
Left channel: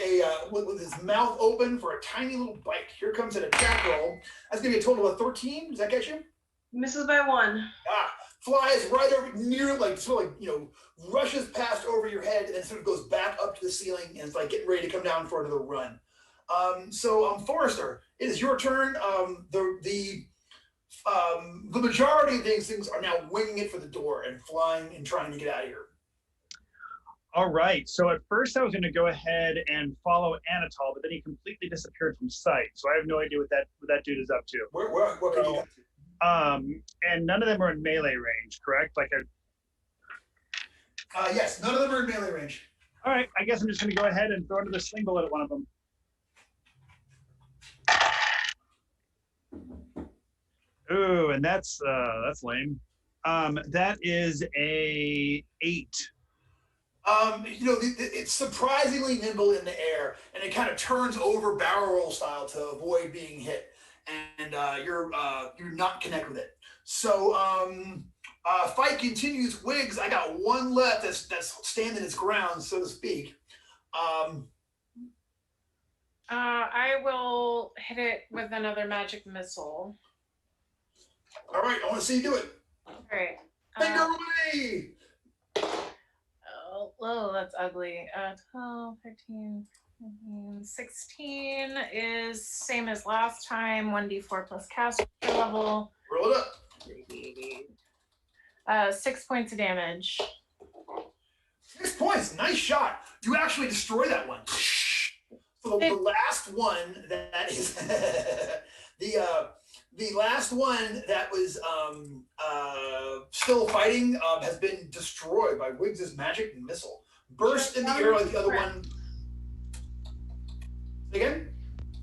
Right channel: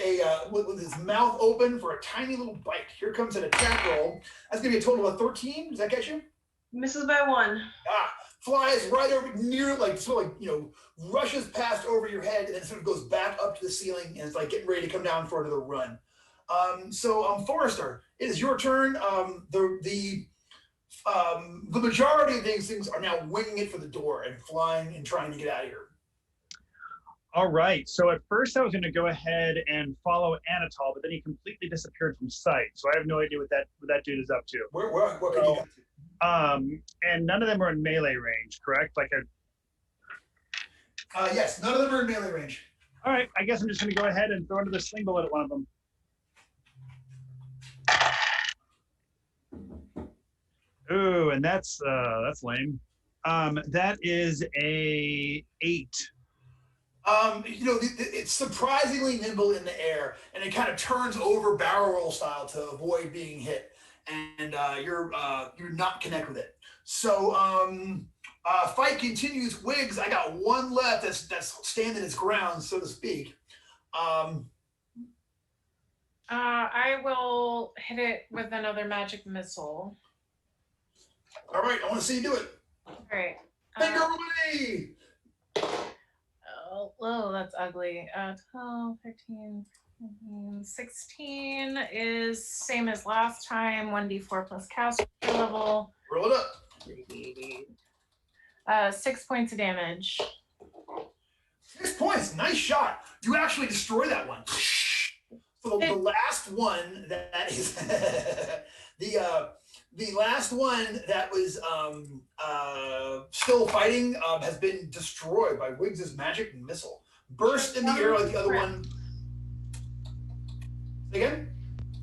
his mouth open for a tiny little bite. Here comes an attack roll. That's gonna be a total of 13. Does that get you? Misses by 1. Flies right over near, rushes past over your head and then sort of goes back up to the ceiling and it's like getting ready to come down for another run. Forrester, it is your turn. The majority of these things are now winging it for the door and flying and trying to get out of here. All right. So at first I was going to go ahead and follow Anatol, but then he completely disappeared from sight. So I have no idea what that dude is up to. What can you get to? And none of them are in melee range, correct? Yes, none of them are in melee range. All right. I guess I'm just going to go ahead and throw into the sling bullet at one of them. Ooh, and that's lame. That is a 8. It's surprisingly nimble in the air, and it kind of turns over barrel roll style to avoid being hit, and you're not connect with it. So fight continues. Wiggs, I got one left that's standing its ground, so to speak. I will hit it with another magic missile. All right, I want to see you do it. All right. Finger away! Oh, that's ugly. 12, 13, 16 is same as last time. 1d4 plus caster level. Roll it up. 6 points of damage. 6 points. Nice shot. You actually destroy that one. So the last one that is the last one that was still fighting has been destroyed by Wiggs' magic missile. Burst in the air like the other one. Again?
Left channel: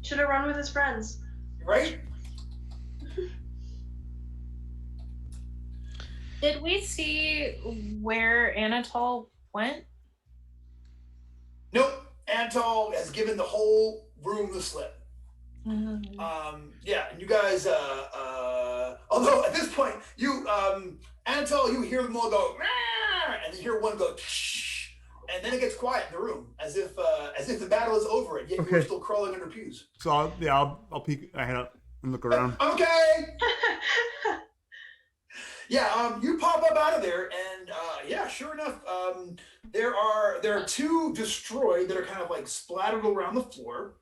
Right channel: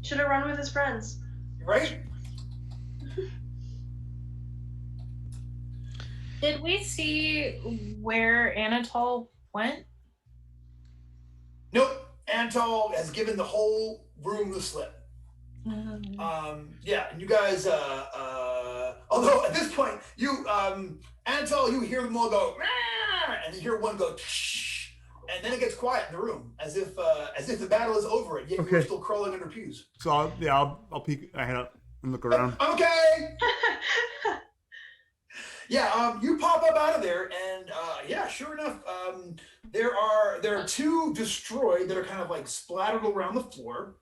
Should have run with his friends. Right? Did we see where Anatol went? Nope. Anatol has given the whole room the slip. Mm-hmm. And you guys, although at this point, Anatol, you hear them all go, and you hear one go, and then it gets quiet in the room, as if the battle is over, and yet you're still crawling under pews. So I'll peek my head up and look around. Okay. You pop up out of there, and sure enough, there are 2 destroyed that are kind of like splattered around the floor.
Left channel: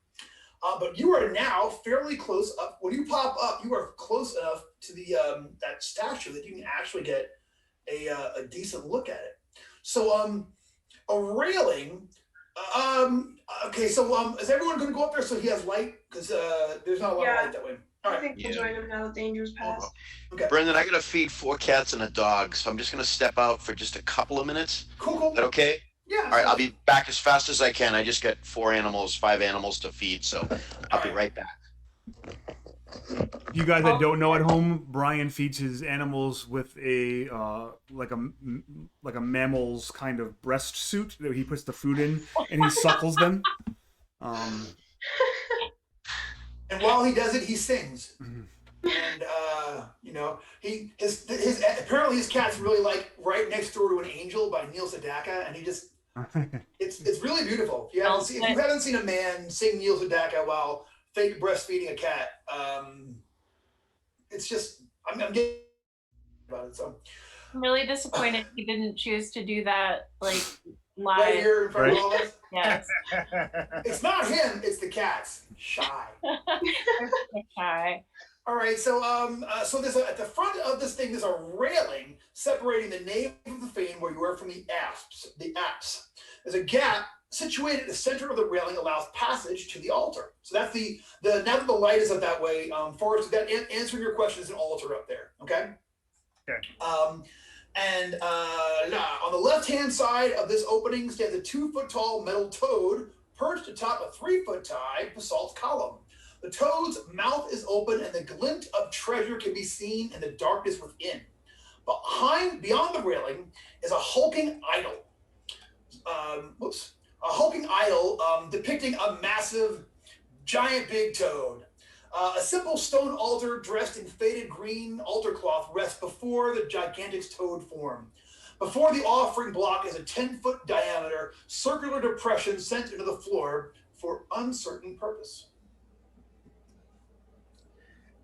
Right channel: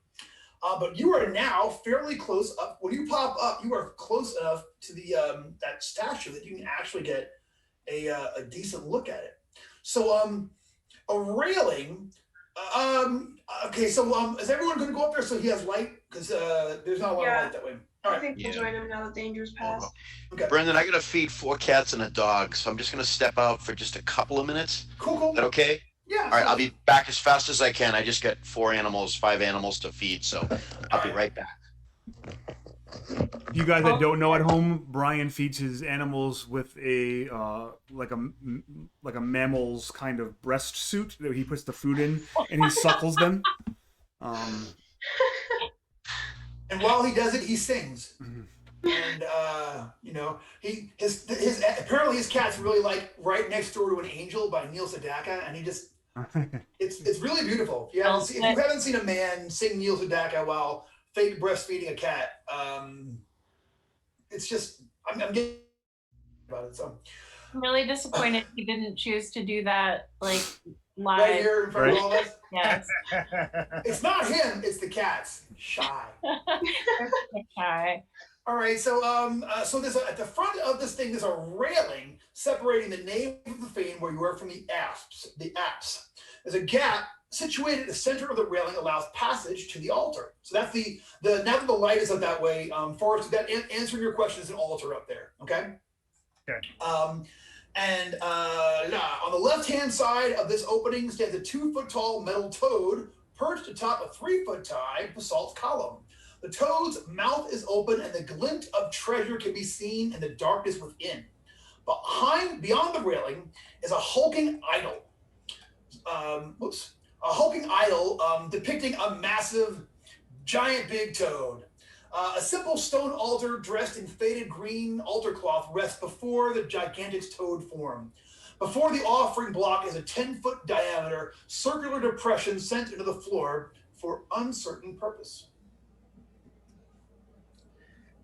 But you are now fairly close up. When you pop up, you are close enough to the that statue that you can actually get a decent look at it. So a railing. Is everyone going to go up there so he has light? Because there's not a lot of light that way. All right. I think we'll join him now that danger's passed. Okay. Brendan, I gotta feed 4 cats and a dog, so I'm just gonna step out for just a couple of minutes. Cool. Is that okay? Yeah. All right, I'll be back as fast as I can. I just got 5 animals to feed, so I'll be right back. You guys that don't know at home, Brian feeds his animals with a like a mammal's kind of breast suit that he puts the food in, and he suckles them. And while he does it, he sings. Mm-hmm. And his apparently his cat's really like Right Next Door to an Angel by Neil Sedaka, and he just it's really beautiful. If you haven't seen a man sing Neil Sedaka while fake breastfeeding a cat, it's just I'm getting about it. So I'm really disappointed he didn't choose to do that like live. Right here in front of all of us. Yes. It's not him, it's the cats. Shy. Shy. All right, so there's at the front of this thing there's a railing separating the nave of the fane where you are from the apse. There's a gap situated at the center of the railing allows passage to the altar. So that's the now that the light is up that way, Forrest, that answering your question is an altar up there. Okay. Okay. And on the left-hand side of this opening stands a 2-foot-tall metal toad perched atop a 3-foot-high basalt column. The toad's mouth is open, and the glint of treasure can be seen in the darkness within. Beyond the railing, is a hulking idol. A hulking idol depicting a massive, giant big toad. A simple stone altar dressed in faded green altar cloth rests before the gigantic toad form. Before the offering block is a 10-foot diameter circular depression sent into the floor for uncertain purpose.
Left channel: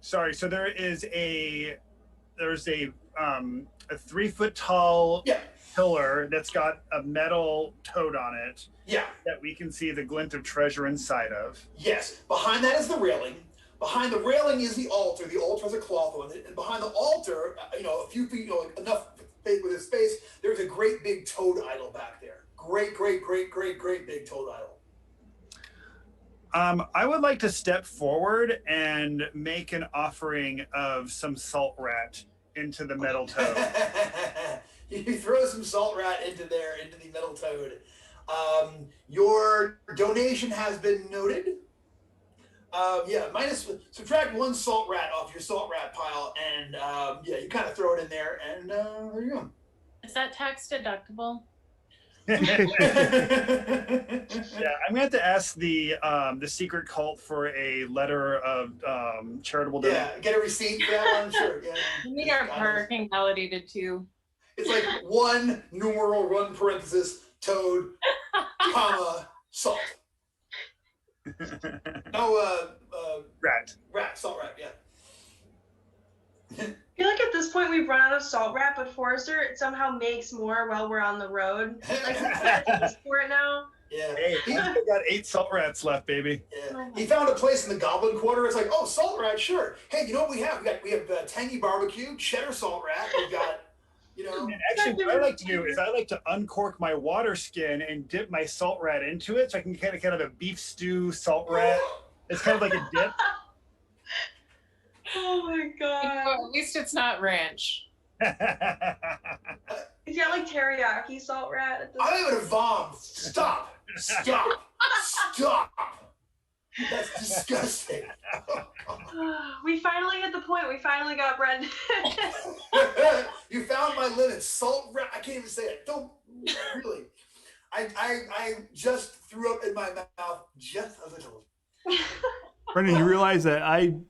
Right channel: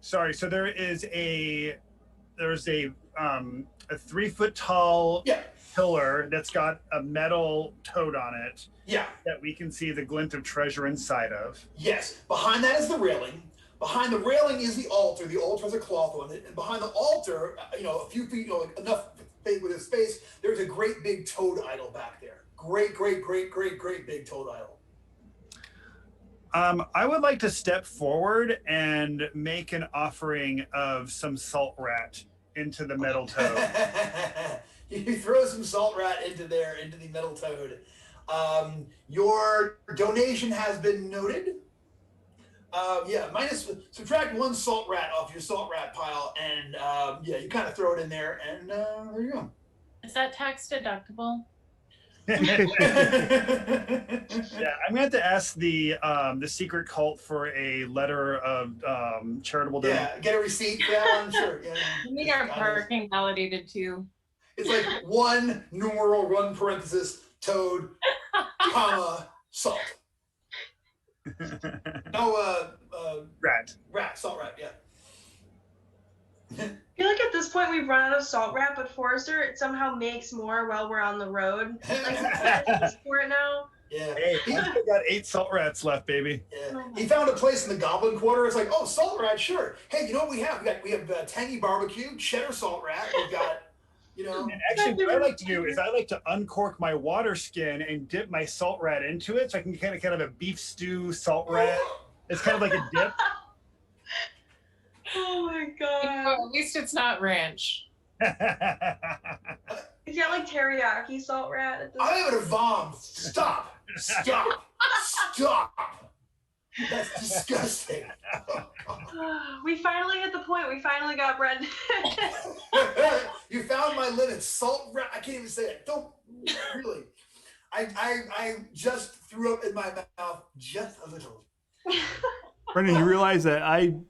Sorry, so there's a 3-foot tall pillar that's got a metal toad on it. Yeah. That we can see the glint of treasure inside of. Yes. Behind that is the railing. Behind the railing is the altar. The altar has a cloth on it. And behind the altar, a few feet, enough with his space, there's a great big toad idol back there. Great big toad idol. I would like to step forward and make an offering of some salt rat into the metal toad. You throw some salt rat into the metal toad. Your donation has been noted. Subtract 1 salt rat off your salt rat pile, and you kind of throw it in there, and there you go. Is that tax deductible? Yeah, I'm gonna have to ask the secret cult for a letter of charitable donation. Yeah, get a receipt for that one. Sure. Yeah. We need our parking validated too. It's like 1 numeral 1 parenthesis toad, comma salt. No, salt rat. Yeah. I feel like at this point we've run out of salt rat, but Forrester somehow makes more while we're on the road. Like he's for it now. Yeah. Hey, he's got 8 salt rats left, baby. Yeah. He found a place in the Goblin Quarter. It's like, oh, salt rat, sure. Hey, you know what we have? We have tangy barbecue, cheddar salt rat. We've got, Actually, what I like to do is I like to uncork my water skin and dip my salt rat into it, so I can kind of a beef stew salt rat. It's kind of like a dip. Oh my god. At least it's not ranch. Is that like teriyaki salt rat? At this I'm having a vom. Stop. That's disgusting. We finally hit the point. We finally got bread. You found my limit. Salt rat. I can't even say it. Don't really. I just threw up in my mouth just a little. Brendan, you realize that I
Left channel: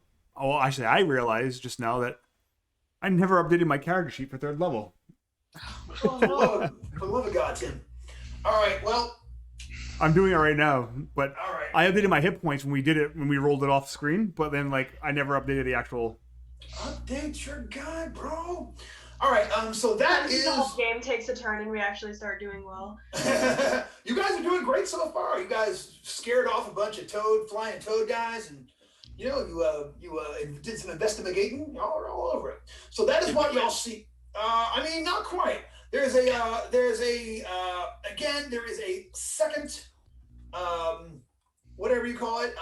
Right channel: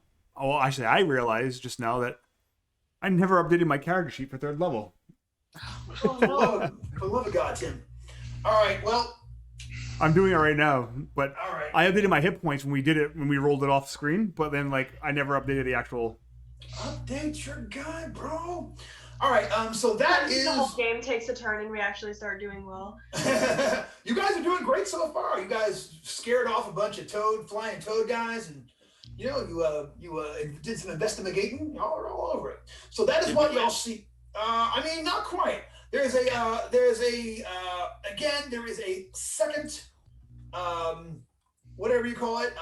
realized just now that I never updated my character sheet for 3rd level. For the love of God, Tim. All right, well. I'm doing it right now, but all right. I updated my hit points when we rolled it off screen, but then I never updated the actual. Update your guy, bro. All right, so that is. The whole game takes a turn and we actually start doing well. You guys are doing great so far. You guys scared off a bunch of flying toad guys, and you did some investigating. Y'all are all over it. So that is what y'all see. Not quite. There is a second, whatever you call it,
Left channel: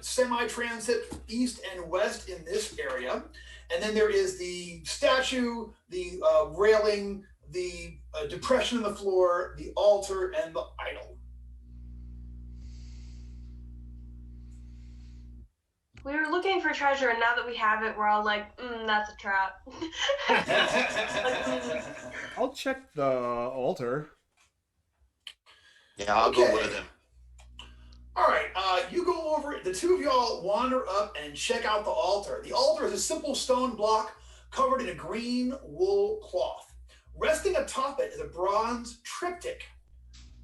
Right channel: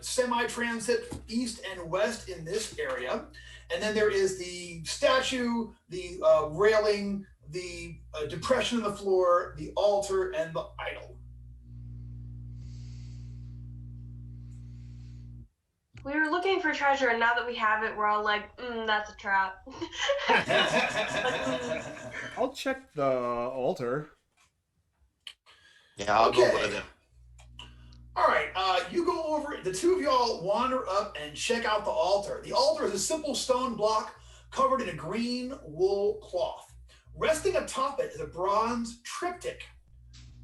semi-transit east and west in this area. And then there is the statue, the railing, the depression in the floor, the altar, and the idol. We were looking for treasure, and now that we have it, we're all like, that's a trap. I'll check the altar. Yeah, I'll go with him. All right, you go over. The two of y'all wander up and check out the altar. The altar is a simple stone block covered in a green wool cloth. Resting atop it is a bronze triptych,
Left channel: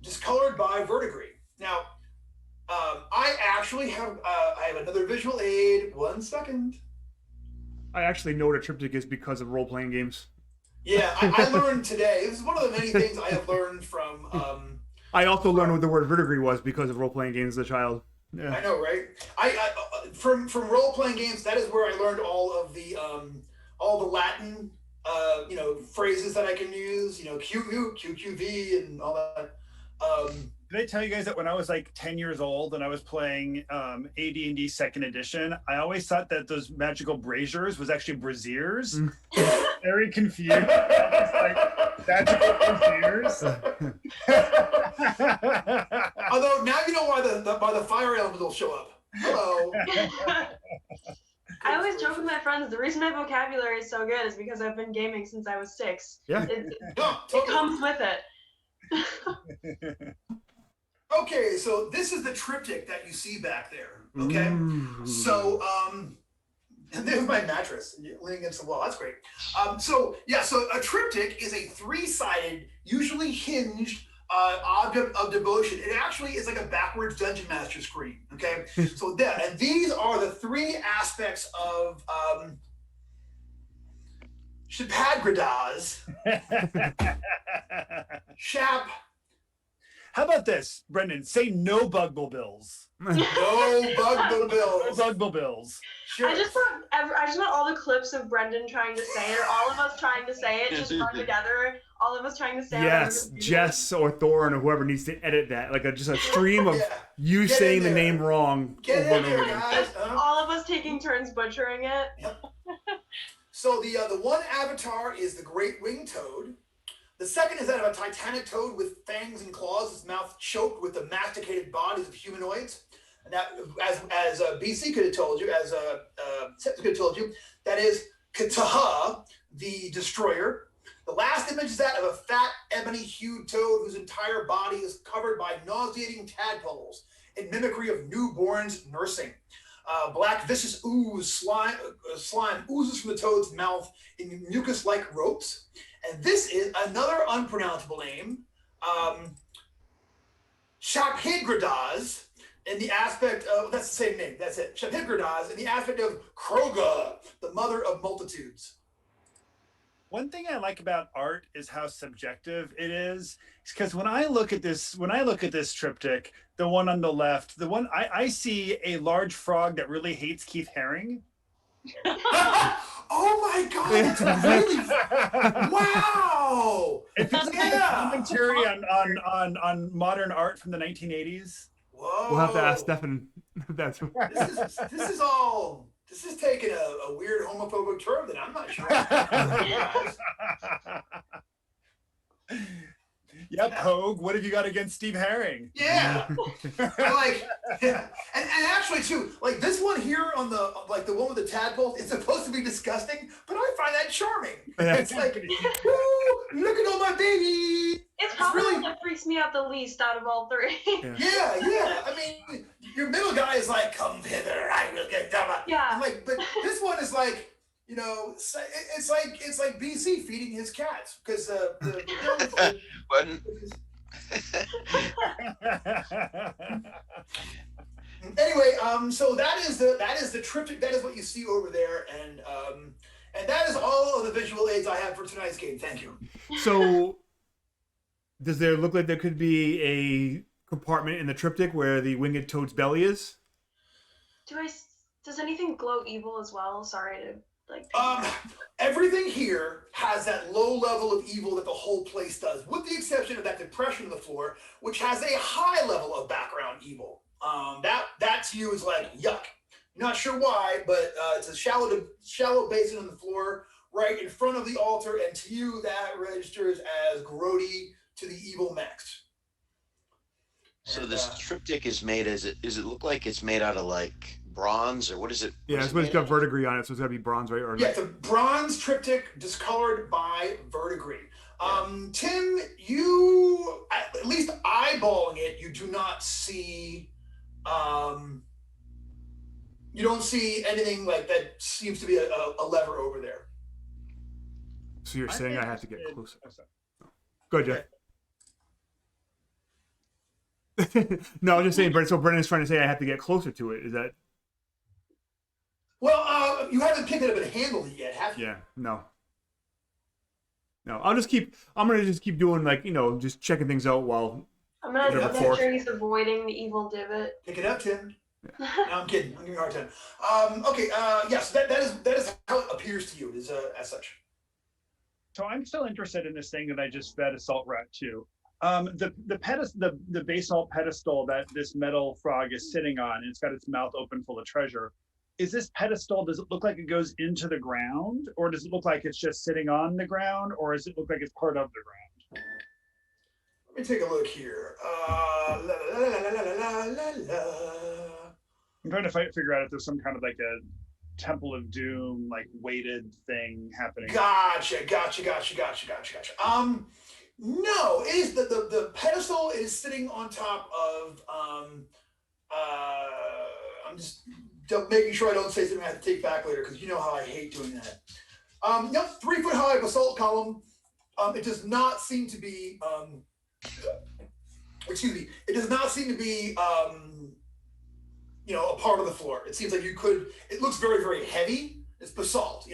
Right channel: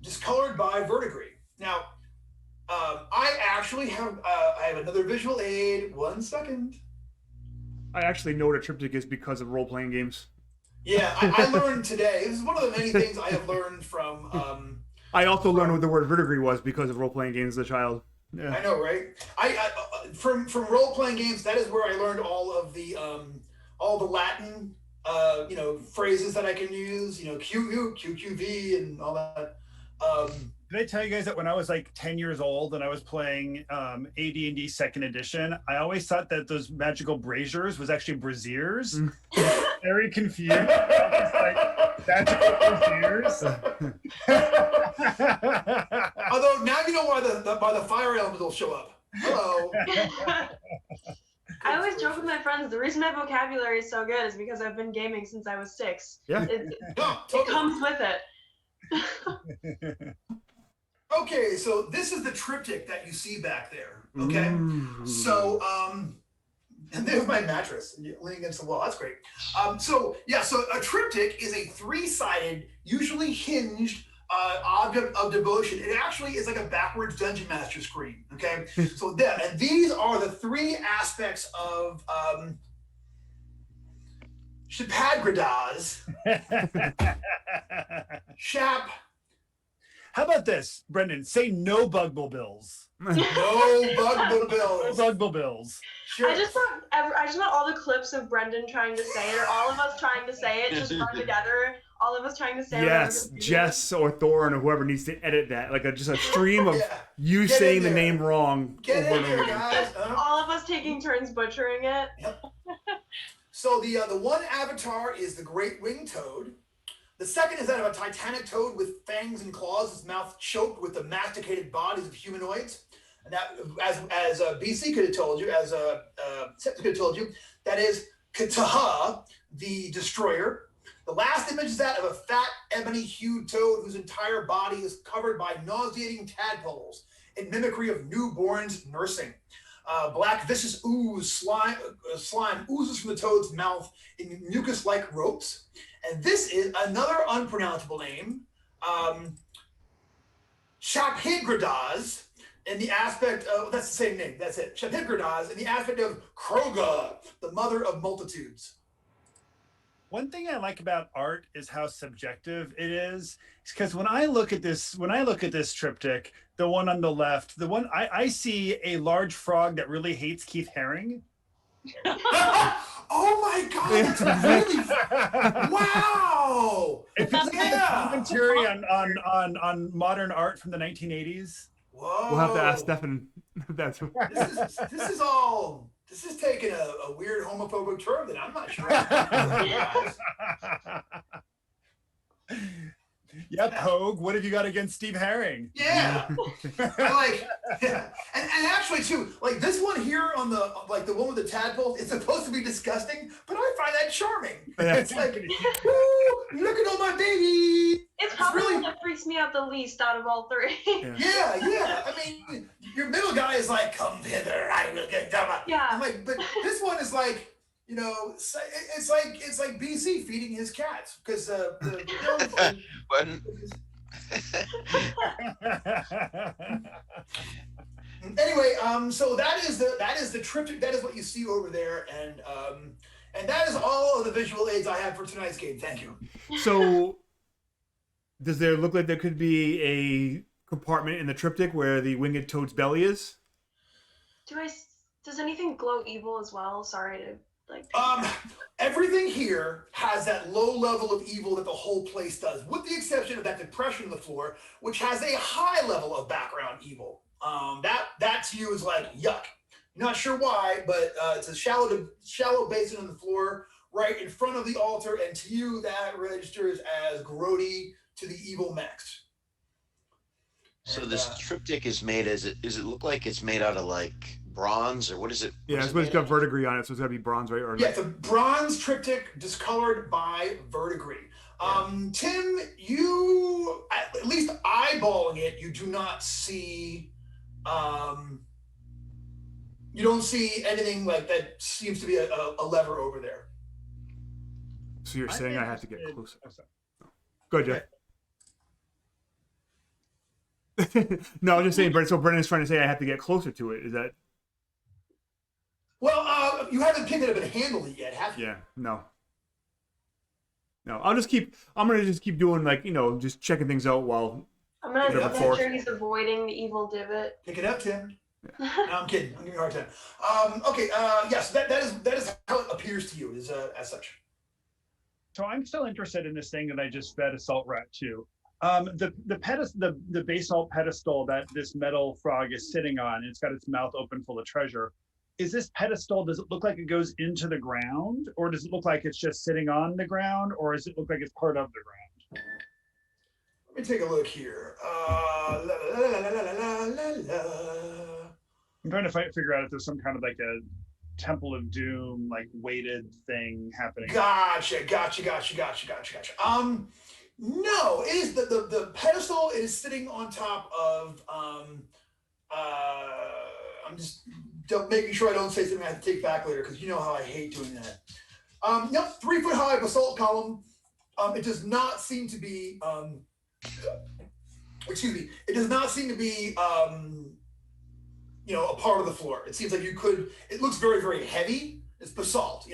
discolored by verdigris. Now, I actually have I have another visual aid. 1 second. I actually know what a triptych is because of role-playing games. Yeah, I learned today. This is one of the many things I have learned from. I also learned what the word verdigris was because of role-playing games as a child. Yeah. I know, right? I from role-playing games, that is where I learned all the Latin phrases that I can use. QQ, QQV, and all that. Did I tell you guys that when I was like 10 years old and I was playing AD&D 2nd edition, I always thought that those magical braziers was actually braziers. Very confused. I was like, magical braziers. Although now you know why the fire element will show up. Hello. I always joke with my friends, the reason my vocabulary is so good is because I've been gaming since I was 6. Yeah. It comes with it. Okay, so this is the triptych that you see back there. Okay, so and there's my mattress leaning against the wall. That's great. So a triptych is a 3-sided, usually hinged object of devotion. It actually is like a backwards dungeon master screen. Okay, so and these are the 3 aspects of Shapadgradaz. Shap. How about this, Brendan? Say no bugbills. No bugbills. No bugbills. Sure. I just want all the clips of Brendan trying to say it, or all of us trying to say it, just run together. All of us trying to say it. Yes, Jess or Thorin or whoever needs to edit that. Like just a stream of you saying the name wrong over and over again. All of us taking turns butchering it. Yep. So the one avatar is the Great Winged Toad. The second is that of a titanic toad with fangs and claws, its mouth choked with the masticated bodies of humanoids. And that, as BC could have told you, as Septus could have told you, that is Kataha, the destroyer. The last image is that of a fat, ebony-hued toad whose entire body is covered by nauseating tadpoles in mimicry of newborns nursing. Black viscous slime oozes from the toad's mouth in mucus-like ropes. And this is another unpronounceable name, Shaphidgradaz, in the aspect of, that's the same name, that's it, Shaphidgradaz, in the aspect of Kroga, the mother of multitudes. One thing I like about art is how subjective it is. Because when I look at this triptych, the one on the left, the one I see a large frog that really hates Keith Haring. Oh my God! It's really wow. If it's a commentary on modern art from the 1980s. Whoa. We'll have to ask Stefan. That's this is taking a weird homophobic turn that I'm not sure. Yep, Hogue. What have you got against Steve Haring? Yeah, and actually too, like this one here on the the one with the tadpoles, it's supposed to be disgusting, but I find that charming. It's like, ooh, look at all my babies. It's probably really what freaks me out the least out of all 3. Yeah. I mean, your middle guy is like, "Come hither, I will get dumb." Yeah. I'm like, but this one is like, it's like BC feeding his cats because the Anyway, so that is the triptych. That is what you see over there, and that is all of the visual aids I have for tonight's game. Thank you. So, does there look like there could be a compartment in the triptych where the winged toad's belly is? Does anything glow evil as well? Sorry to everything here has that low level of evil that the whole place does, with the exception of that depression in the floor, which has a high level of background evil. That to you is like yuck. Not sure why, but it's a shallow basin on the floor right in front of the altar, and to you that registers as grody to the evil mechs. So this triptych is made does it look like it's made out of like bronze, or what is it? Yeah, it's got verdigris on it, so it's got to be bronze, right? Or yeah, it's a bronze triptych discolored by verdigris. Tim, you, at least eyeballing it, you do not see, you don't see anything like that seems to be a lever over there. So you're saying I have to get closer. Go ahead, Jeff. No, I'm just saying, so Brendan's trying to say I have to get closer to it. Is that? Well, you haven't picked it up and handled it yet, have you? Yeah, no. I'm gonna just keep doing, like, just checking things out while. I'm gonna make sure he's avoiding the evil divot. Pick it up, Tim. No, I'm kidding. I'm giving you a hard time. Okay. Yes, that is how it appears to you. Is as such. So I'm still interested in this thing that I just fed Assault Rat to. The basalt pedestal that this metal frog is sitting on, and it's got its mouth open full of treasure. Is this pedestal, does it look like it goes into the ground, or does it look like it's just sitting on the ground, or does it look like it's part of the ground? Let me take a look here. I'm trying to figure out if there's some kind of like a Temple of Doom, like weighted thing happening. Gotcha. No, it is the pedestal is sitting on top of I'm just making sure I don't say something I have to take back later, because you know how I hate doing that. Yep, 3 foot high basalt column. It does not seem to be excuse me, it does not seem to be a part of the floor. It seems like it looks very, very heavy. It's basalt,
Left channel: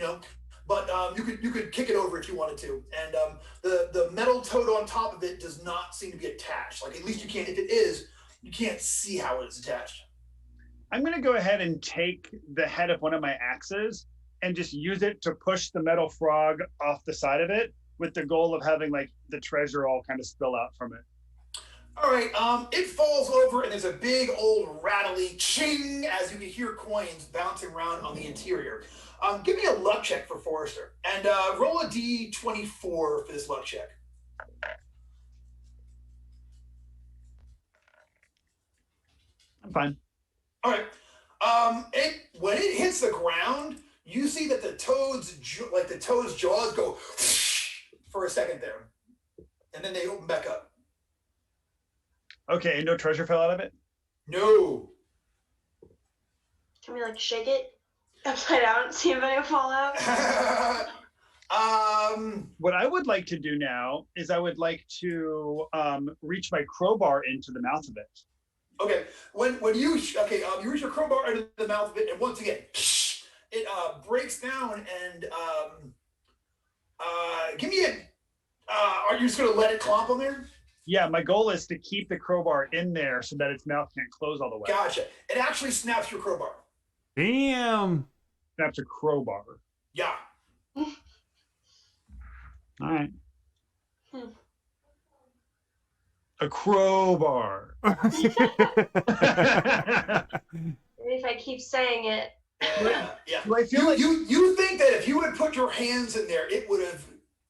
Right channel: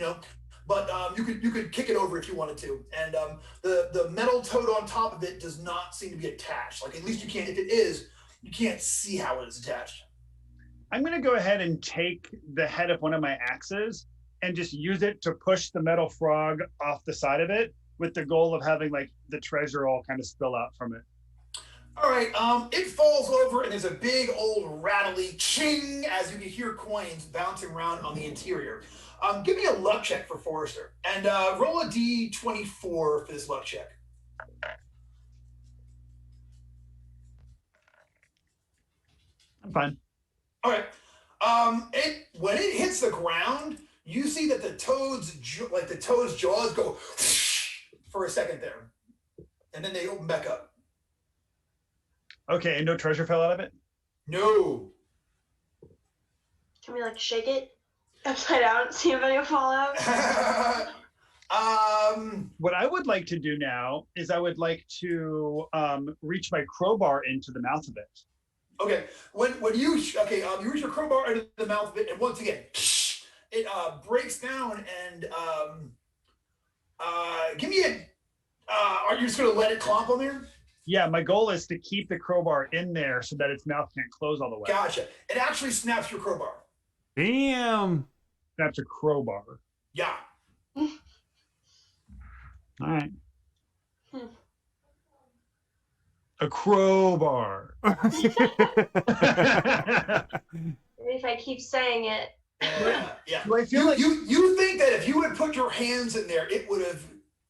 but you could kick it over if you wanted to. And the metal toad on top of it does not seem to be attached. Like, at least you can't, if it is, you can't see how it is attached. I'm going to go ahead and take the head of one of my axes and just use it to push the metal frog off the side of it, with the goal of having like the treasure all kind of spill out from it. All right, it falls over and there's a big old rattly ching as you can hear coins bouncing around on the interior. Give me a luck check for Forrester, and roll a d24 for this luck check. I'm fine. All right. When it hits the ground, you see that the toad's jaws go for a second there, and then they open back up. Okay, and no treasure fell out of it? No. Can we like shake it upside down and see if any will fall out? What I would like to do now is I would like to reach my crowbar into the mouth of it. Okay, you reach your crowbar into the mouth of it, and once again, it breaks down. And give me a. Are you just gonna let it clomp on there? Yeah, my goal is to keep the crowbar in there so that its mouth can't close all the way. Gotcha. It actually snaps your crowbar. Damn. Snaps a crowbar. Yeah. All right. A crowbar. Maybe if I keep saying it. Yeah. Do I feel like you think that if you would put your hands in there, it would have.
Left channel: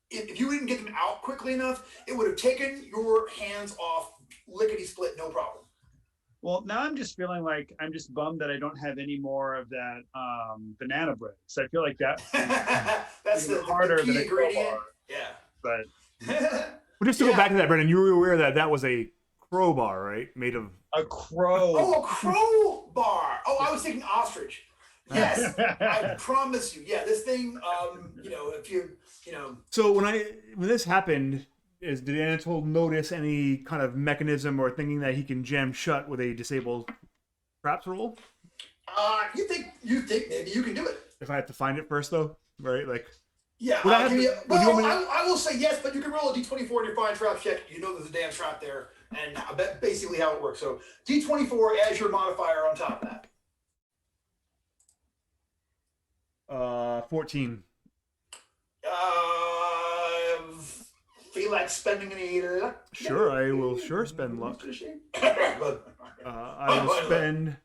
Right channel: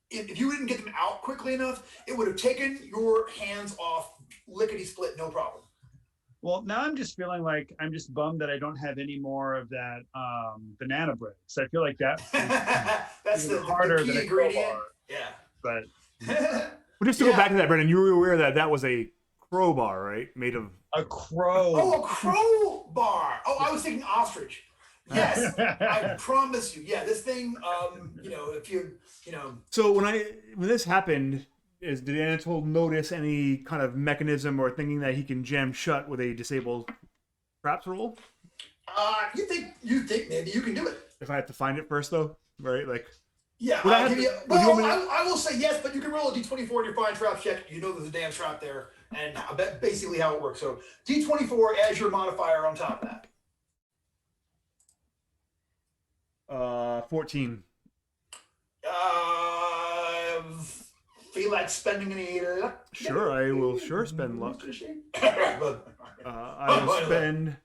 If you didn't get them out quickly enough, it would have taken your hands off lickety split, no problem. Well, now I'm just feeling like I'm just bummed that I don't have any more of that banana bread. So I feel like that that's the harder key than a ingredient. crowbar. Yeah. But Well, just to go back to that, Brendan, you were aware that that was a crowbar, right? Made of a crow. Oh, a crowbar. Oh, I was thinking ostrich. Yes, I promise you. Yeah, this thing. If you. So when this happened, did Anatole notice any kind of mechanism or thinking that he can jam shut with a disabled traps roll? You think maybe you can do it? If I have to find it first, though, right? Like. Yeah. I will say yes, but you can roll a d24 in your find trap check. You know there's a damn trap there, and basically how it works. So d24 as your modifier on top of that. 14. Feel like spending any luck? Sure, I will spend luck. I will spend.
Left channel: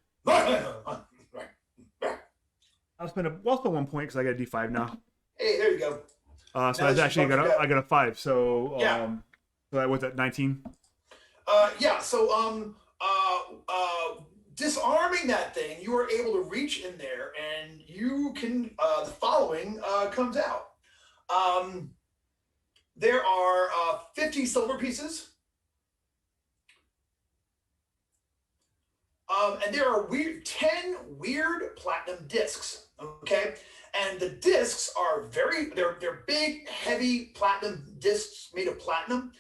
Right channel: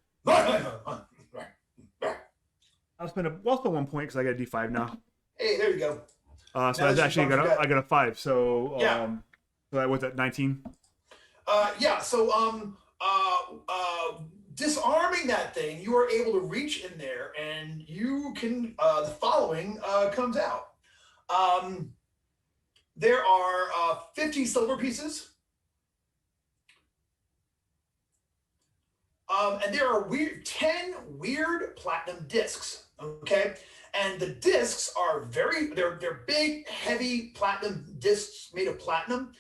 I'll spend 1 point because I got a D5 now. Hey, there you go. So that's actually I got a 5. So yeah. So that was at 19. Yeah. So disarming that thing, you are able to reach in there, and you can. The following comes out. There are 50 silver pieces. And there are 10 weird platinum discs. Okay, and the discs are they're big, heavy platinum discs made of platinum,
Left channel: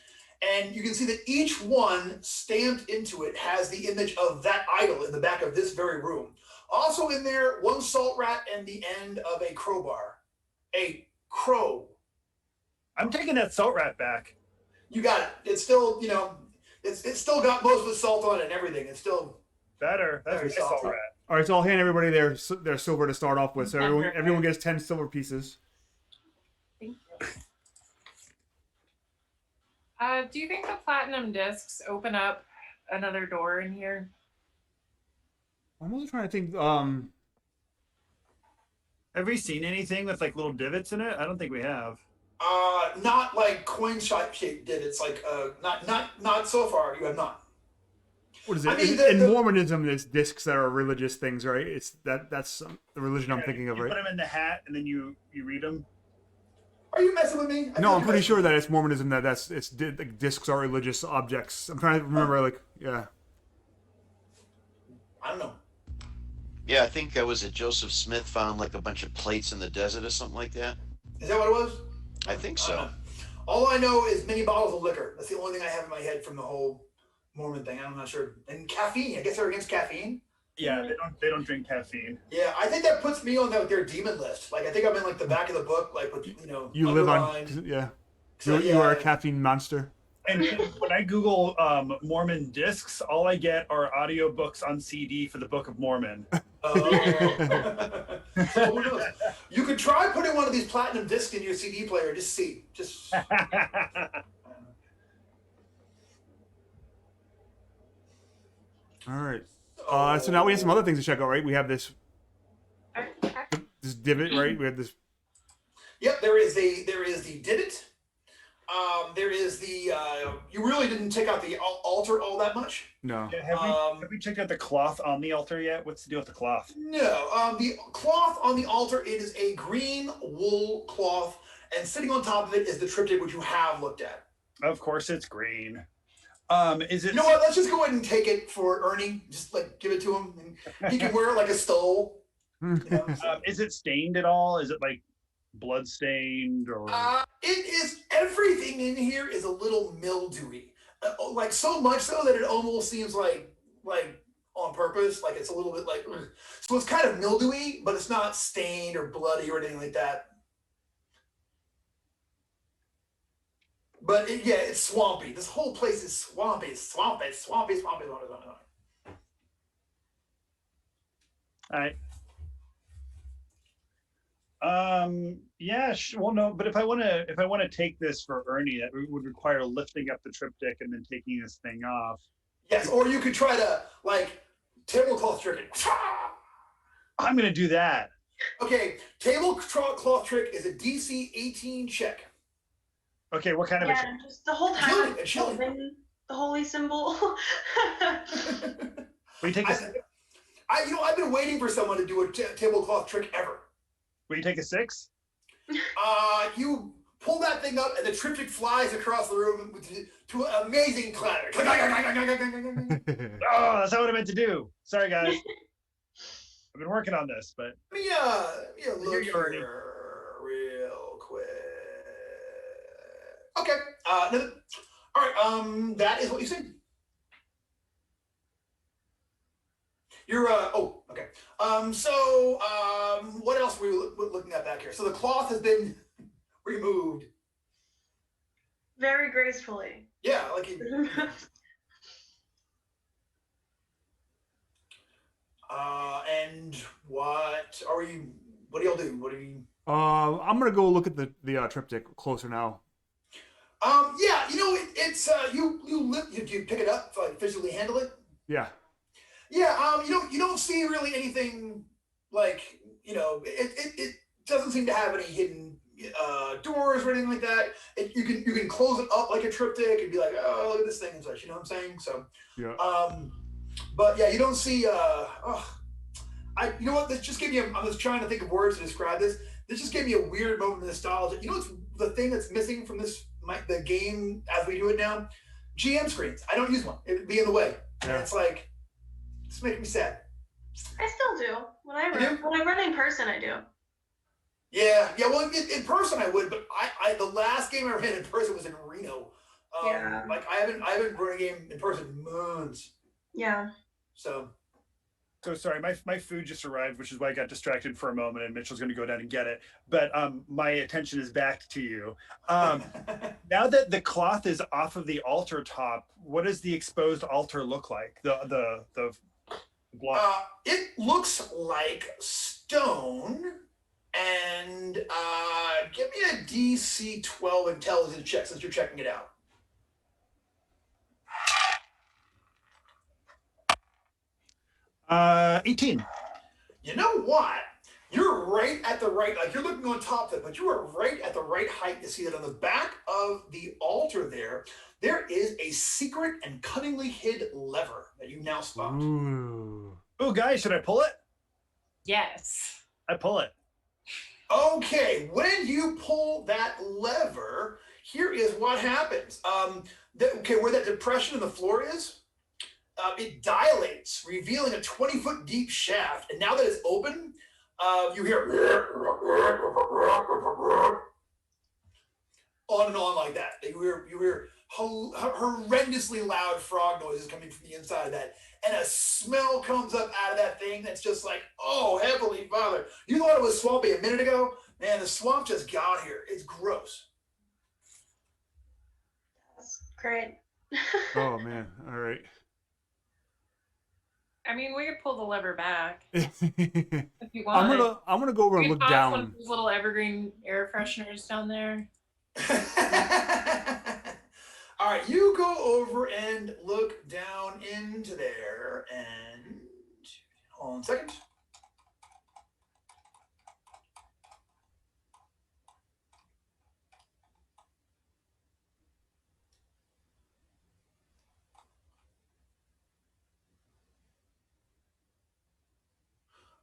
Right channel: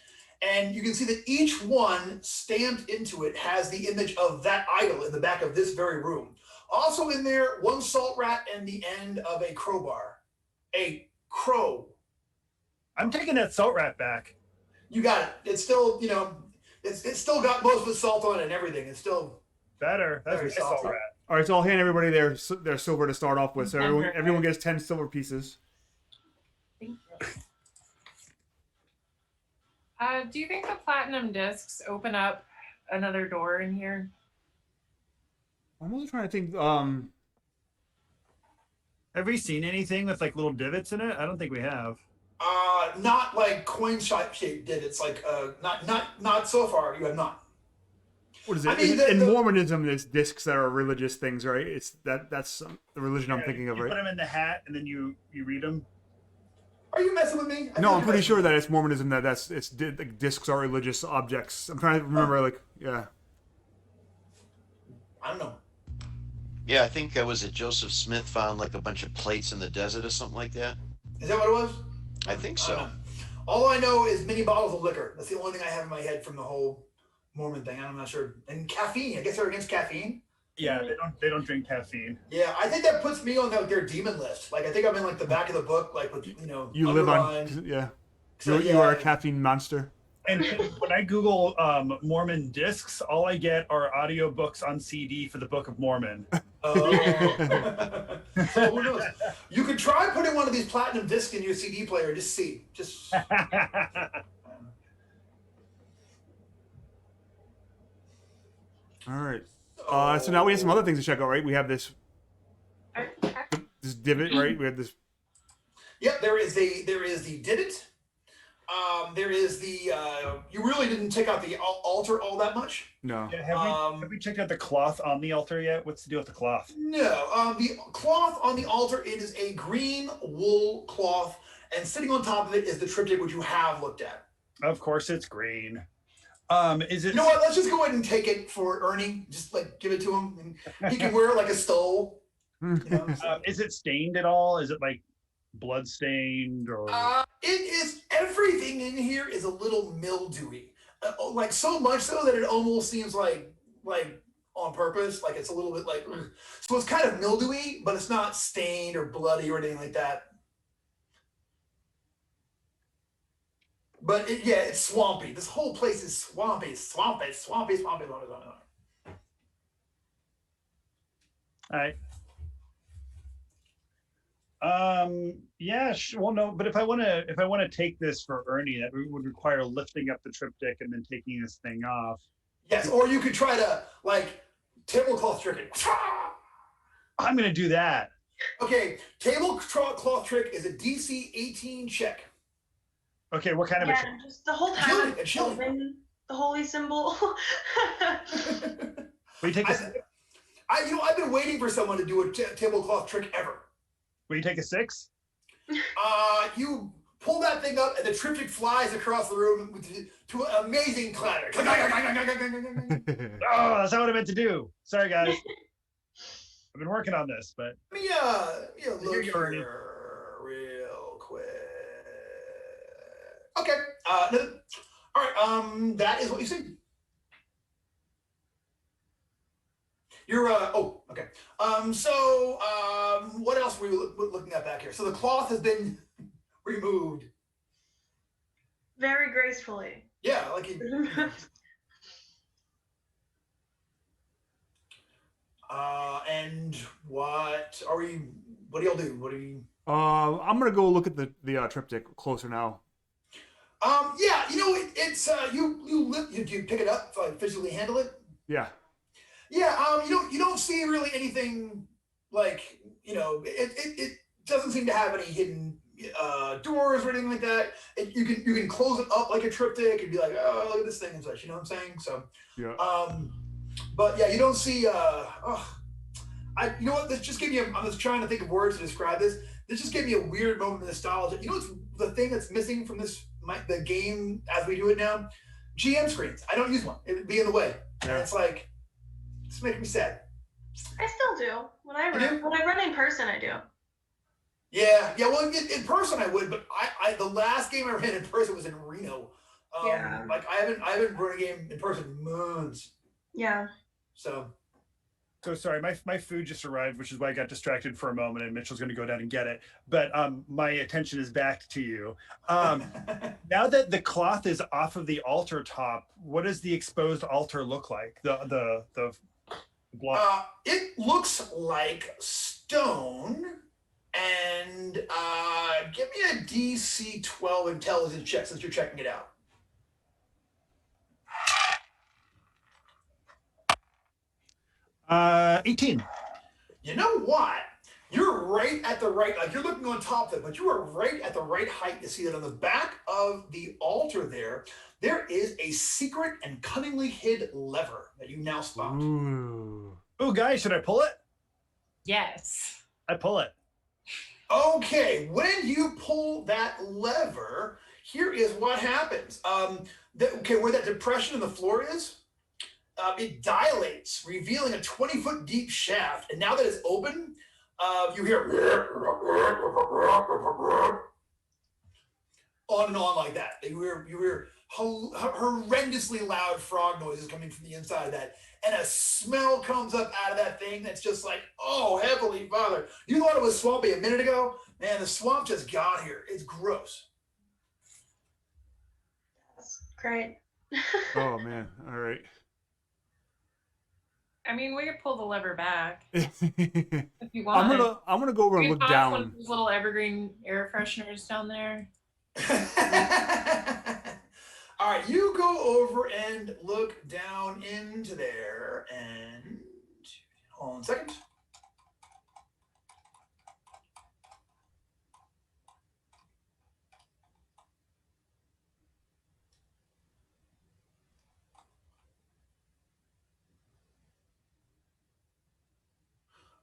and you can see that each one stamped into it has the image of that idol in the back of this very room. Also in there, one salt rat and the end of a crowbar, a crow. I'm taking that salt rat back. You got it. It's still, it's still got most of the salt on it and everything. It's still better. That's a nice salt rat. All right, so I'll hand everybody their silver to start off with. So everyone gets 10 silver pieces. Thank you. Do you think the platinum discs open up another door in here? I'm also trying to think. Have we seen anything with like little divots in it? I don't think we have. Not like coin shaped divots. Like not so far. You have not. What is it? I mean, in Mormonism, there's discs that are religious things, right? It's that's the religion I'm thinking of, right? You put them in the hat and then you read them. Are you messing with me? No, I'm pretty sure that it's Mormonism that discs are religious objects. I'm trying to remember, yeah. I don't know. Yeah, I think was it Joseph Smith found like a bunch of plates in the desert or something like that. Is that what it was? I think so. All I know is many bottles of liquor. That's the only thing I have in my head from the whole Mormon thing. I'm not sure. And caffeine. I guess they're against caffeine. Yeah, they don't drink caffeine. Yeah, I think that puts me on their demon list. Like I think I'm in like the back of the book, like with You live on, yeah. You are a caffeine monster. And when I Google Mormon discs, all I get are audiobooks on CD for the Book of Mormon. So who knows? You could try putting one of these platinum discs in your CD player. Just see. Just. All right. So now we have some other things to check out, right? We have this divot, right? We have this. Yep, there is the divot. There is the. You really didn't take out the altar all that much. No. Yeah, have we checked out the cloth on the altar yet? What's the deal with the cloth? No. The cloth on the altar, it is a green wool cloth, and sitting on top of it is the triptych which you have looked at. Of course, it's green. Is it? You know what? Let's just go ahead and take it for Ernie. Just like give it to him, and he can wear it like a stole. Is it stained at all? Is it like blood stained or? It is. Everything in here is a little mildewy, like so much so that it almost seems like on purpose. Like it's a little bit like, so it's kind of mildewy, but it's not stained or bloody or anything like that. But it's swampy. This whole place is swampy. All right. Yeah. Well, no. But if I want to take this for Ernie, that would require lifting up the triptych and then taking this thing off. Yes, or you could try to tablecloth trick it. I'm gonna do that. Okay, tablecloth trick is a DC 18 check. Okay, what kind of a trick? Just the whole time Chilling. The holy symbol. Will you take a? I've been waiting for someone to do a tablecloth trick ever. Will you take a 6? You pull that thing up, and the triptych flies across the room to an amazing clatter. Oh, that's not what I meant to do. Sorry, guys. I've been working on this, but. Let me look here real quick. Okay. All right. That is what you said. You're okay. What else were we looking at back here? So the cloth has been removed. Very gracefully. Yeah, like he. And what are we? What do y'all do? What do you? I'm gonna go look at the triptych closer now. Yeah, it's you pick it up, like physically handle it. Yeah. Yeah, you don't see really anything like it doesn't seem to have any hidden doors or anything like that. You can close it up like a triptych and be like, oh, look at this thing and such. You know what I'm saying? So yeah. But yeah, you don't see. You know what? This just gave me. I'm just trying to think of words to describe this. This just gave me a weird moment of nostalgia. You know what's the thing that's missing from the game as we do it now? GM screens. I don't use one. It would be in the way. Yeah. And it's like, it's making me sad. I still do. When I run in person, I do. Yeah. Well, in person I would, but I the last game I ran in person was in Reno. Like I haven't run a game in person in months. Yeah. So sorry, my food just arrived, which is why I got distracted for a moment, and Mitchell's going to go down and get it. But my attention is back to you. Now that the cloth is off of the altar top, what does the exposed altar look like? The block. It looks like stone. And give me a DC 12 intelligence check since you're checking it out. 18. You know what? You're right at the right, like you're looking on top of it, but you are right at the right height to see that on the back of the altar there is a secret and cunningly hid lever that you now spot. Ooh, guys, should I pull it? Yes. I pull it. Okay, when you pull that lever, here is what happens. Where that depression in the floor is, it dilates, revealing a 20-foot deep shaft. And now that it's open, you hear on and on like that. You hear horrendously loud frog noises coming from the inside of that. And a smell comes up out of that thing that's just like, oh, Heavenly Father. You thought it was swampy a minute ago? Man, the swamp just got here. It's gross. That's great. Oh, man. All right. I mean, we could pull the lever back if you want. I'm gonna go over and look down. One of those little evergreen air fresheners down there. All right, you go over and look down into there, and hold on a second.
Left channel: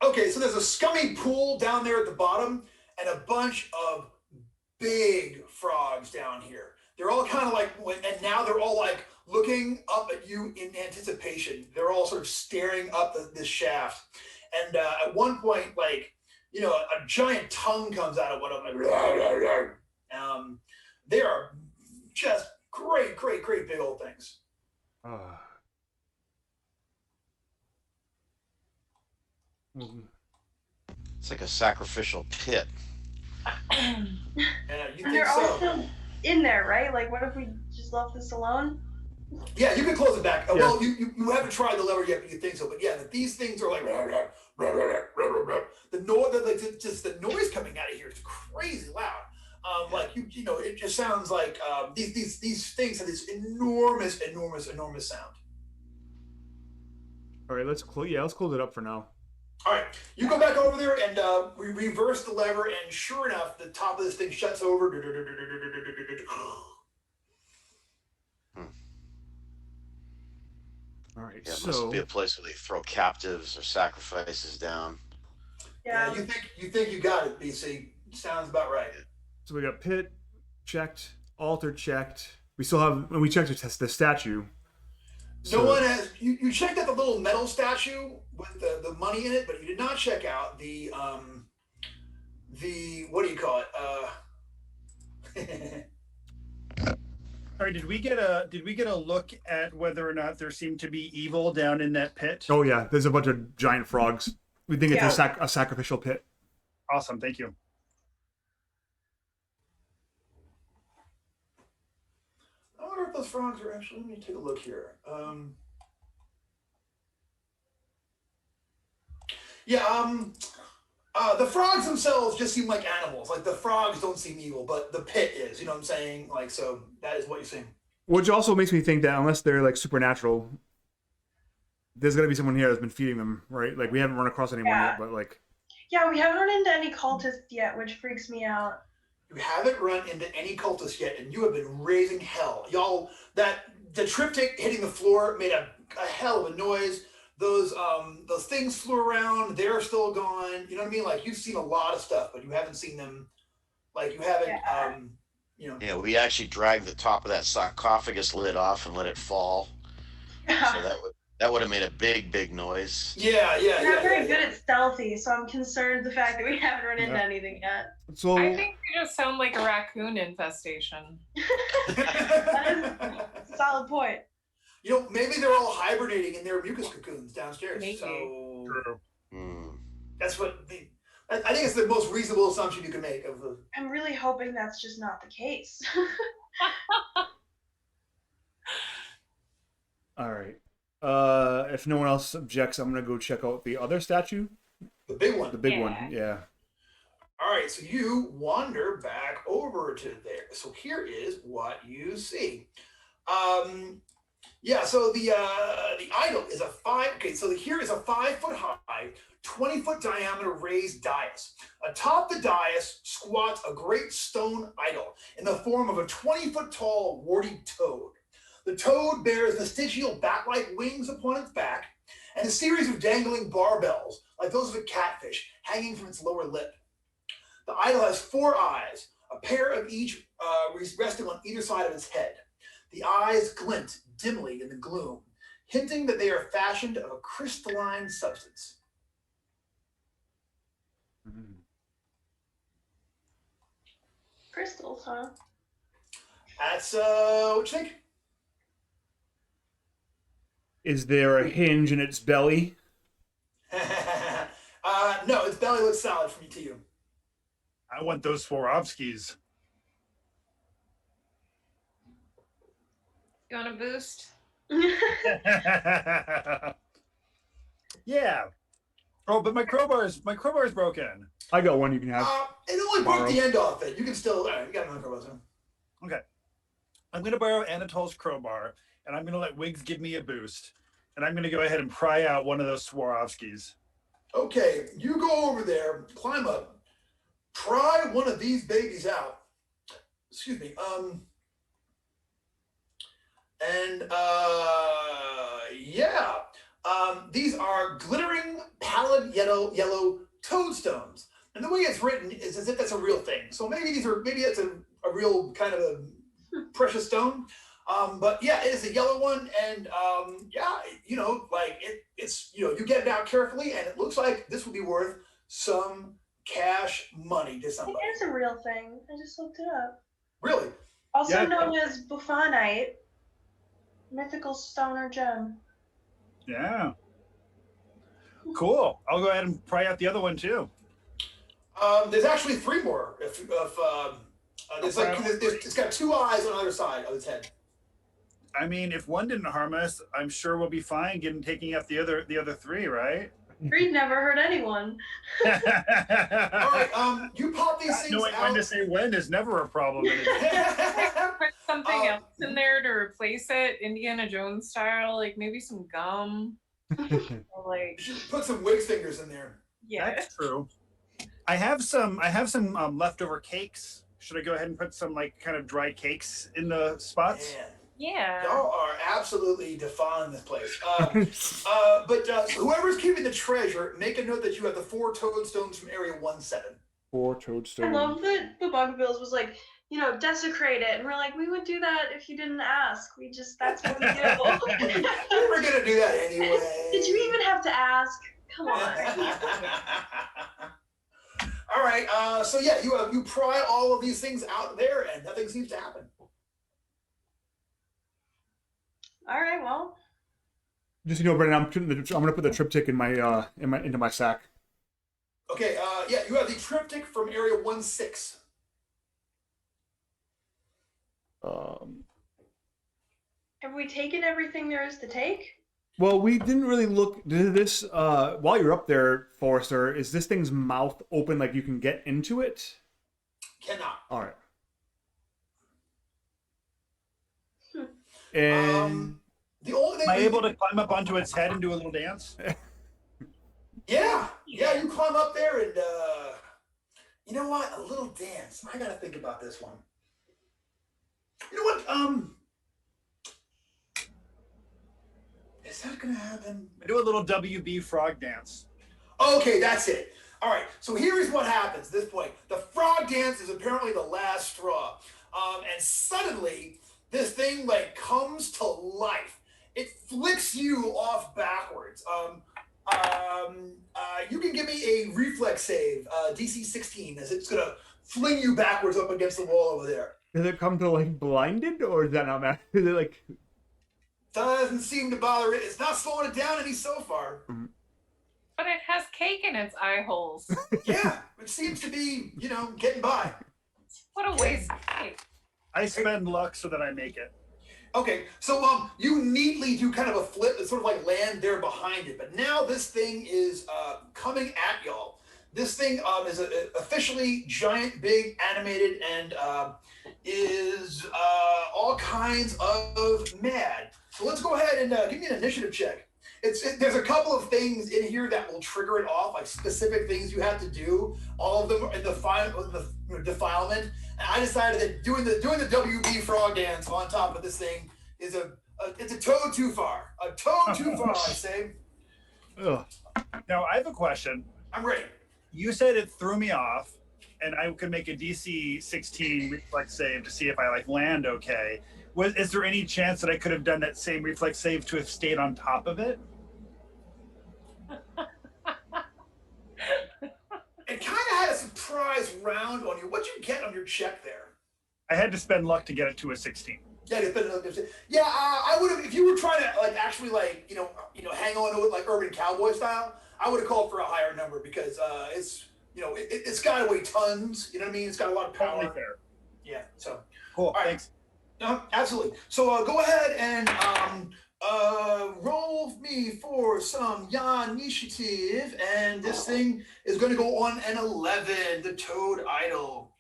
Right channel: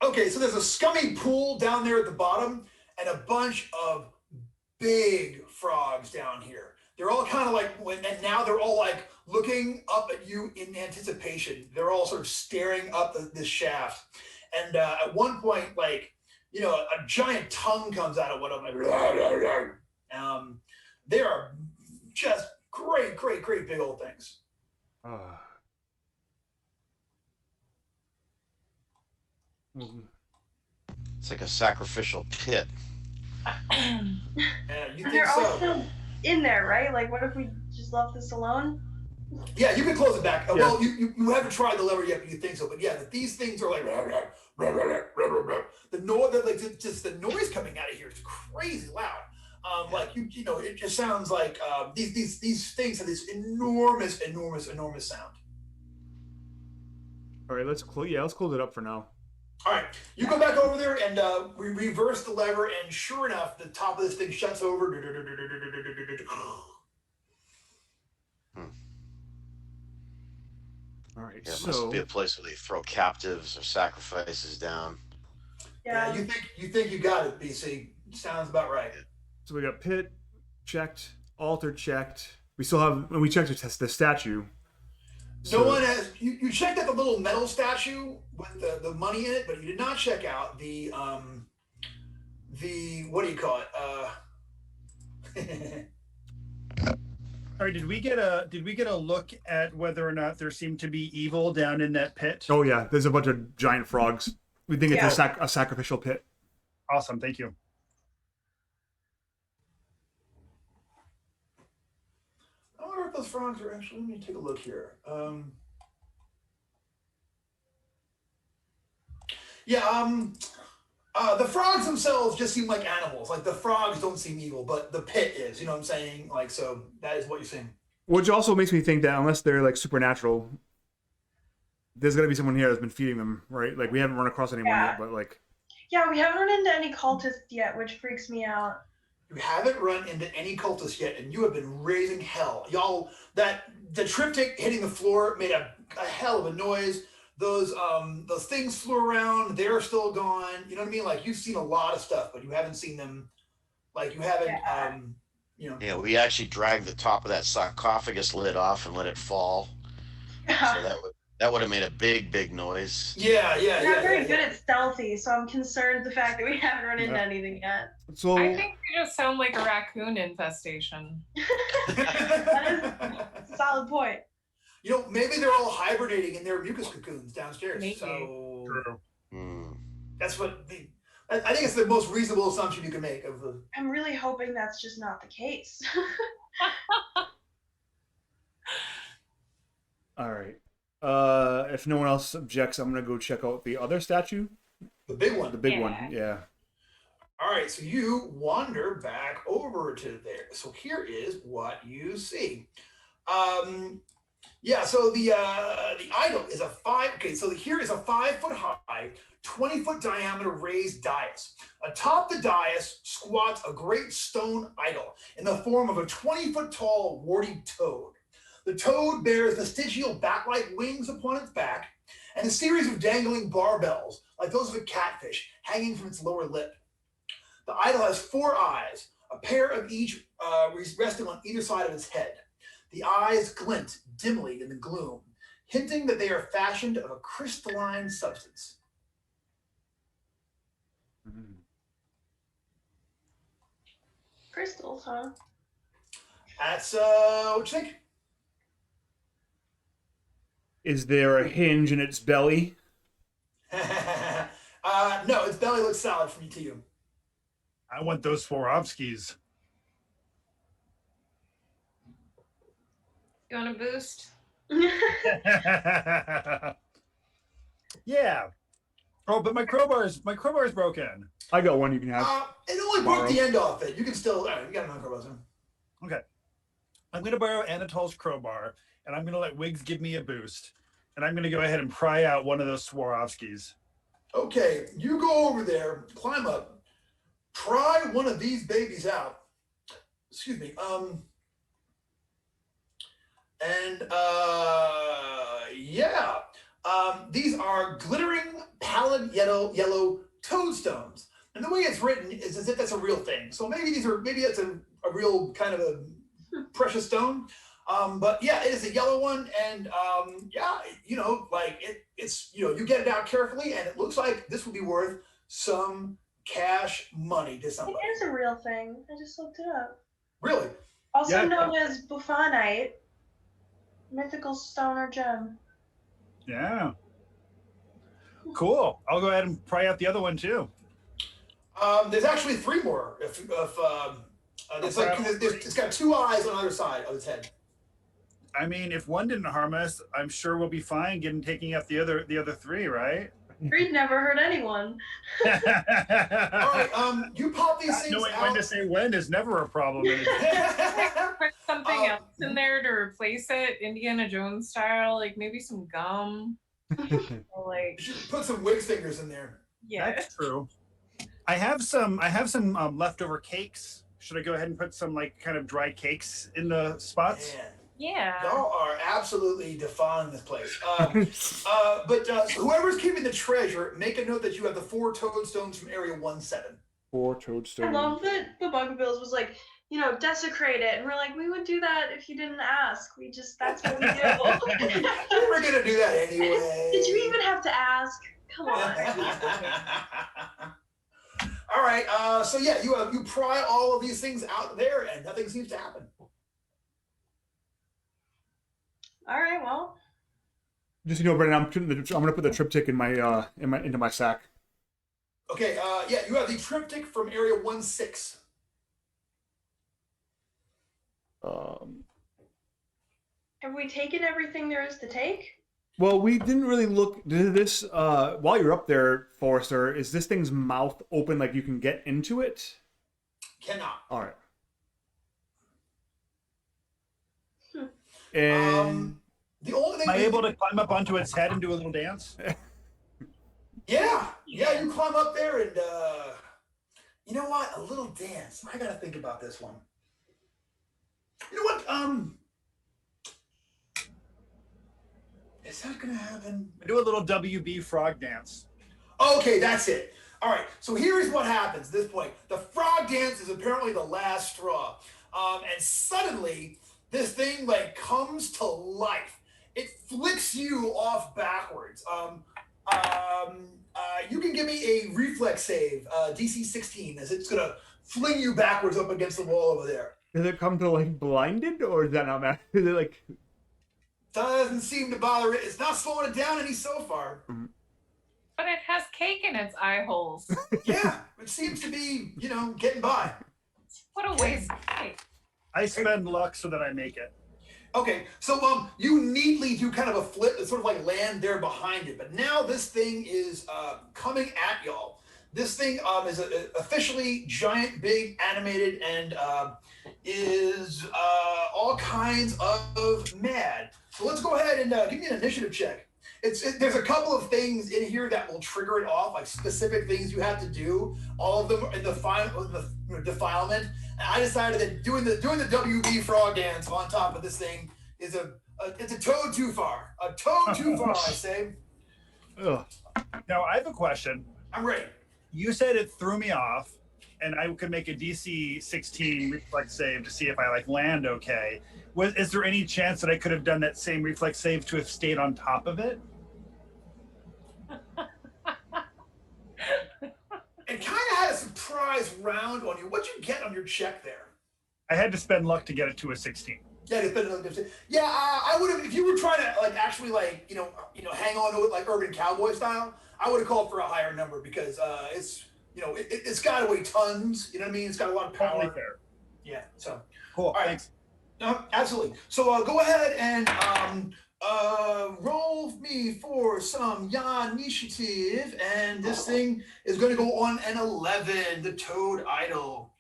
Okay, so there's a scummy pool down there at the bottom and a bunch of big frogs down here. They're all kind of like, and now they're all like looking up at you in anticipation. They're all sort of staring up this shaft. And at one point, like, you know, a giant tongue comes out of one of them. They are just great big old things. It's like a sacrificial pit. Yeah, you think They're so? all still in there, right? Like, what if we just left this alone? Yeah, you can close it back. Yeah. Well, you haven't tried the lever yet, but you think so. But yeah, these things are like the noise, like just the noise coming out of here is crazy loud. Like you know, it just sounds like these things have this enormous sound. All right, let's close it up for now. All right, you go back over there and we reverse the lever, and sure enough, the top of this thing shuts over. All right, Yeah, it so must be a place where they throw captives or sacrifices down. Yeah, you think you got it, BC. Sounds about right. So we got pit checked, altar checked. We still have, when we checked the statue. No one has. You checked out the little metal statue with the money in it, but you did not check out the what do you call it? All right, did we get a look at whether or not there seemed to be evil down in that pit? Oh yeah, there's a bunch of giant frogs. We think it's a sacrificial pit. Awesome, thank you. I wonder if those frogs are actually. Let me take a look here. The frogs themselves just seem like animals. Like the frogs don't seem evil, but the pit is. You know what I'm saying? Like, so that is what you're saying. Which also makes me think that unless they're like supernatural, there's got to be someone here that's been feeding them, right? Like we haven't run across anyone yet, but like. Yeah, we haven't run into any cultists yet, which freaks me out. You haven't run into any cultists yet, and you have been raising hell. Y'all, the triptych hitting the floor made a hell of a noise. those things flew around. They're still gone. You know what I mean? Like you've seen a lot of stuff, but you haven't seen them. Like you haven't. You know. Yeah, we actually dragged the top of that sarcophagus lid off and let it fall. So that would have made a big noise. Yeah. We're not very good at stealthy, so I'm concerned the fact that we haven't run into anything yet. So I think we just sound like a raccoon infestation. That is a solid point. You know, maybe they're all hibernating in their mucus cocoons downstairs. Maybe. So Hmm. that's what I think it's the most reasonable assumption you can make of the. I'm really hoping that's just not the case. all right. If no one else objects, I'm gonna go check out the other statue. The big one. The big one, yeah. All right, so you wander back over to there. So here is what you see. Yeah, so the idol is a here is a 5-foot high, 20-foot diameter raised dais. Atop the dais squats a great stone idol in the form of a 20-foot tall warty toad. The toad bears vestigial bat-like wings upon its back and a series of dangling barbells, like those of a catfish, hanging from its lower lip. The idol has 4 eyes, a pair of each resting on either side of its head. The eyes glint dimly in the gloom, hinting that they are fashioned of a crystalline substance. Mm-hmm. Crystals, huh? That's what you think? Is there a hinge in its belly? No, its belly looks solid from to you. I want those Swarovskis. You want a boost? Yeah. Oh, but my crowbar is broken. I got one you can have. It only broke the end off it. You can still. You got another crowbar. Okay. I'm going to borrow Anatol's crowbar, and I'm going to let Wiggs give me a boost. And I'm going to go ahead and pry out one of those Swarovskis. Okay, you go over there, climb up, pry one of these babies out. Excuse me. Yeah. These are glittering pallid yellow toadstones. And the way it's written is as if that's a real thing. So maybe it's a real kind of a precious stone. But yeah, it is a yellow one, and yeah, you know, like it's you know, you get it out carefully, and it looks like this will be worth some cash money to somebody. It is a real thing. I just looked it up. Really? Also known as buffonite, mythical stone or gem. Yeah. Cool. I'll go ahead and pry out the other one too. There's actually 3 more. It's got 2 eyes on either side of its head. I mean, if one didn't harm us, I'm sure we'll be fine taking out the other 3, right? Reed never hurt anyone. All right, you pop these things knowing out. when to say when is never a problem. Put something else in there to replace it, Indiana Jones style, like maybe some gum. Like You should put some Wiggs fingers in there. yeah. That's true. I have some leftover cakes. Should I go ahead and put some like kind of dry cakes in the spots? Man, Yeah. y'all are absolutely defining this place. But whoever's keeping the treasure, make a note that you have the 4 toadstones from Area 17. 4 I toadstones. love that the Bugabills was like, you know, desecrate it. And we're like, we would do that if you didn't ask. That's what we do. We're going to do that anyway. Did you even have to ask? Come on. All right, so yeah, you pry all of these things out there, and nothing seems to happen. All right, well. Just, you know, Brendan, I'm gonna put the triptych in my into my sack. Okay, yeah, you have the triptych from Area 16. Have we taken everything there is to take? Well, we didn't really look. Did this while you're up there, Forrester? Is this thing's mouth open, like you can get into it? Cannot. All right. And the only thing am I able to climb up onto its head and do a little dance? Yeah, you climb up there and you know what? A little dance. I gotta think about this one. You know what? Is that gonna happen? Do a little WB frog dance. Okay, that's it. All right, so here's what happens at this point. The frog dance is apparently the last straw. And suddenly, this thing like comes to life. It flicks you off backwards. You can give me a reflex save, DC 16, as it's gonna fling you backwards up against the wall over there. Does it come to like blinded, or is that not matter? Is it like? Doesn't seem to bother it. It's not slowing it down any so far. But it has cake in its eye holes. Yeah, it seems to be, getting by. What a waste of cake. I spend luck so that I make it. Okay, so you neatly do kind of a flip and sort of like land there behind it. But now this thing is coming at y'all. This thing is officially giant, big, animated, and is all kinds of mad. So let's go ahead and give me an initiative check. There's a couple of things in here that will trigger it off, like specific things you have to do. All of them are in the defilement. And I decided that doing the WB frog dance on top of this thing is it's a toad too far. A toad too far, I say. Ugh. Now I have a question. I'm ready. You said it threw me off, and I could make a DC 16 reflex save to see if I land okay. Is there any chance that I could have done that same reflex save to have stayed on top of it? It kind of had a surprise round on you. What'd you get on your check there? I had to spend luck to get it to a 16. Yeah, I would have if you were trying to actually hang on to it like Urban Cowboy style. I would have called for a higher number because it's it's got to weigh tons. You know what I mean? It's got a lot of power. Totally fair. Yeah. So cool. All right. Thanks. No, absolutely. So go ahead and roll me for some initiative, and this thing is going to go on an 11. The Toad Idol.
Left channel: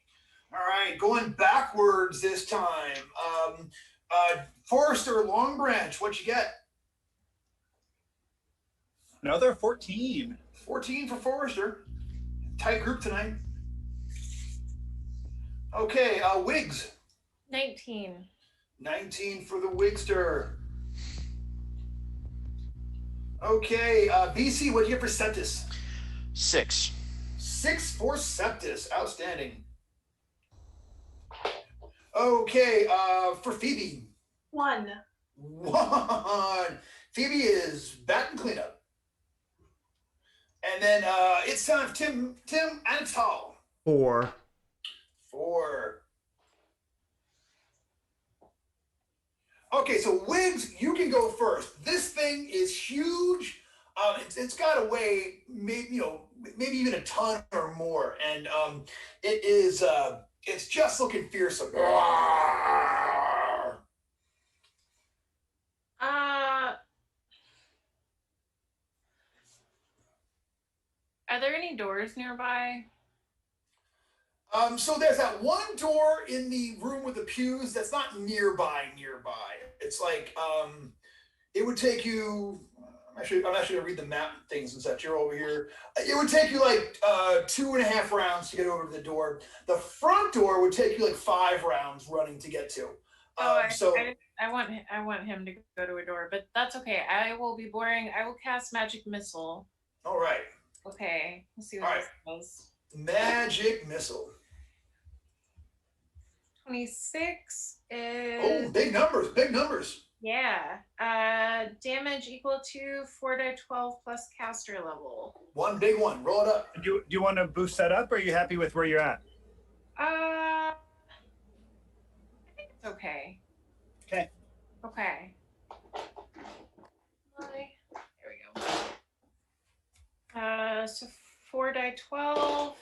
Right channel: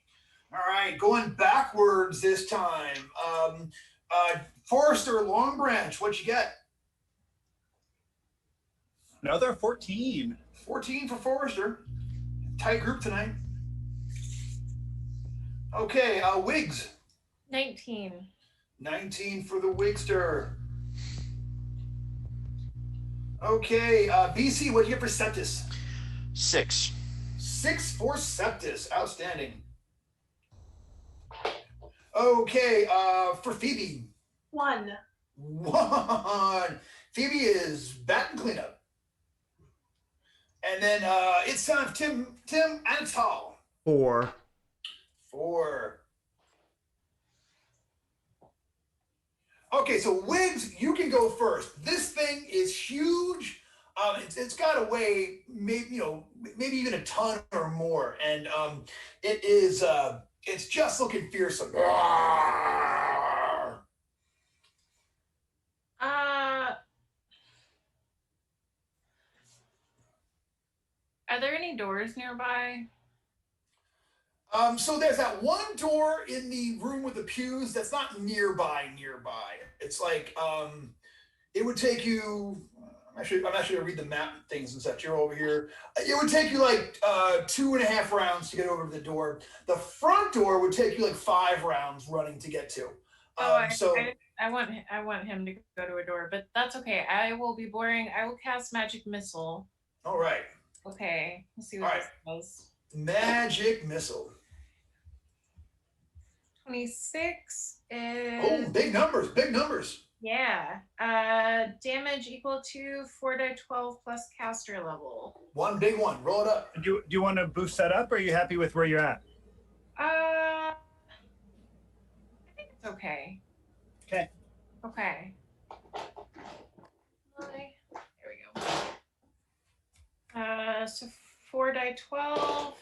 All right, going backwards this time. Forrester Long Branch, what you get? Another 14. 14 for Forrester. Tight group tonight. Okay, Wiggs. 19. 19 for the Wigster. Okay, BC, what do you get for Septus? 6. 6 for Septus. Outstanding. Okay, for Phoebe. 1. 1. Phoebe is bat and cleanup. And then it's time of Tim Antal. 4. 4. Okay, so Wiggs, you can go first. This thing is huge. It's got to weigh maybe even a ton or more, and it is it's just looking fearsome. Are there any doors nearby? So there's that one door in the room with the pews that's not nearby. It's like it would take you. I'm actually gonna read the map things and such. You're over here. It would take you 2.5 rounds to get over to the door. The front door would take you 5 rounds running to get to. I want him to go to a door, but that's okay. I will be boring. I will cast Magic Missile. All right. Okay. Let's see what this does. Magic Missile. 26 is... big numbers. Yeah. Damage equal to 4d12 plus caster level. One big one. Roll it up. Do you want to boost that up, or are you happy with where you're at? I think it's okay. Okay. Okay. There we go. So 4d12,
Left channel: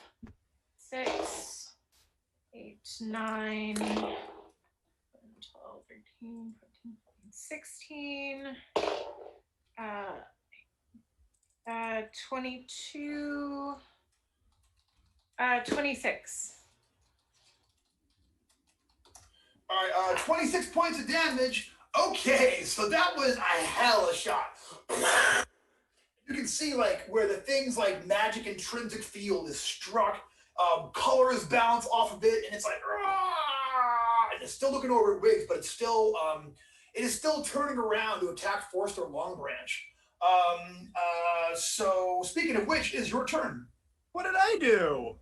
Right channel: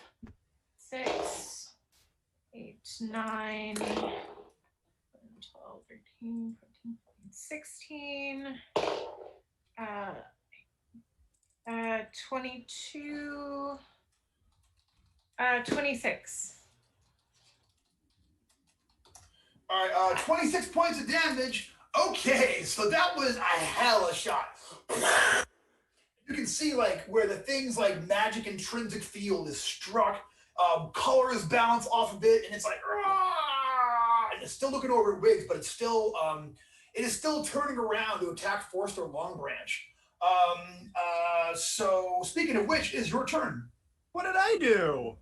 6, 8, 9, 12, 13, 14, 16, 22, 26. All right, 26 points of damage. Okay, so that was a hell of a shot. You can see where the things like magic intrinsic field is struck. Colors bounce off of it, and it's and it's still looking over at Wiggs, but it's still it is still turning around to attack Forster Long Branch. So speaking of which, is your turn. What did I do?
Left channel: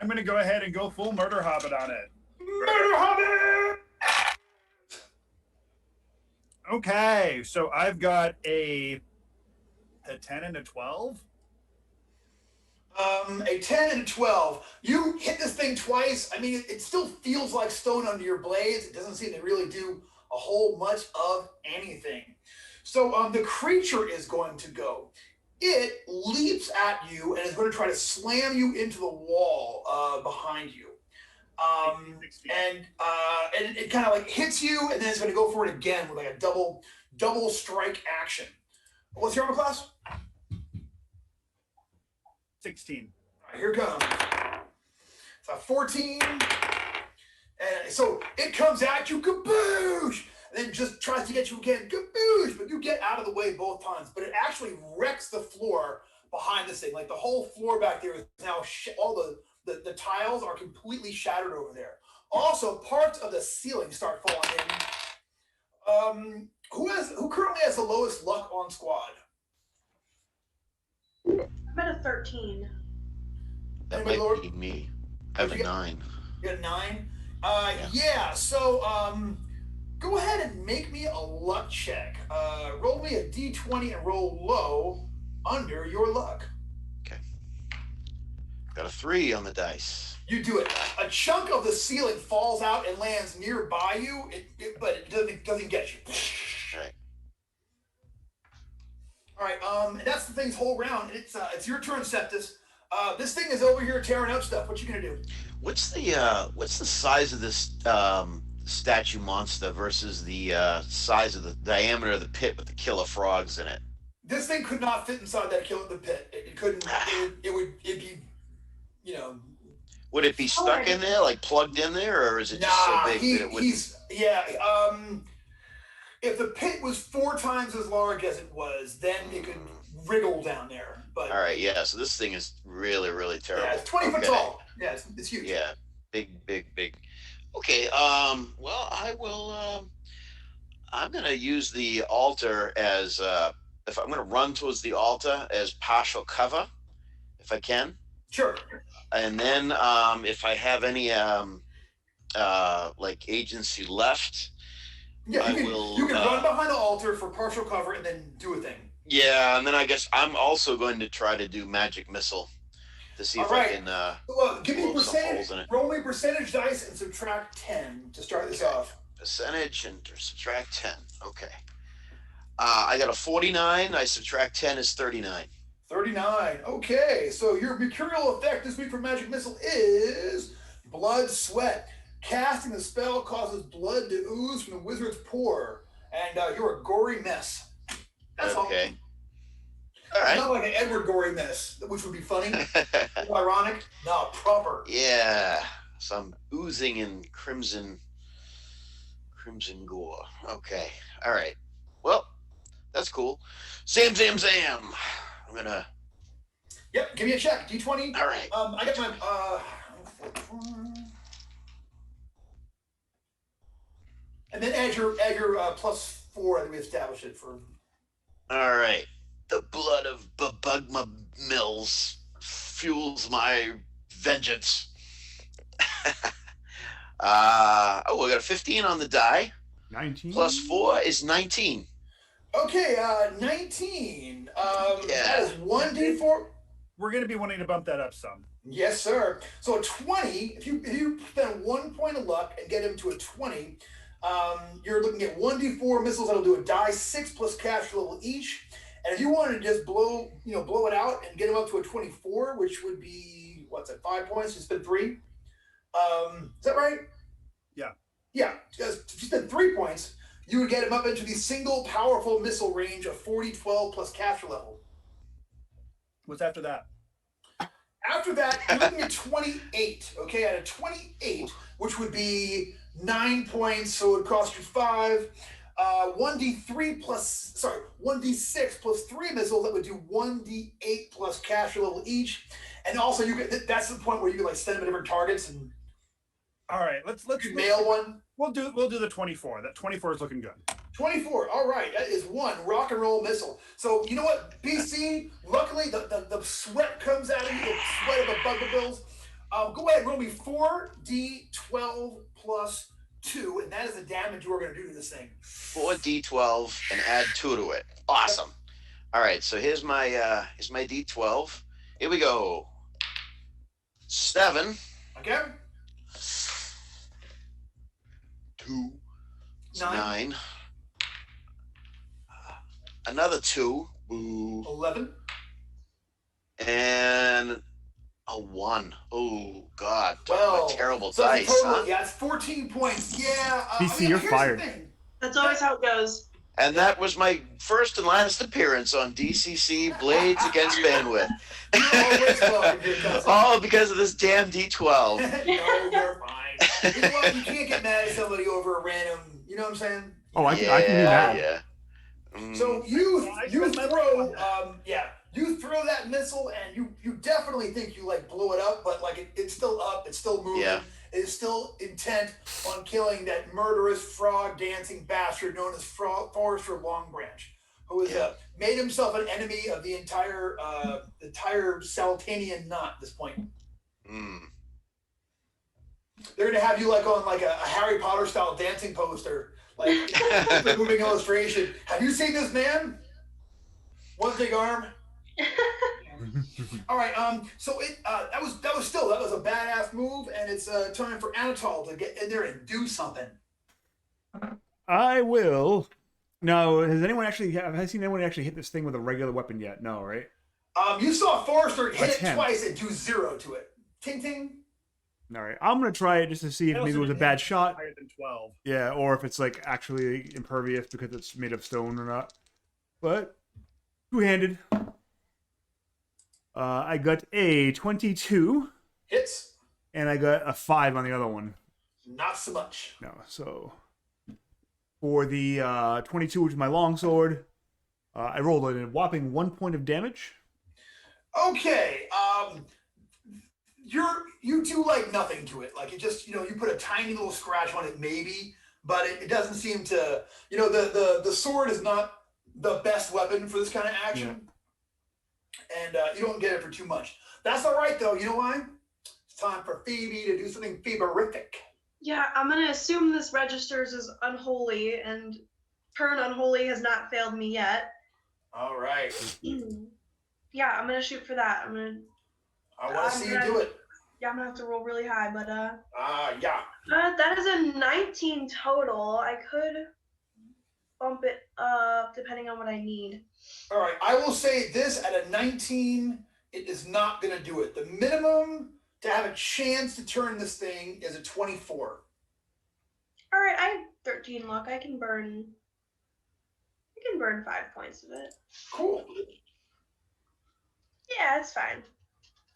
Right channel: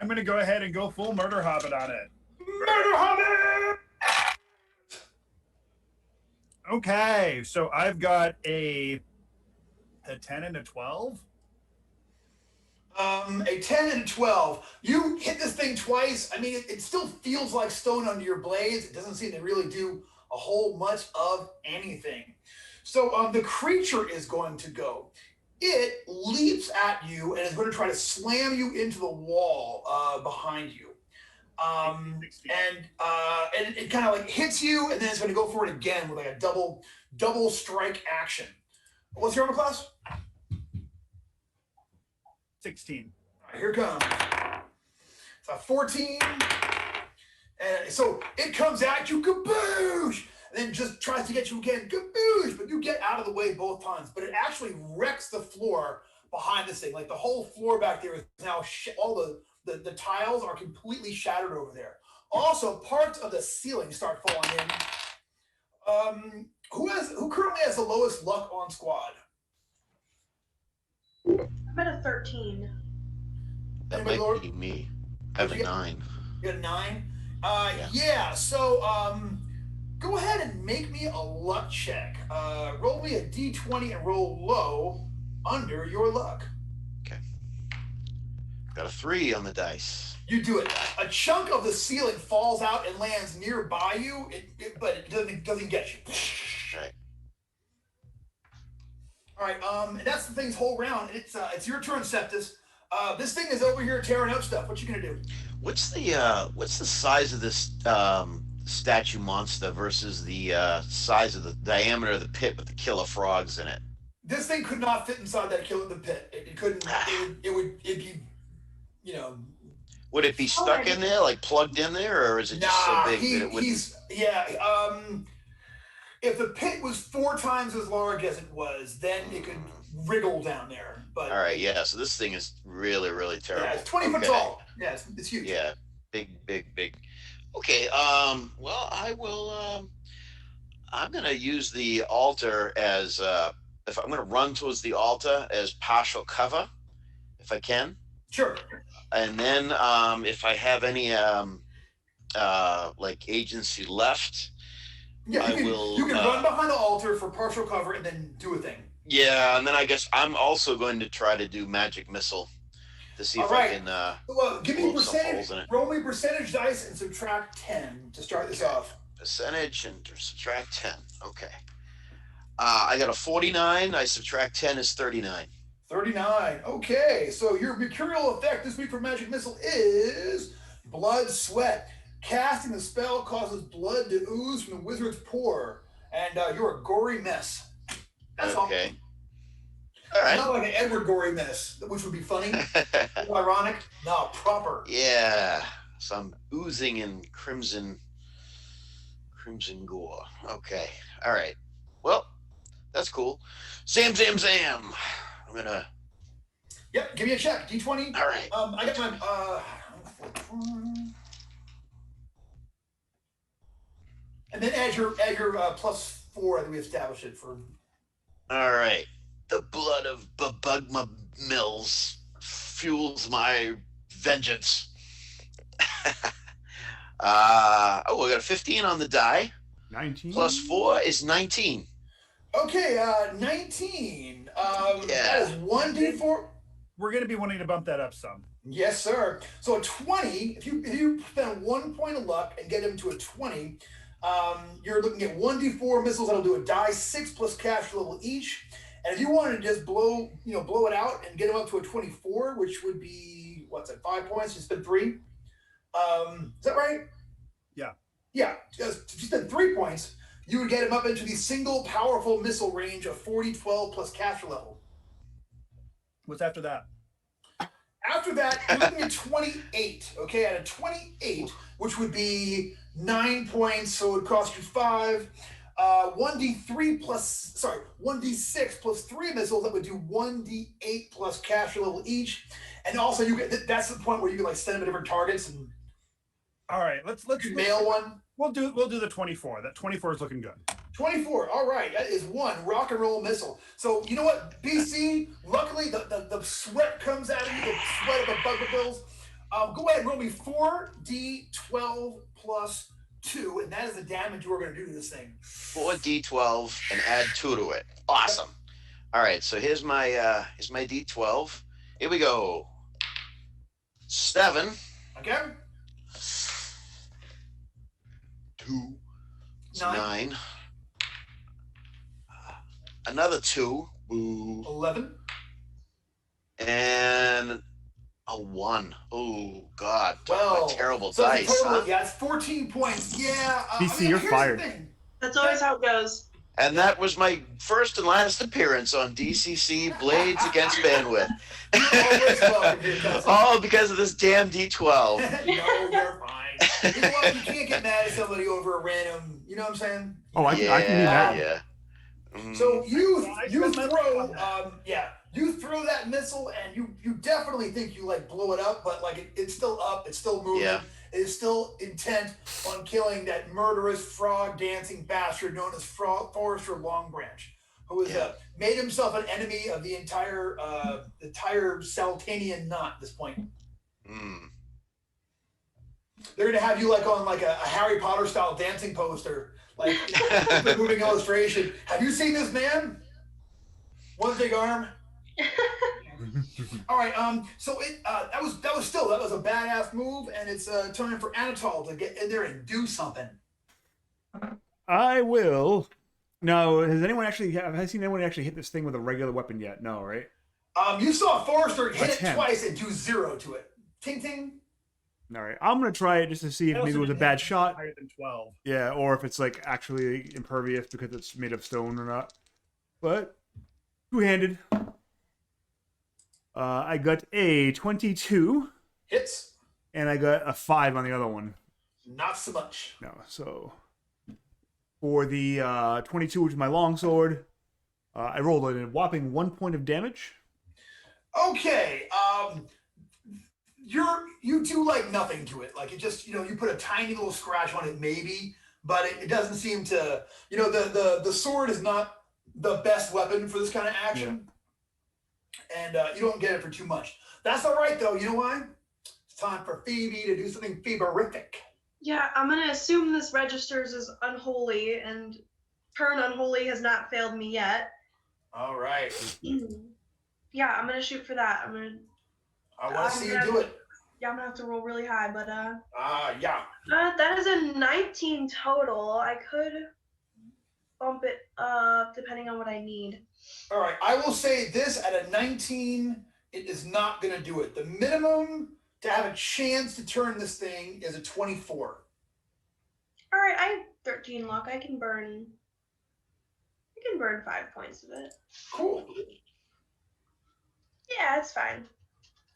I'm going to go ahead and go full Murder Hobbit on it. Murder Hobbit! Okay, so I've got a 10 and a 12. A 10 and a 12. You hit this thing twice. I mean, it still feels like stone under your blades. It doesn't seem to really do a whole much of anything. So the creature is going to go. It leaps at you and is going to try to slam you into the wall behind you. And it kind of like hits you, and then it's going to go for it again with like a double strike action. What's your armor class? 16. All right, here it comes. It's a 14. And so it comes at you, kaboosh! And then just tries to get you again, kaboosh! But you get out of the way both times. But it actually wrecks the floor behind this thing. Like the whole floor back there is now, all the tiles are completely shattered over there. Also, parts of the ceiling start falling in. Who currently has the lowest luck on squad? I'm at a 13. That Anybody might lower? be me. I have a 9. You got a 9? Yeah, so go ahead and make me a luck check. Roll me a d20 and roll low under your luck. Okay. Got a 3 on the dice. You do it. A chunk of the ceiling falls out and lands nearby you, but it doesn't get you. Right. All right, and that's the thing's whole round. It's your turn, Septus. This thing is over here tearing up stuff. What you gonna do? What's the size of this statue monster versus the size of the diameter of the pit with the killer frogs in it? This thing could not fit inside that the pit. It couldn't. It'd be, you know. Would it be stuck in there, like plugged in there, or is it just so big that it would? If the pit was 4 times as large as it was, then it could wriggle down there. But all right, yeah. So this thing is really, really terrible. yeah, it's 20 foot tall. Yeah, it's huge. Yeah, big. Okay. Well, I will. I'm gonna use the altar as if I'm gonna run towards the altar as partial cover, if I can. Sure. And then if I have any like agency left, yeah, you can run behind the altar for partial cover and then do a thing. Yeah, and then I guess I'm also going to try to do magic missile to see if I can. Well, give me percentage. Roll me percentage dice and subtract 10 to start this off. Percentage and subtract 10. Okay. I got a 49. I subtract 10 is 39. 39. Okay, so your mercurial effect this week for magic missile is blood sweat. Casting the spell causes blood to ooze from the wizard's pore, and you're a gory mess. That's okay. All right. Not like an Edward gory mess, which would be funny. Ironic. No, proper. Yeah. So I'm oozing in crimson gore. Okay. All right. Well, that's cool. Zam. I'm gonna. Yep. Give me a check. D20. All right. I got my and then add your +4 that we established it for. All right. The blood of Bubugma Mills fuels my vengeance. We got a 15 on the die. 19. +4 is 19. Okay, 19. That is 1d4. We're going to be wanting to bump that up some. Yes, sir. So a 20, if you spend 1 point of luck and get him to a 20, you're looking at 1d4 missiles that'll do a die 6 plus cash level each. And if you wanted to just blow it out and get him up to a 24, which would be, what's that, 5 points? You spend 3. Is that right? Yeah. Yeah. If you spend 3 points, you would get him up into the single powerful missile range of 40-12 plus cash level. What's after that? After that, you're looking at 28. Okay, at a 28, which would be 9 points, so it would cost you 5. 1d6 plus 3 missiles that would do 1d8 plus cash level each, and also that's the point where you can like send them to different targets and. All right, let's mail one. We'll do the 24. That 24 is looking good. 24. All right, that is one rock and roll missile. So you know what, BC? Luckily, the sweat comes out of you, the sweat of the bugabills. Go ahead and roll me 4d12 plus 2, and that is the damage you are going to do to this thing. 4d12 and add 2 to it. Awesome. All right, so here's my d12. Here we go. 7. Okay. 2. 9. Another 2. Boo. 11. And a 1. Oh God. Well, terrible so dice. Total, Huh? yeah, it's 14 points. Yeah. BC, you're here's fired. the thing. That's always how it goes. And that was my first and last appearance on DCC Blades Against Bandwidth. Always welcome here, cousin. All because of this damn D12. No, you're fine. You know what? You can't get mad at somebody over a random. You know what I'm saying? Oh, I can be mad. Yeah. Mm. So you throw you throw that missile and you definitely think you like blow it up, but like it's still up, it's still moving. Yeah. It is still intent on killing that murderous frog dancing bastard known as Forrester Longbranch, who has made himself an enemy of the entire Saltanian knot at this point. Mm. They're gonna have you like on like a Harry Potter style dancing poster, like the moving illustration. Have you seen this man? One big arm. All right. So that was a badass move, and it's time for Anatol to get in there and do something. I will. No, have I seen anyone actually hit this thing with a regular weapon yet? No, right? You saw Forrester hit it 10. twice and do 0 to it. Ting ting. All right, I'm gonna try it just to see if maybe it was a bad shot. Higher than 12. Yeah, or if it's like actually impervious because it's made of stone or not. But two-handed. I got a 22, Hits. and I got a 5 on the other one. Not so much. No, so for the 22, which is my longsword, I rolled a whopping 1 point of damage. Okay. You do like nothing to it. Like it just, you put a tiny little scratch on it maybe, but it doesn't seem to, the sword is not the best weapon for this kind of action. Yeah. And you don't get it for too much. That's all right though. You know why? It's time for Phoebe to do something Phoeberific. Yeah, I'm gonna assume this registers as unholy, and turn unholy has not failed me yet. All right. Yeah, I'm gonna shoot for that. I want to see you do it. Yeah, I'm gonna have to roll really high, but yeah. That is a 19 total. I could bump it up depending on what I need. All right, I will say this: at a 19, it is not gonna do it. The minimum to have a chance to turn this thing is a 24. All right, I have 13 luck. I can burn 5 points of it. Cool. Yeah, it's fine.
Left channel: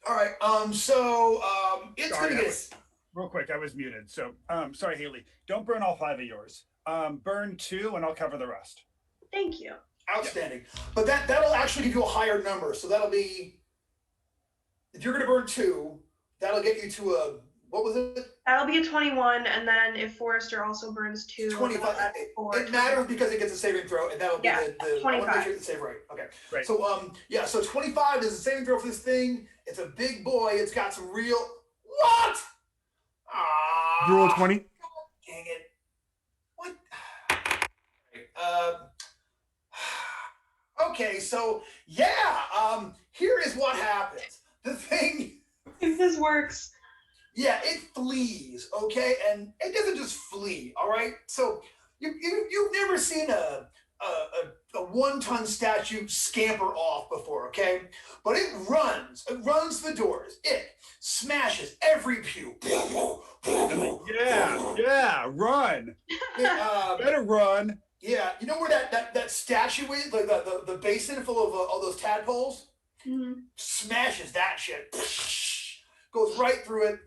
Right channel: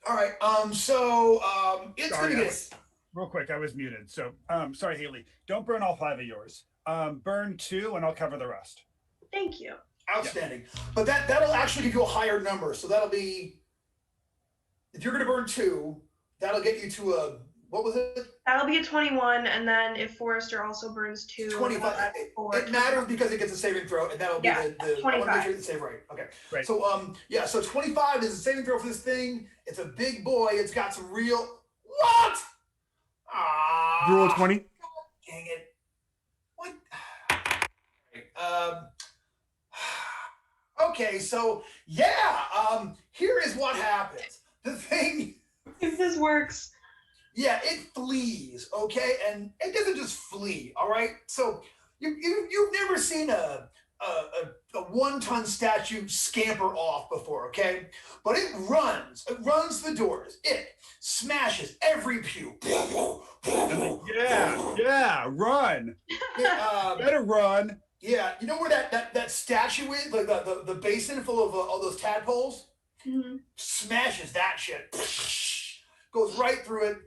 All right. It's Sorry, gonna get real quick. I was muted. So, sorry, Haley. Don't burn all 5 of yours. Burn 2, and I'll cover the rest. Thank you. outstanding. Yeah. But that'll actually give you a higher number. So that'll be, if you're gonna burn 2, that'll get you to a, what was it? That'll be a 21, and then if Forrester also burns 2, 25. It matters because it gets a saving throw, and that'll be the 25. I want to make sure it's save right. Okay. Right. So so 25 is a saving throw for this thing. It's a big boy. It's got some real what? Ah. You roll 20. Dang it. What? Okay, so here is what happens. The thing. If this works. Yeah, it flees, okay? And it doesn't just flee, all right? So you've never seen a 1-ton statue scamper off before, okay? But it runs the doors. It smashes every pew. Yeah, run. Better run. Yeah, you know where that statue is? Like the basin full of all those tadpoles? Mm-hmm. Smashes that shit. Goes right through it.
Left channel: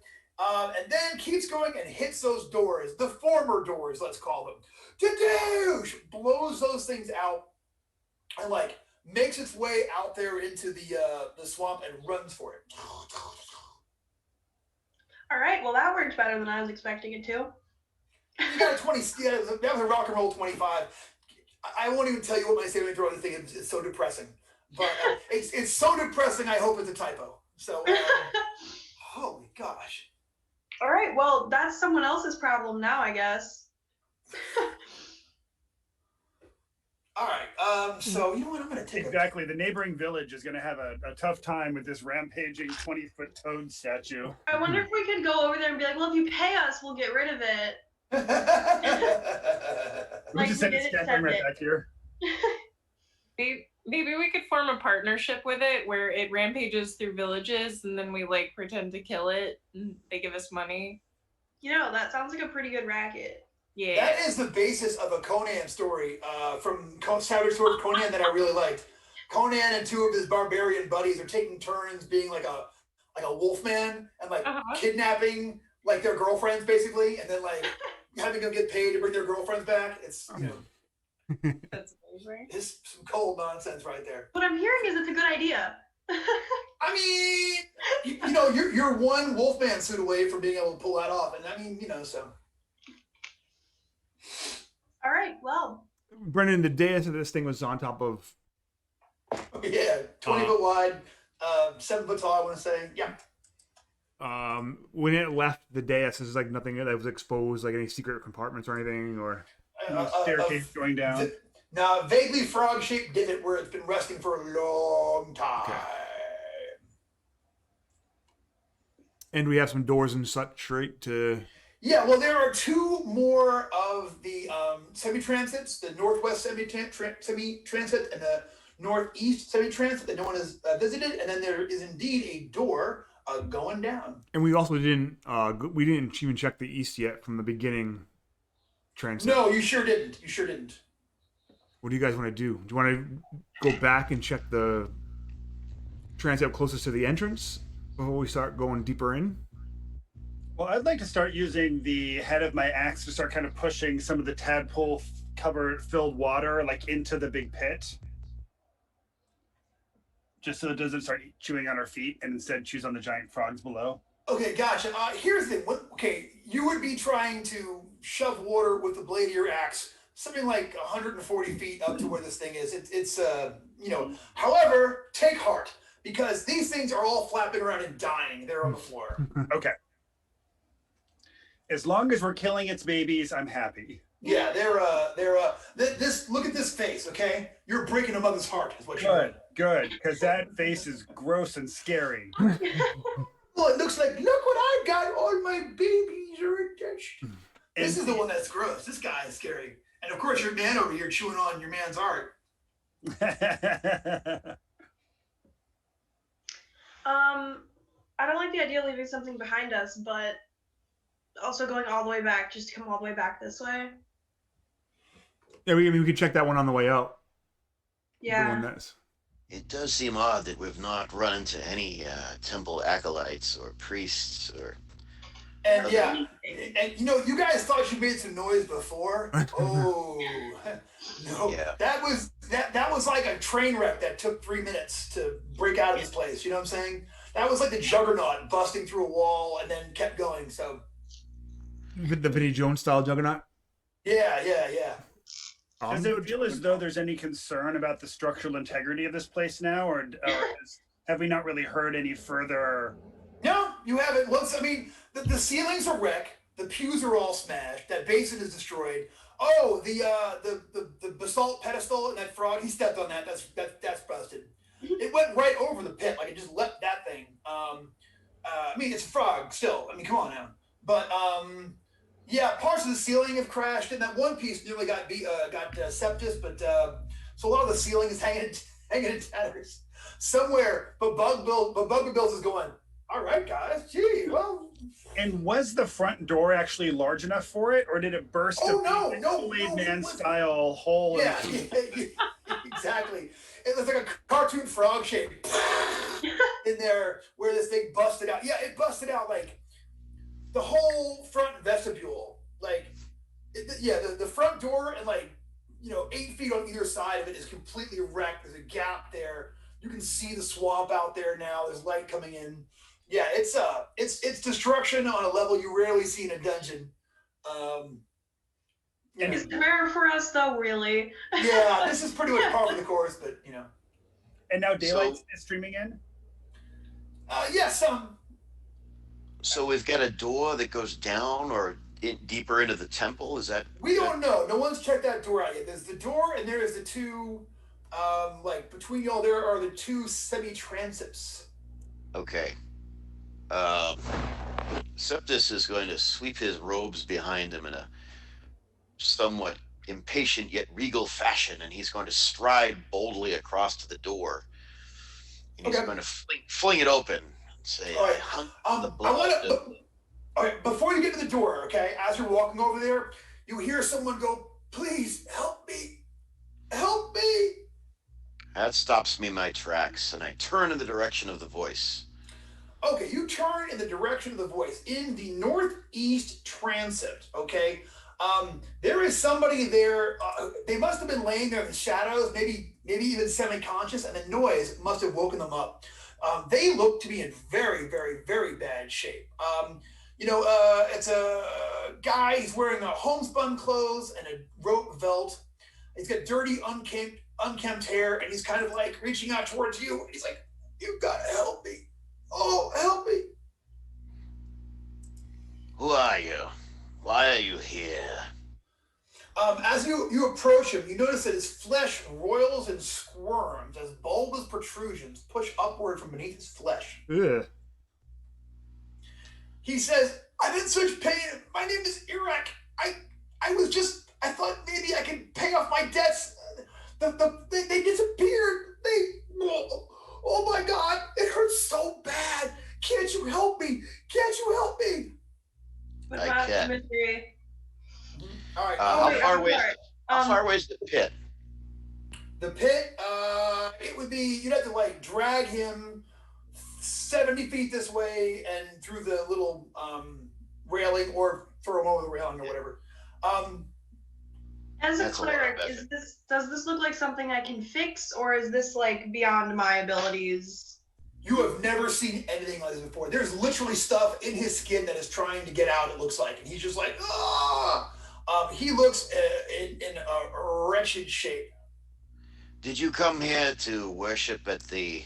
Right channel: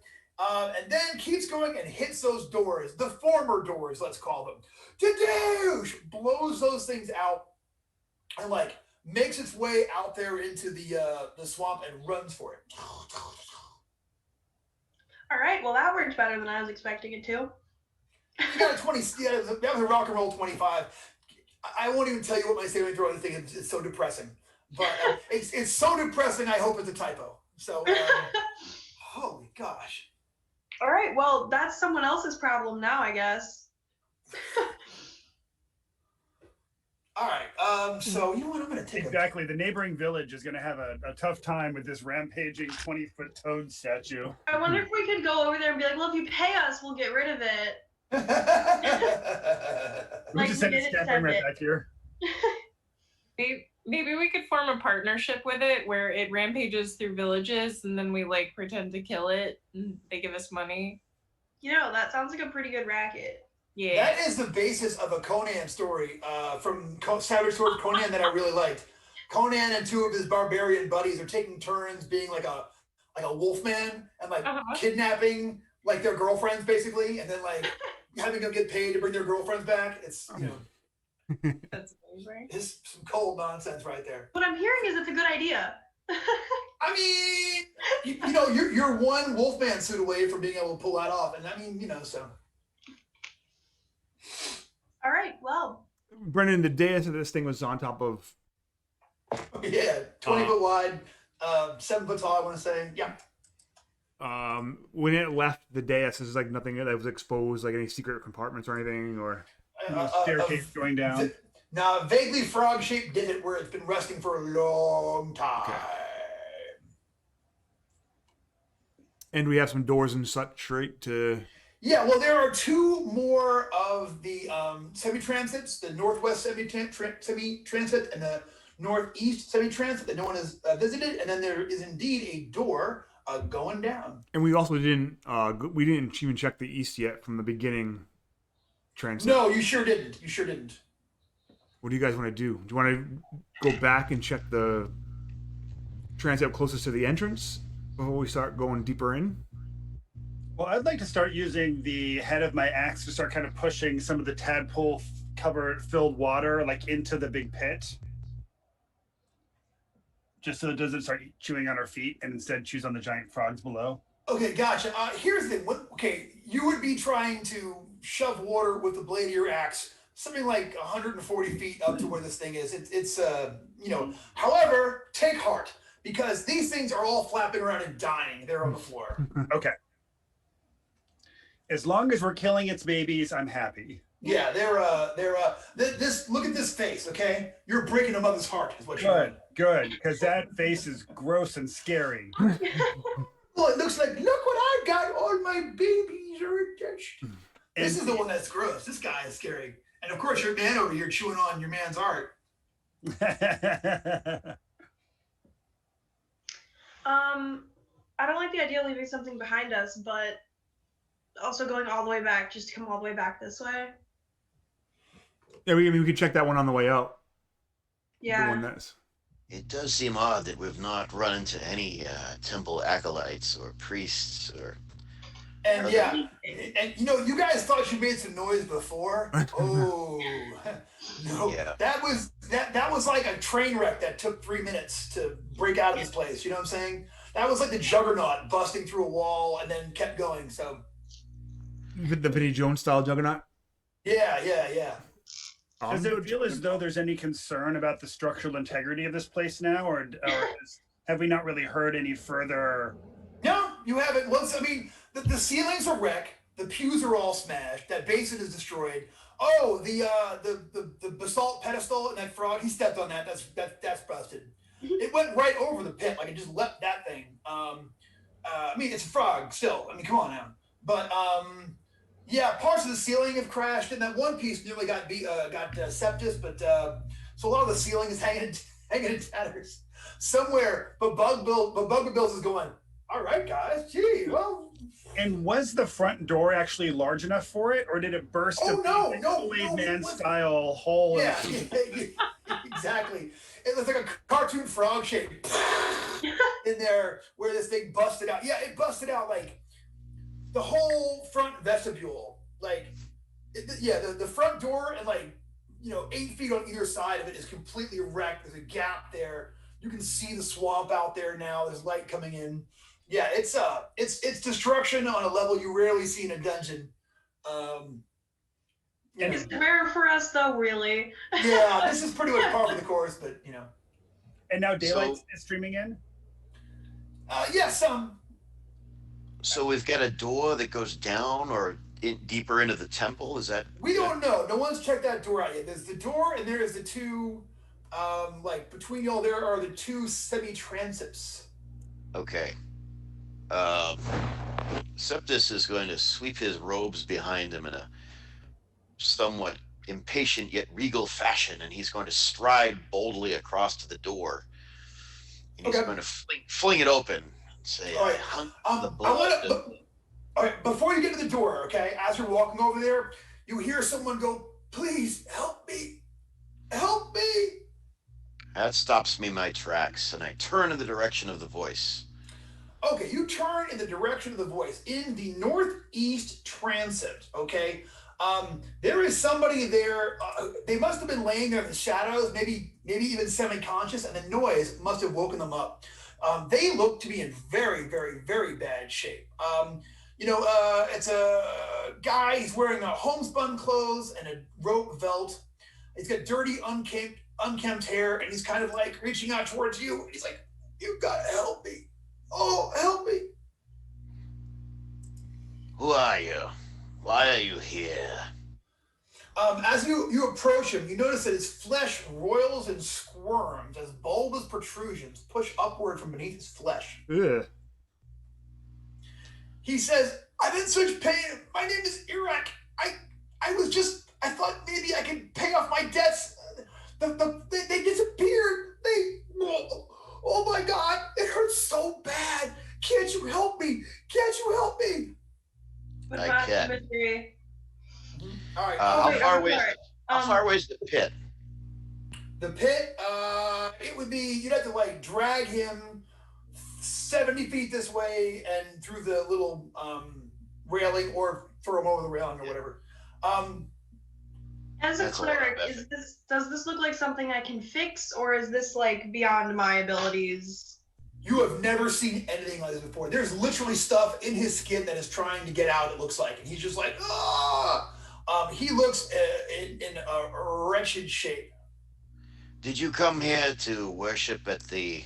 And then keeps going and hits those doors, the former doors, let's call them. Dadoosh! Blows those things out and makes its way out there into the swamp and runs for it. All right, well that worked better than I was expecting it to. You got a 20. Yeah, that was a rock and roll 25. I won't even tell you what my saving throw on this thing is. It's so depressing. But it's so depressing. I hope it's a typo. So, holy gosh. All right. Well, that's someone else's problem now, I guess. All right. So you know what? I'm going to take exactly. The neighboring village is going to have a tough time with this rampaging 20-foot toad statue. I wonder if we could go over there and be like, well, if you pay us, we'll get rid of it. We just send it snapping right back here. Maybe we could form a partnership with it where it rampages through villages and then we like pretend to kill it and they give us money. You know, that sounds like a pretty good racket. Yeah. That is the basis of a Conan story from Savage Sword of Conan that I really liked. Conan and two of his barbarian buddies are taking turns being like a wolfman and like kidnapping like their girlfriends basically, and then like having them get paid to bring their girlfriends back. It's you know, that's amazing. It's some cold nonsense right there. What I'm hearing is it's a good idea. I mean, you know, you're one wolfman suit away from being able to pull that off, and I mean, you know, so. All right, well. Brendan, the dais of this thing was on top of. Yeah, 20 foot wide, 7 foot tall. I want to say, yeah. When it left the dais, there's like nothing that was exposed, like any secret compartments or anything, or staircase going down. Now, vaguely frog-shaped divot where it's been resting for a long time. Okay. And we have some doors and such, right? Yeah, well, there are two more of the semi-transits, the northwest semi-transit and the northeast semi-transit that no one has visited, and then there is indeed a door going down. And we also didn't even check the east yet from the beginning transit. No, you sure didn't. You sure didn't. What do you guys want to do? Do you want to go back and check the transit closest to the entrance before we start going deeper in? Well, I'd like to start using the head of my axe to start kind of pushing some of the tadpole filled water like into the big pit. Just so it doesn't start chewing on our feet and instead chews on the giant frogs below. Okay, gotcha. Here's the thing. Okay, you would be trying to shove water with the blade of your axe something like 140 feet up to where this thing is. It's you know, however, take heart because these things are all flapping around and dying. They're on the floor. Okay. As long as we're killing its babies, I'm happy. Yeah, this look at this face, okay? You're breaking a mother's heart is what you're doing. Good, because that face is gross and scary. Well, it looks like, look what I got, all my babies are attached. This is the one that's gross. This guy is scary. And of course, your man over here chewing on your man's art. I don't like the idea of leaving something behind us, but also going all the way back, just to come all the way back this way. Yeah, we could check that one on the way out. Yeah. The one that's. It does seem odd that we've not run into any temple acolytes or priests or. And yeah, and you know, you guys thought you made some noise before. Oh no, yeah. that was like a train wreck that took 3 minutes to break out of this place. You know what I'm saying? That was like the juggernaut busting through a wall and then kept going. So. The Vinnie Jones style juggernaut? Yeah. Does it feel as though there's any concern about the structural integrity of this place now, or have we not really heard any further? No, you haven't. I mean, the ceilings are wrecked. The pews are all smashed. That basin is destroyed. Oh, the basalt pedestal and that frog, he stepped on that. That's busted. It went right over the pit. Like it just leapt that thing. I mean, it's a frog still. I mean, come on now. But yeah, parts of the ceiling have crashed, and that one piece nearly got septus. But so a lot of the ceiling is hanging in tatters somewhere. But Bugger Bills is going. All right, guys. Gee, well. And was the front door actually large enough for it, or did it burst? No, Blade Man style hole. Yeah, exactly. It was like a cartoon frog shape in there where this thing busted out. Yeah, it busted out like. The whole front vestibule, like, the front door and 8 feet on either side of it is completely wrecked. There's a gap there. You can see the swamp out there now. There's light coming in. Yeah, it's destruction on a level you rarely see in a dungeon. Yeah. Is it rare for us though, really? Yeah, this is pretty much par for the course, but you know. And now Daylight is streaming in? Yes, So we've got a door that goes down or deeper into the temple. Is that? we don't know. No one's checked that door out yet. There's the door, and there is the two, like between y'all, there are the two semi-transepts. Okay. Septus is going to sweep his robes behind him in a somewhat impatient yet regal fashion, and he's going to stride boldly across to the door. And he's going to fling it open and say, All right. I hunt the blood. All right, before you get to the door, okay, as you're walking over there, you hear someone go, please help me. Help me. That stops me in my tracks, and I turn in the direction of the voice. Okay, you turn in the direction of the voice in the northeast transept, okay? There is somebody there. They must have been laying there in the shadows, maybe even semi-conscious, and the noise must have woken them up. They look to be in very, very, very bad shape. It's a guy. He's wearing a homespun clothes and a rope belt. He's got dirty, unkempt hair, and he's kind of like reaching out towards you. He's like, "You gotta help me! Oh, help me!" Who are you? Why are you here? As you approach him, you notice that his flesh roils and squirms as bulbous protrusions push upward from beneath his flesh. Ugh. He says, "I'm in such pain. My name is Iraq. I thought maybe I could pay off my debts. They disappeared. Oh my God, it hurts so bad. Can't you help me? Can't you help me?" I can. Mystery. All right. How far away is the pit? The pit, it would be, you'd have to like drag him 70 feet this way and through the little railing, or throw him over the railing or whatever. As a cleric, does this look like something I can fix, or is this like beyond my abilities? You have never seen anything like this before. There's literally stuff in his skin that is trying to get out, it looks like. And he's just like, ah! He looks in a wretched shape. Did you come here to worship at the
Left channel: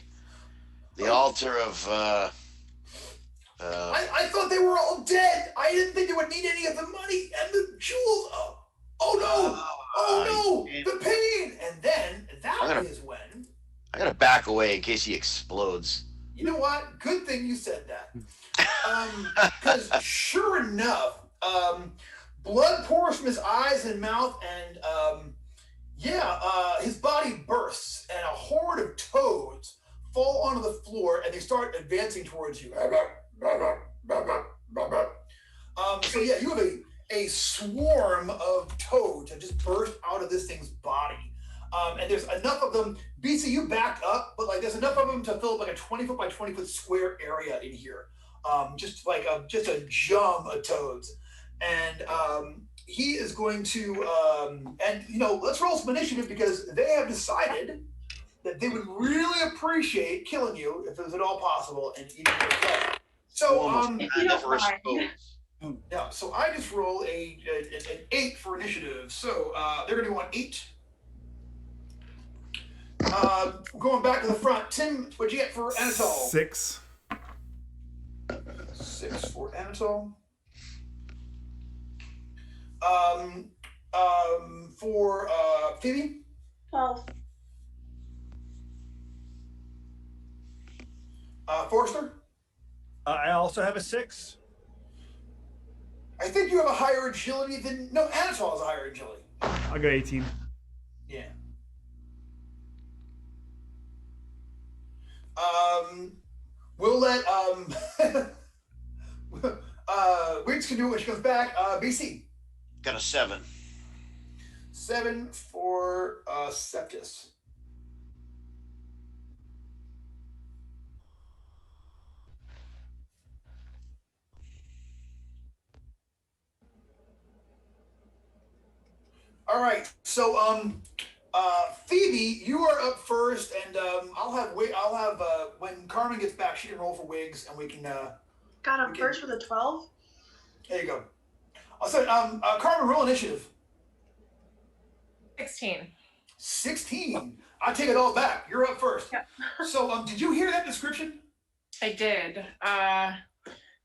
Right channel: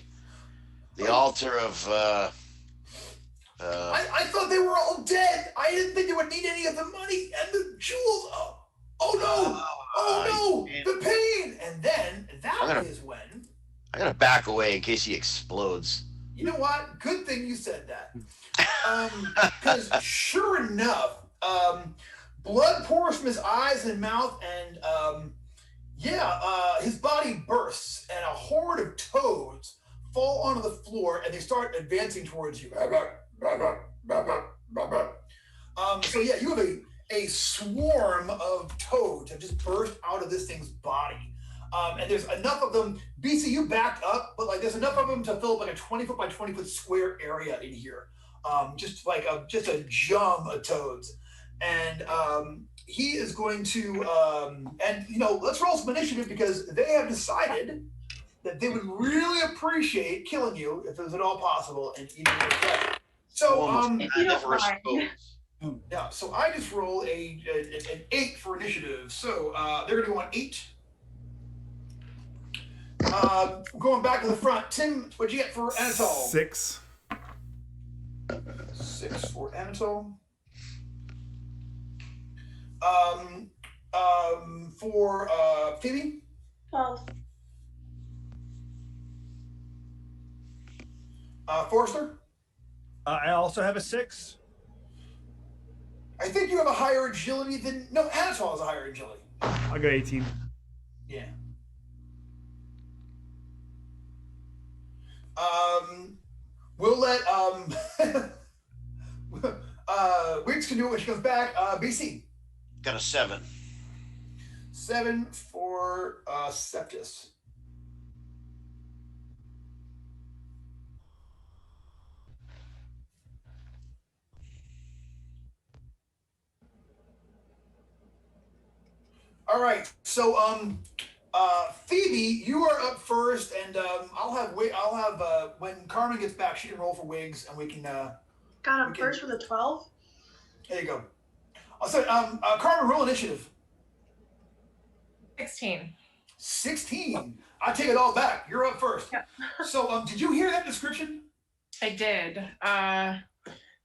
altar of? I thought they were all dead. I didn't think they would need any of the money and the jewels. Oh no! The pain. And then that is when I gotta back away in case he explodes. You know what? Good thing you said that. Because sure enough, blood pours from his eyes and mouth, and his body bursts, and a horde of toads fall onto the floor, and they start advancing towards you. You have a swarm of toads that just burst out of this thing's body. And there's enough of them. BC, you backed up, but like there's enough of them to fill up like a 20-foot by 20-foot square area in here. Just a jum of toads. And he is going to, let's roll some initiative, because they have decided that they would really appreciate killing you if it was at all possible and eating your flesh. So, if you don't mind. Yeah, so I just roll an 8 for initiative. So they're going to go on 8. Going back to the front, Tim, what'd you get for Anatole? 6. 6 for Anatole. For Phoebe? 12. Forrester? I also have a 6. I think you have a higher agility than... No, Anatole has a higher agility. I got 18. Yeah. We'll let Weeks can do it when she comes back. BC. Got a 7. 7 for Septus. All right, so Phoebe, you are up first, and I'll have when Carmen gets back, she can roll for wigs, and we can. Got him first with a 12. There you go. Also, Carmen, roll initiative. 16. 16. I take it all back. You're up first. Yeah. So, did you hear that description? I did.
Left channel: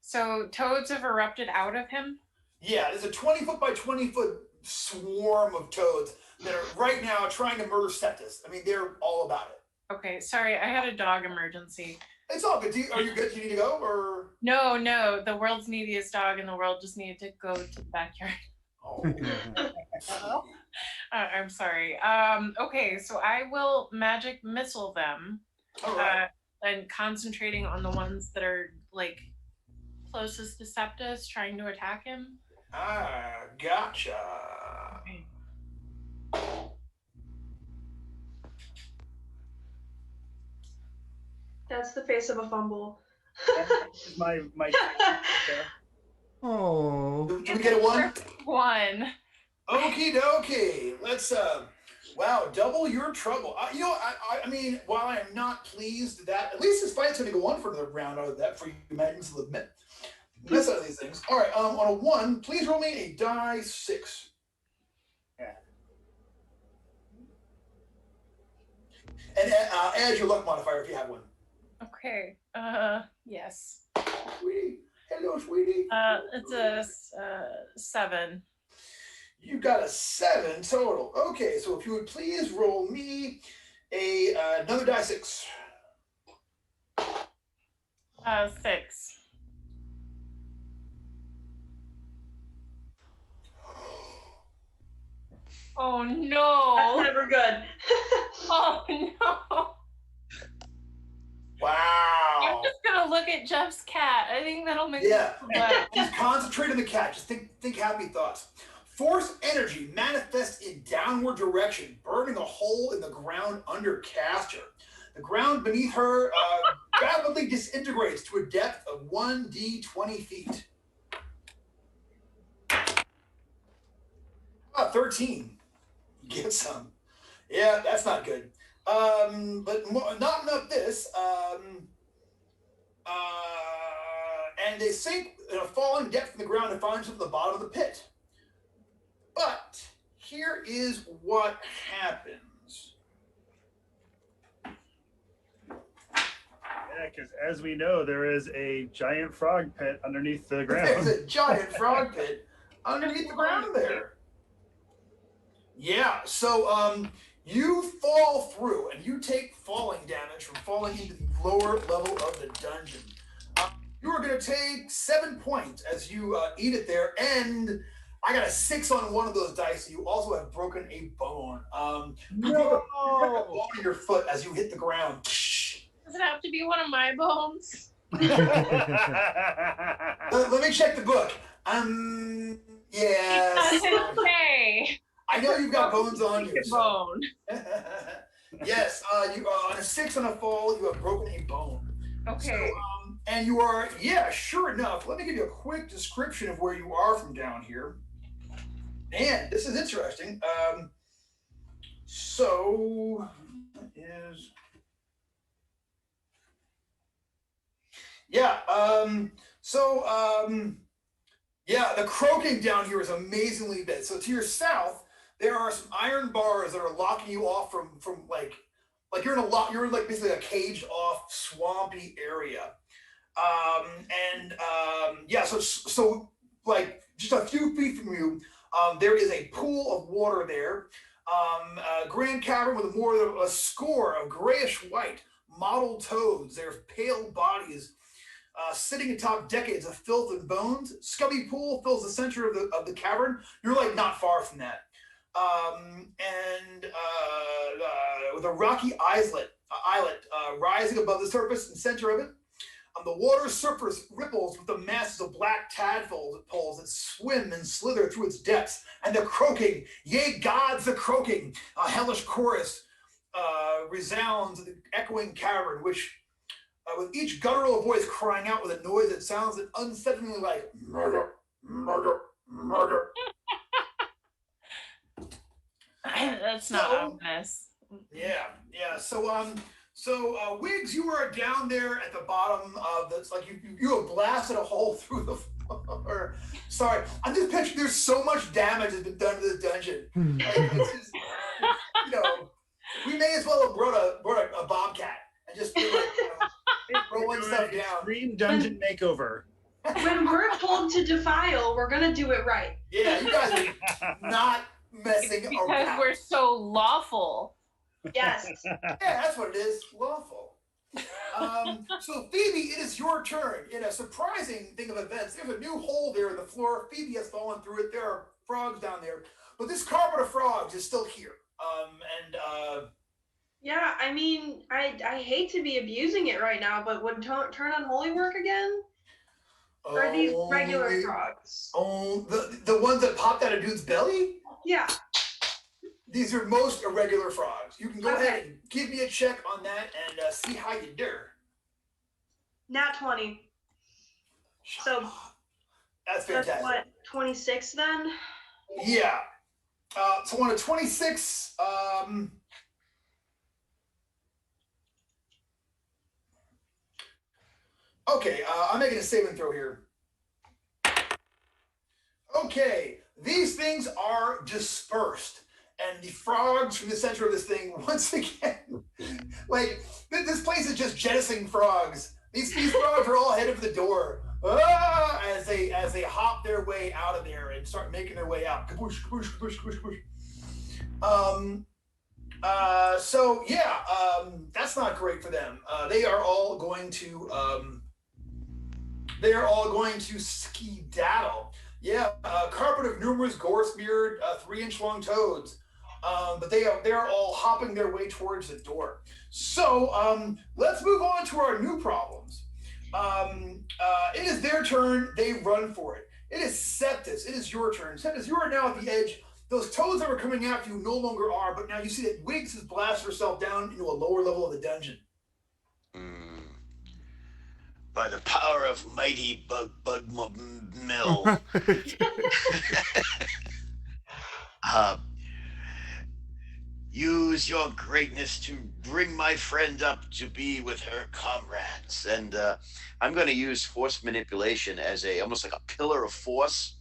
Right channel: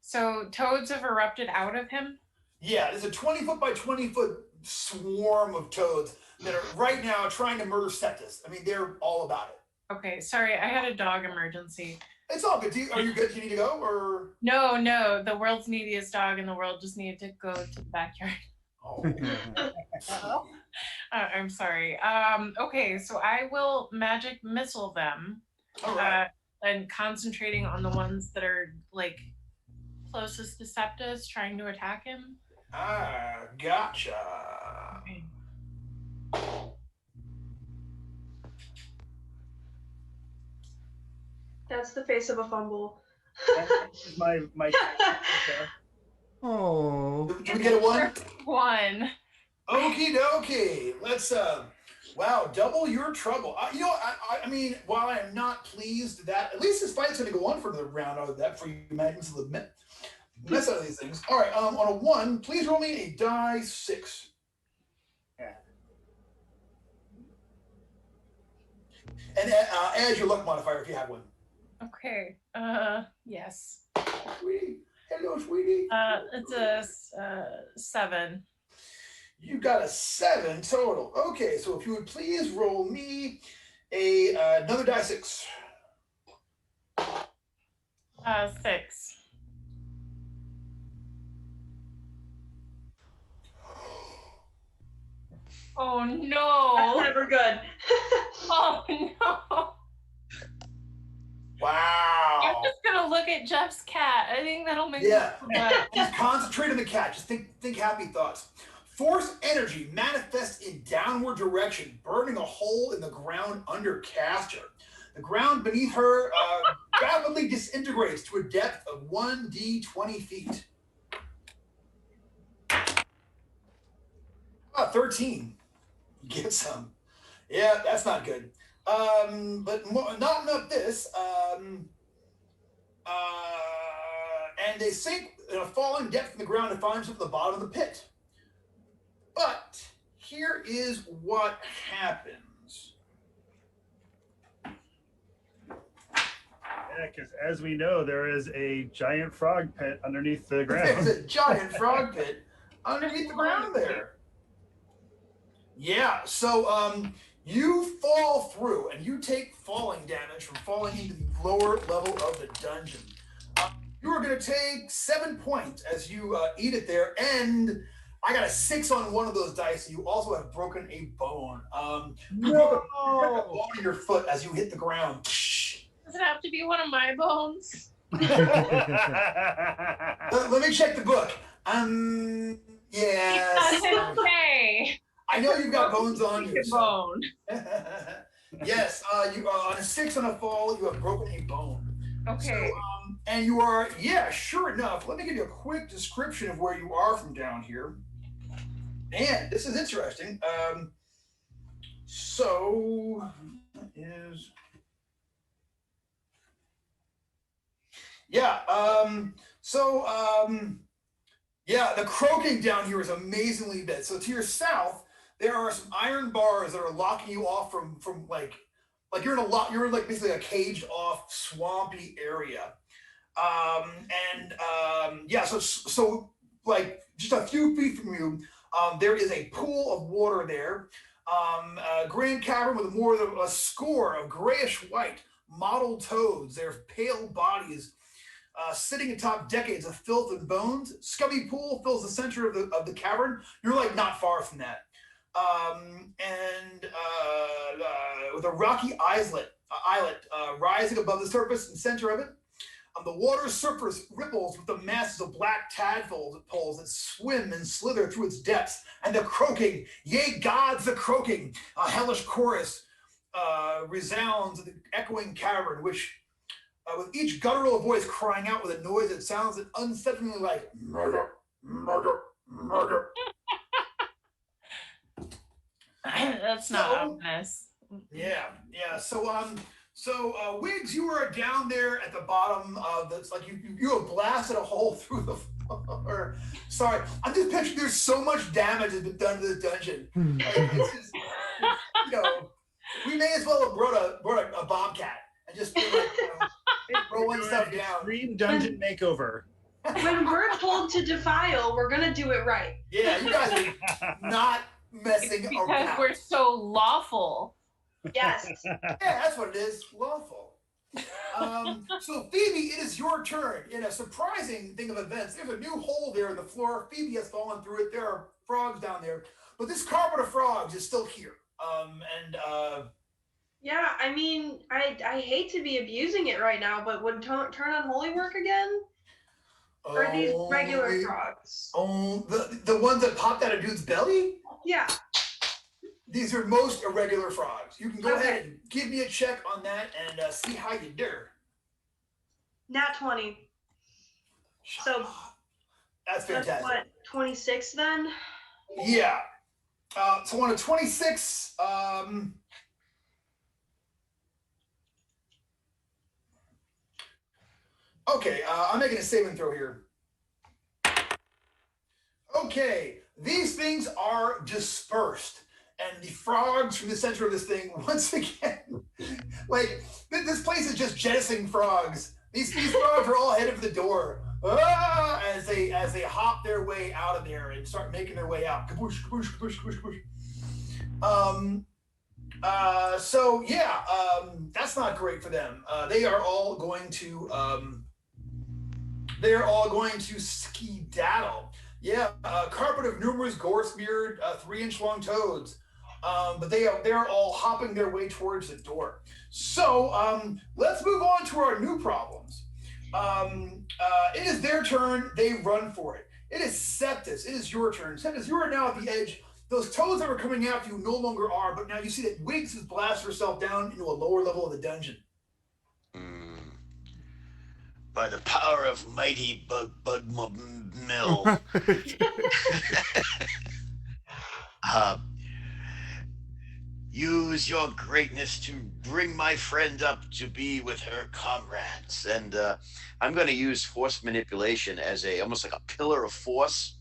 So toads have erupted out of him? Yeah, there's a 20-foot by 20-foot swarm of toads that are right now trying to murder Septus. I mean, they're all about it. Okay, sorry, I had a dog emergency. It's all good. Are you good? Do you need to go, or? No, the world's neediest dog in the world just needed to go to the backyard. Oh. I'm sorry. Okay, so I will magic missile them. All right. And concentrating on the ones that are like closest to Septus, trying to attack him. Ah, gotcha. Okay. That's the face of a fumble. my Oh. Do we get a 1? 1. Okie dokie. Let's wow, double your trouble. You know, I mean, while I am not pleased that at least this fight's going to go on for another round out of that for you magnets to admit. Mess out of these things. All right, on a 1, please roll me a die 6. Yeah. And add your luck modifier if you have one. Okay. Yes. Sweetie. Hello, sweetie. It's a 7. You got a 7 total. Okay, so if you would please roll me another die 6. 6. Oh no! That's never good. Oh no! Wow. I'm just gonna look at Jeff's cat. I think that'll make Yeah. me laugh. Just concentrate on the cat. Just think happy thoughts. Force energy manifests in downward direction, burning a hole in the ground under Caster. The ground beneath her rapidly disintegrates to a depth of 1d20 feet. 13. Get some. Yeah, that's not good. But not enough this. And they sink in a falling depth in the ground to find themselves at the bottom of the pit. But here is what happens. Yeah, because as we know, there is a giant frog pit underneath the ground. There's a giant frog pit underneath the ground there. Yeah, so you fall through and you take falling damage from falling into the lower level of the dungeon. You are going to take 7 points as you eat it there, and I got a 6 on one of those dice. You also have broken a bone. You broke a bone in your foot as you hit the ground. Does it have to be one of my bones? Let me check the book. Yes. Okay. I know you've got bones on you. So. Bone. Yes, you on a 6 on a fall, you have broken a bone. Okay. So, and you are, yeah, sure enough. Let me give you a quick description of where you are from down here. And this is interesting. So is yeah. Yeah, the croaking down here is amazingly big. So to your south, there are some iron bars that are locking you off from like you're in like basically a caged off swampy area. Yeah, so like just a few feet from you, there is a pool of water there. A grand cavern with more than a score of grayish white mottled toads. Their pale bodies sitting atop decades of filth and bones. Scummy pool fills the center of the cavern. You're like not far from that. With a rocky islet rising above the surface in the center of it. The water's surface ripples with the masses of black tadpoles that swim and slither through its depths. And the croaking, yea gods, the croaking, a hellish chorus resounds in the echoing cavern, which with each guttural voice crying out with a noise that sounds unsettlingly like murder, murder, murder. That's not ominous. Yeah. So Wiggs, you are down there at the bottom of this. Like you have blasted a hole through the floor. Sorry, I'm just picturing there's so much damage has been done to the dungeon. Like, We may as well have brought a bobcat and just been like, rolling stuff down. Extreme dungeon makeover. When we're told to defile, we're gonna do it right. Yeah, you guys are not messing Because around. we're so lawful. Yes. Yeah, that's what it is. Lawful. So Phoebe, it is your turn. In a surprising thing of events, there's a new hole there in the floor. Phoebe has fallen through it. There are frogs down there, but this carpet of frogs is still here. Yeah, I mean, I hate to be abusing it right now, but would turn on holy work again? Or are these regular frogs? Oh, the ones that popped out of dude's belly? Yeah. These are most irregular frogs. You can go ahead and give me a check on that and see how you do. Nat 20. So that's fantastic. That's what, 26 then? Yeah. So on a 26, okay, I'm making a saving throw here. Okay, these things are dispersed. And the frogs from the center of this thing, once again, like, this place is just jettisoning frogs. These frogs are all headed for the door as they hop their way out of there and start making their way out. Kaboosh, kaboosh, kaboosh, kaboosh, kaboosh. So yeah, that's not great for them. They are all going to skedaddle. Yeah, carpet of numerous gore-smeared 3-inch long toads. But they are all hopping their way towards the door. So let's move on to our new problems. It is their turn. They run for it. It is Septus. It is your turn. Septus, you are now at the edge. Those toads that were coming after you no longer are, but now you see that Wiggs has blasted herself down into a lower level of the dungeon. By the power of mighty Bug Mill. Use your greatness to bring my friend up to be with her comrades. And I'm going to use force manipulation as almost like a pillar of force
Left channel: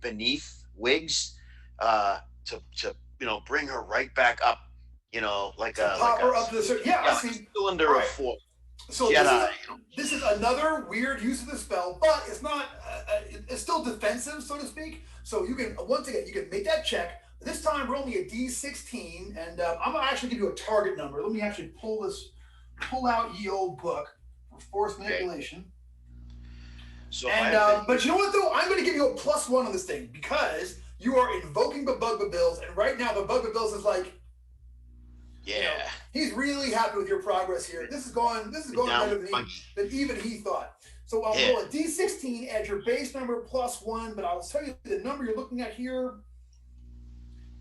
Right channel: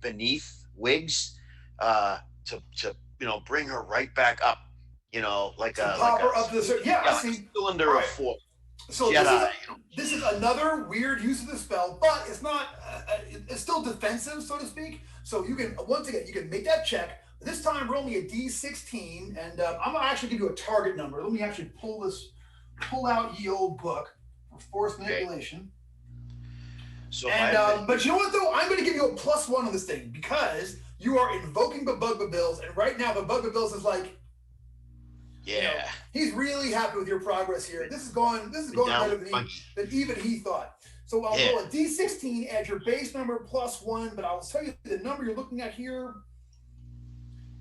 beneath Wiggs to bring her right back up. Like a pop her up to the I see. Cylinder of force. So this is another weird use of the spell, but it's not. It's still defensive, so to speak. So you can you can make that check. This time, roll me a D16, and I'm gonna actually give you a target number. Let me actually pull out ye old book for force manipulation. So, but you know what though? I'm gonna give you a +1 on this thing because you are invoking the Bugbabills, and right now the Bugbabills is like, he's really happy with your progress here. This is going better than even he thought. So I'll roll a D16 as your base number +1, but I'll tell you the number you're looking at here.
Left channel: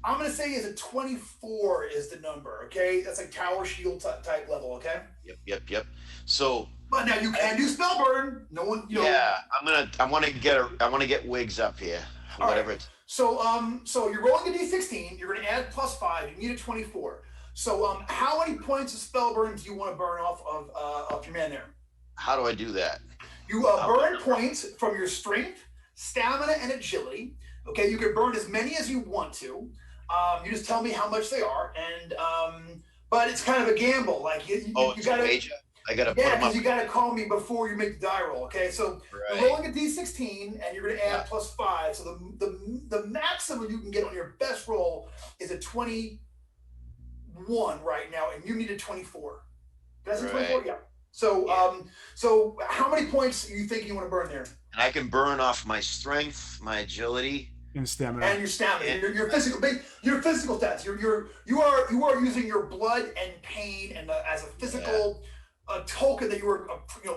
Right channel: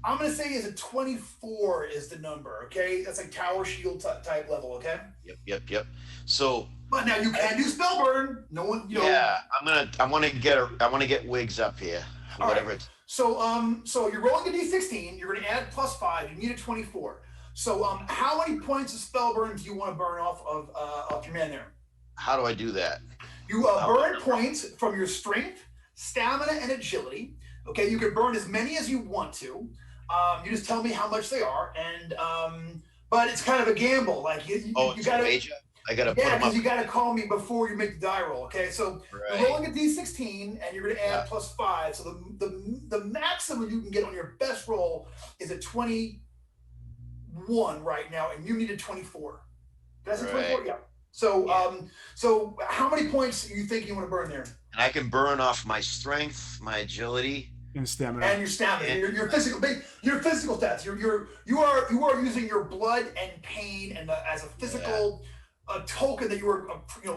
I'm going to say is a 24 is the number, okay? That's like Tower Shield type level, okay? Yep. So, but now you can do Spellburn. No one, I want to get Wiggs up here. Whatever it's. So you're rolling a D16. You're going to add +5. You need a 24. So how many points of Spellburn do you want to burn off your man there? How do I do that? You burn points from your strength, stamina, and agility. Okay, you can burn as many as you want to. You just tell me how much they are, and but it's kind of a gamble. Like you got to. I got to. Yeah, because you got to call me before you make the die roll. Okay, so you're rolling a D16, and you're going to add +5. So the maximum you can get on your best roll is a 21 right now, and you need a 24. That's a 24. Yeah. So so how many points do you think you want to burn there? And I can burn off my strength, my agility. And stamina. And your stamina, your physical stats. You are using your blood and pain and as a physical token that you are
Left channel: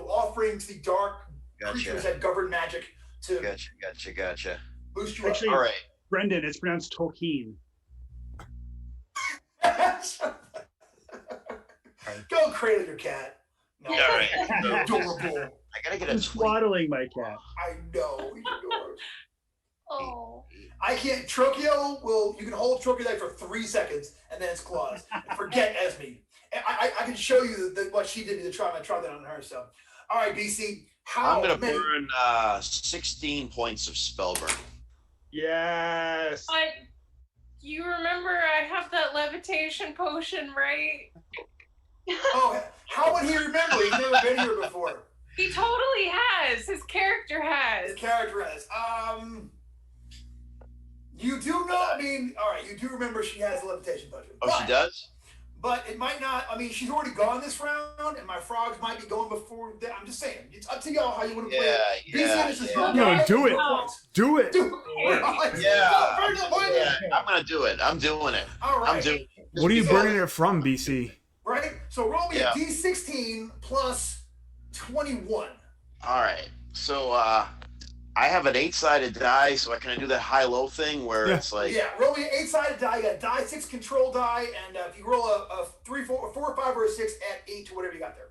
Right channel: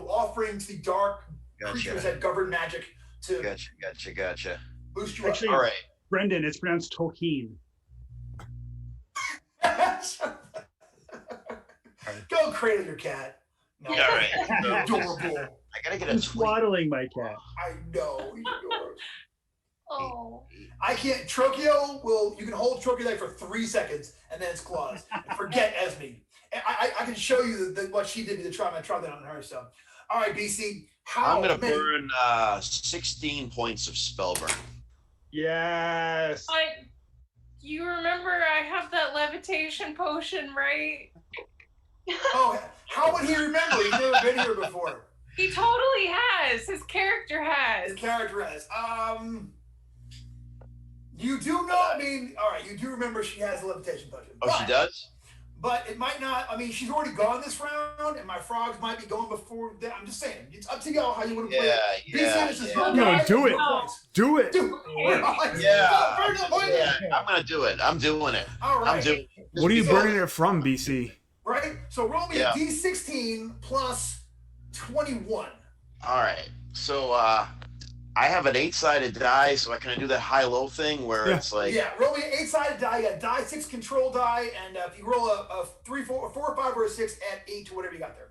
offering to the dark creatures that govern magic to. Gotcha. Boost you Actually, up. All right, Brendan, it's pronounced Tolkien. Go cradle your cat. No, all right. Adorable. I gotta get I'm swaddling my cat. I know. Oh. I can't. Trokio you can hold Trokio there for 3 seconds and then it's claws. Forget Esme. I can show you what she did to try that on her. So, all right, BC. I'm gonna burn 16 points of spellburn. Yes. You remember I have that levitation potion, right? Oh, how would he remember? He's never been here before. He totally has. His character has. His character has. You do know, I mean, all right, you do remember she has a levitation potion. Oh, she does? But it might not, I mean, she's already gone this round, and my frogs might be going before that. I'm just saying, it's up to y'all how you want to play it. No, do it. Do it. Yeah. I'm going to do it. I'm doing it. All right. I'm doing it. What are you burning it from, BC? Right? So roll me a D16 plus 21. All right. So I have an 8-sided die, so can I do that high-low thing where it's like... Yeah, roll me an 8-sided die. You got die 6 control die, and if you roll a 3, 4, 4, 5, or a 6, add 8 to whatever you got there.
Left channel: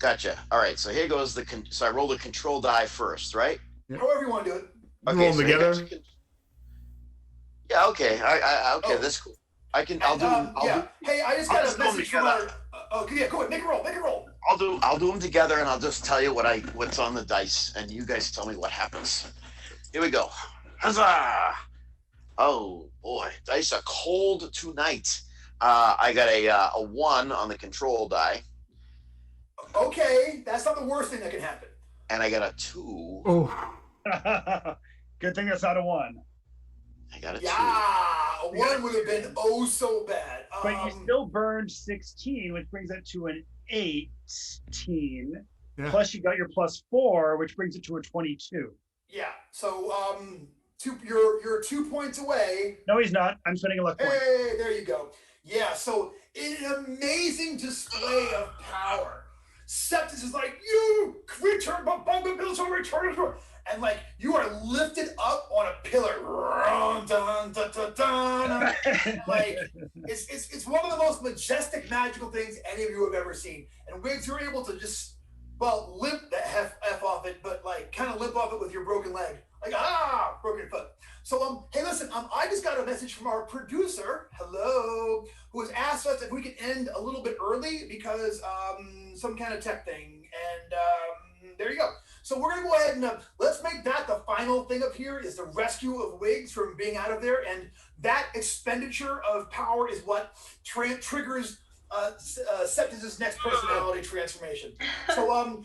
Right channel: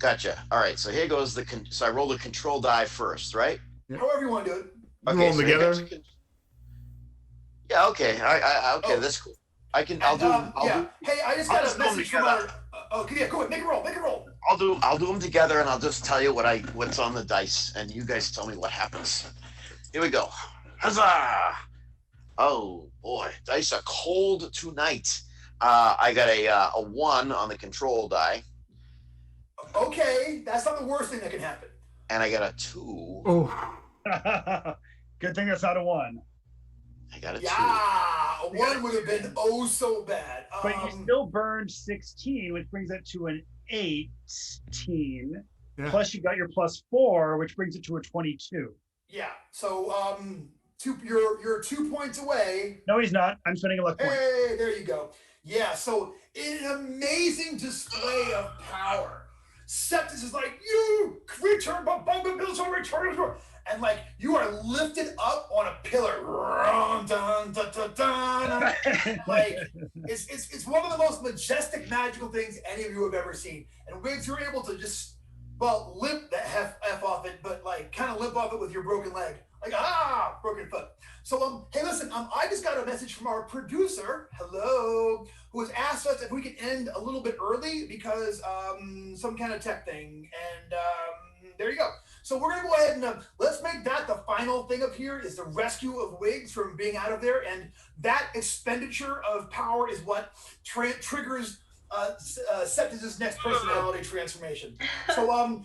Gotcha. All right, so here goes so I roll the control die first, right? However you want to do it. Okay, roll them together? Yeah, okay. Okay, that's cool. I'll do. Hey, I just got a message from our... go ahead, make a roll. I'll do them together, and I'll just tell you what's on the dice, and you guys tell me what happens. Here we go. Huzzah! Oh boy, dice are cold tonight. I got a 1 on the control die. Okay, that's not the worst thing that can happen. And I got a 2. Oh. Good thing that's not a 1. I got a 2. Yeah, a 1 would have been oh so bad. But you still burned 16, which brings it to an 18. Yeah. Plus you got your +4, which brings it to a 22. Yeah. So you're 2 points away. No, he's not. I'm spending a luck point. Hey, there you go. Yeah. So an amazing display of power. Septus is like, you return, and like you are lifted up on a pillar. Like it's one of the most majestic, magical things any of you have ever seen. And Wiggs, you're able to just limp that F off it, but like kind of limp off it with your broken leg, like broken foot. So hey, listen, I just got a message from our producer, hello, who has asked us if we could end a little bit early because some kind of tech thing, and there you go. So we're gonna go ahead and let's make that the final thing up here is the rescue of Wiggs from being out of there, and that expenditure of power is what triggers Septus's next personality transformation. So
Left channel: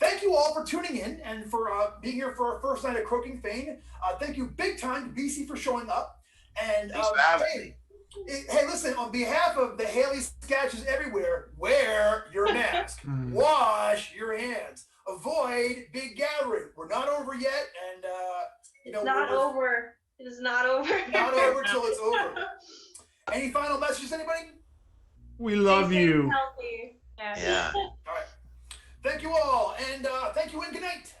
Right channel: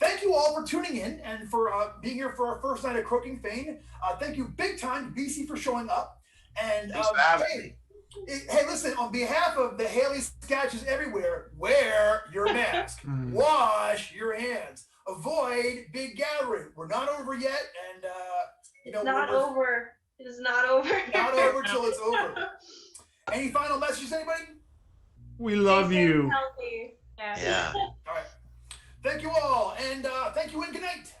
thank you all for tuning in and for being here for our first night at Croaking Fane. Thank you big time to BC for showing up. And hey, listen, on behalf of the Haley Skatches everywhere, wear your mask, wash your hands, avoid big gathering. We're not over yet, and it's not over. It is not over. Not over till it's over. Any final messages, anybody? We love you. Healthy. Yeah. All right. Thank you all, and thank you, and good night.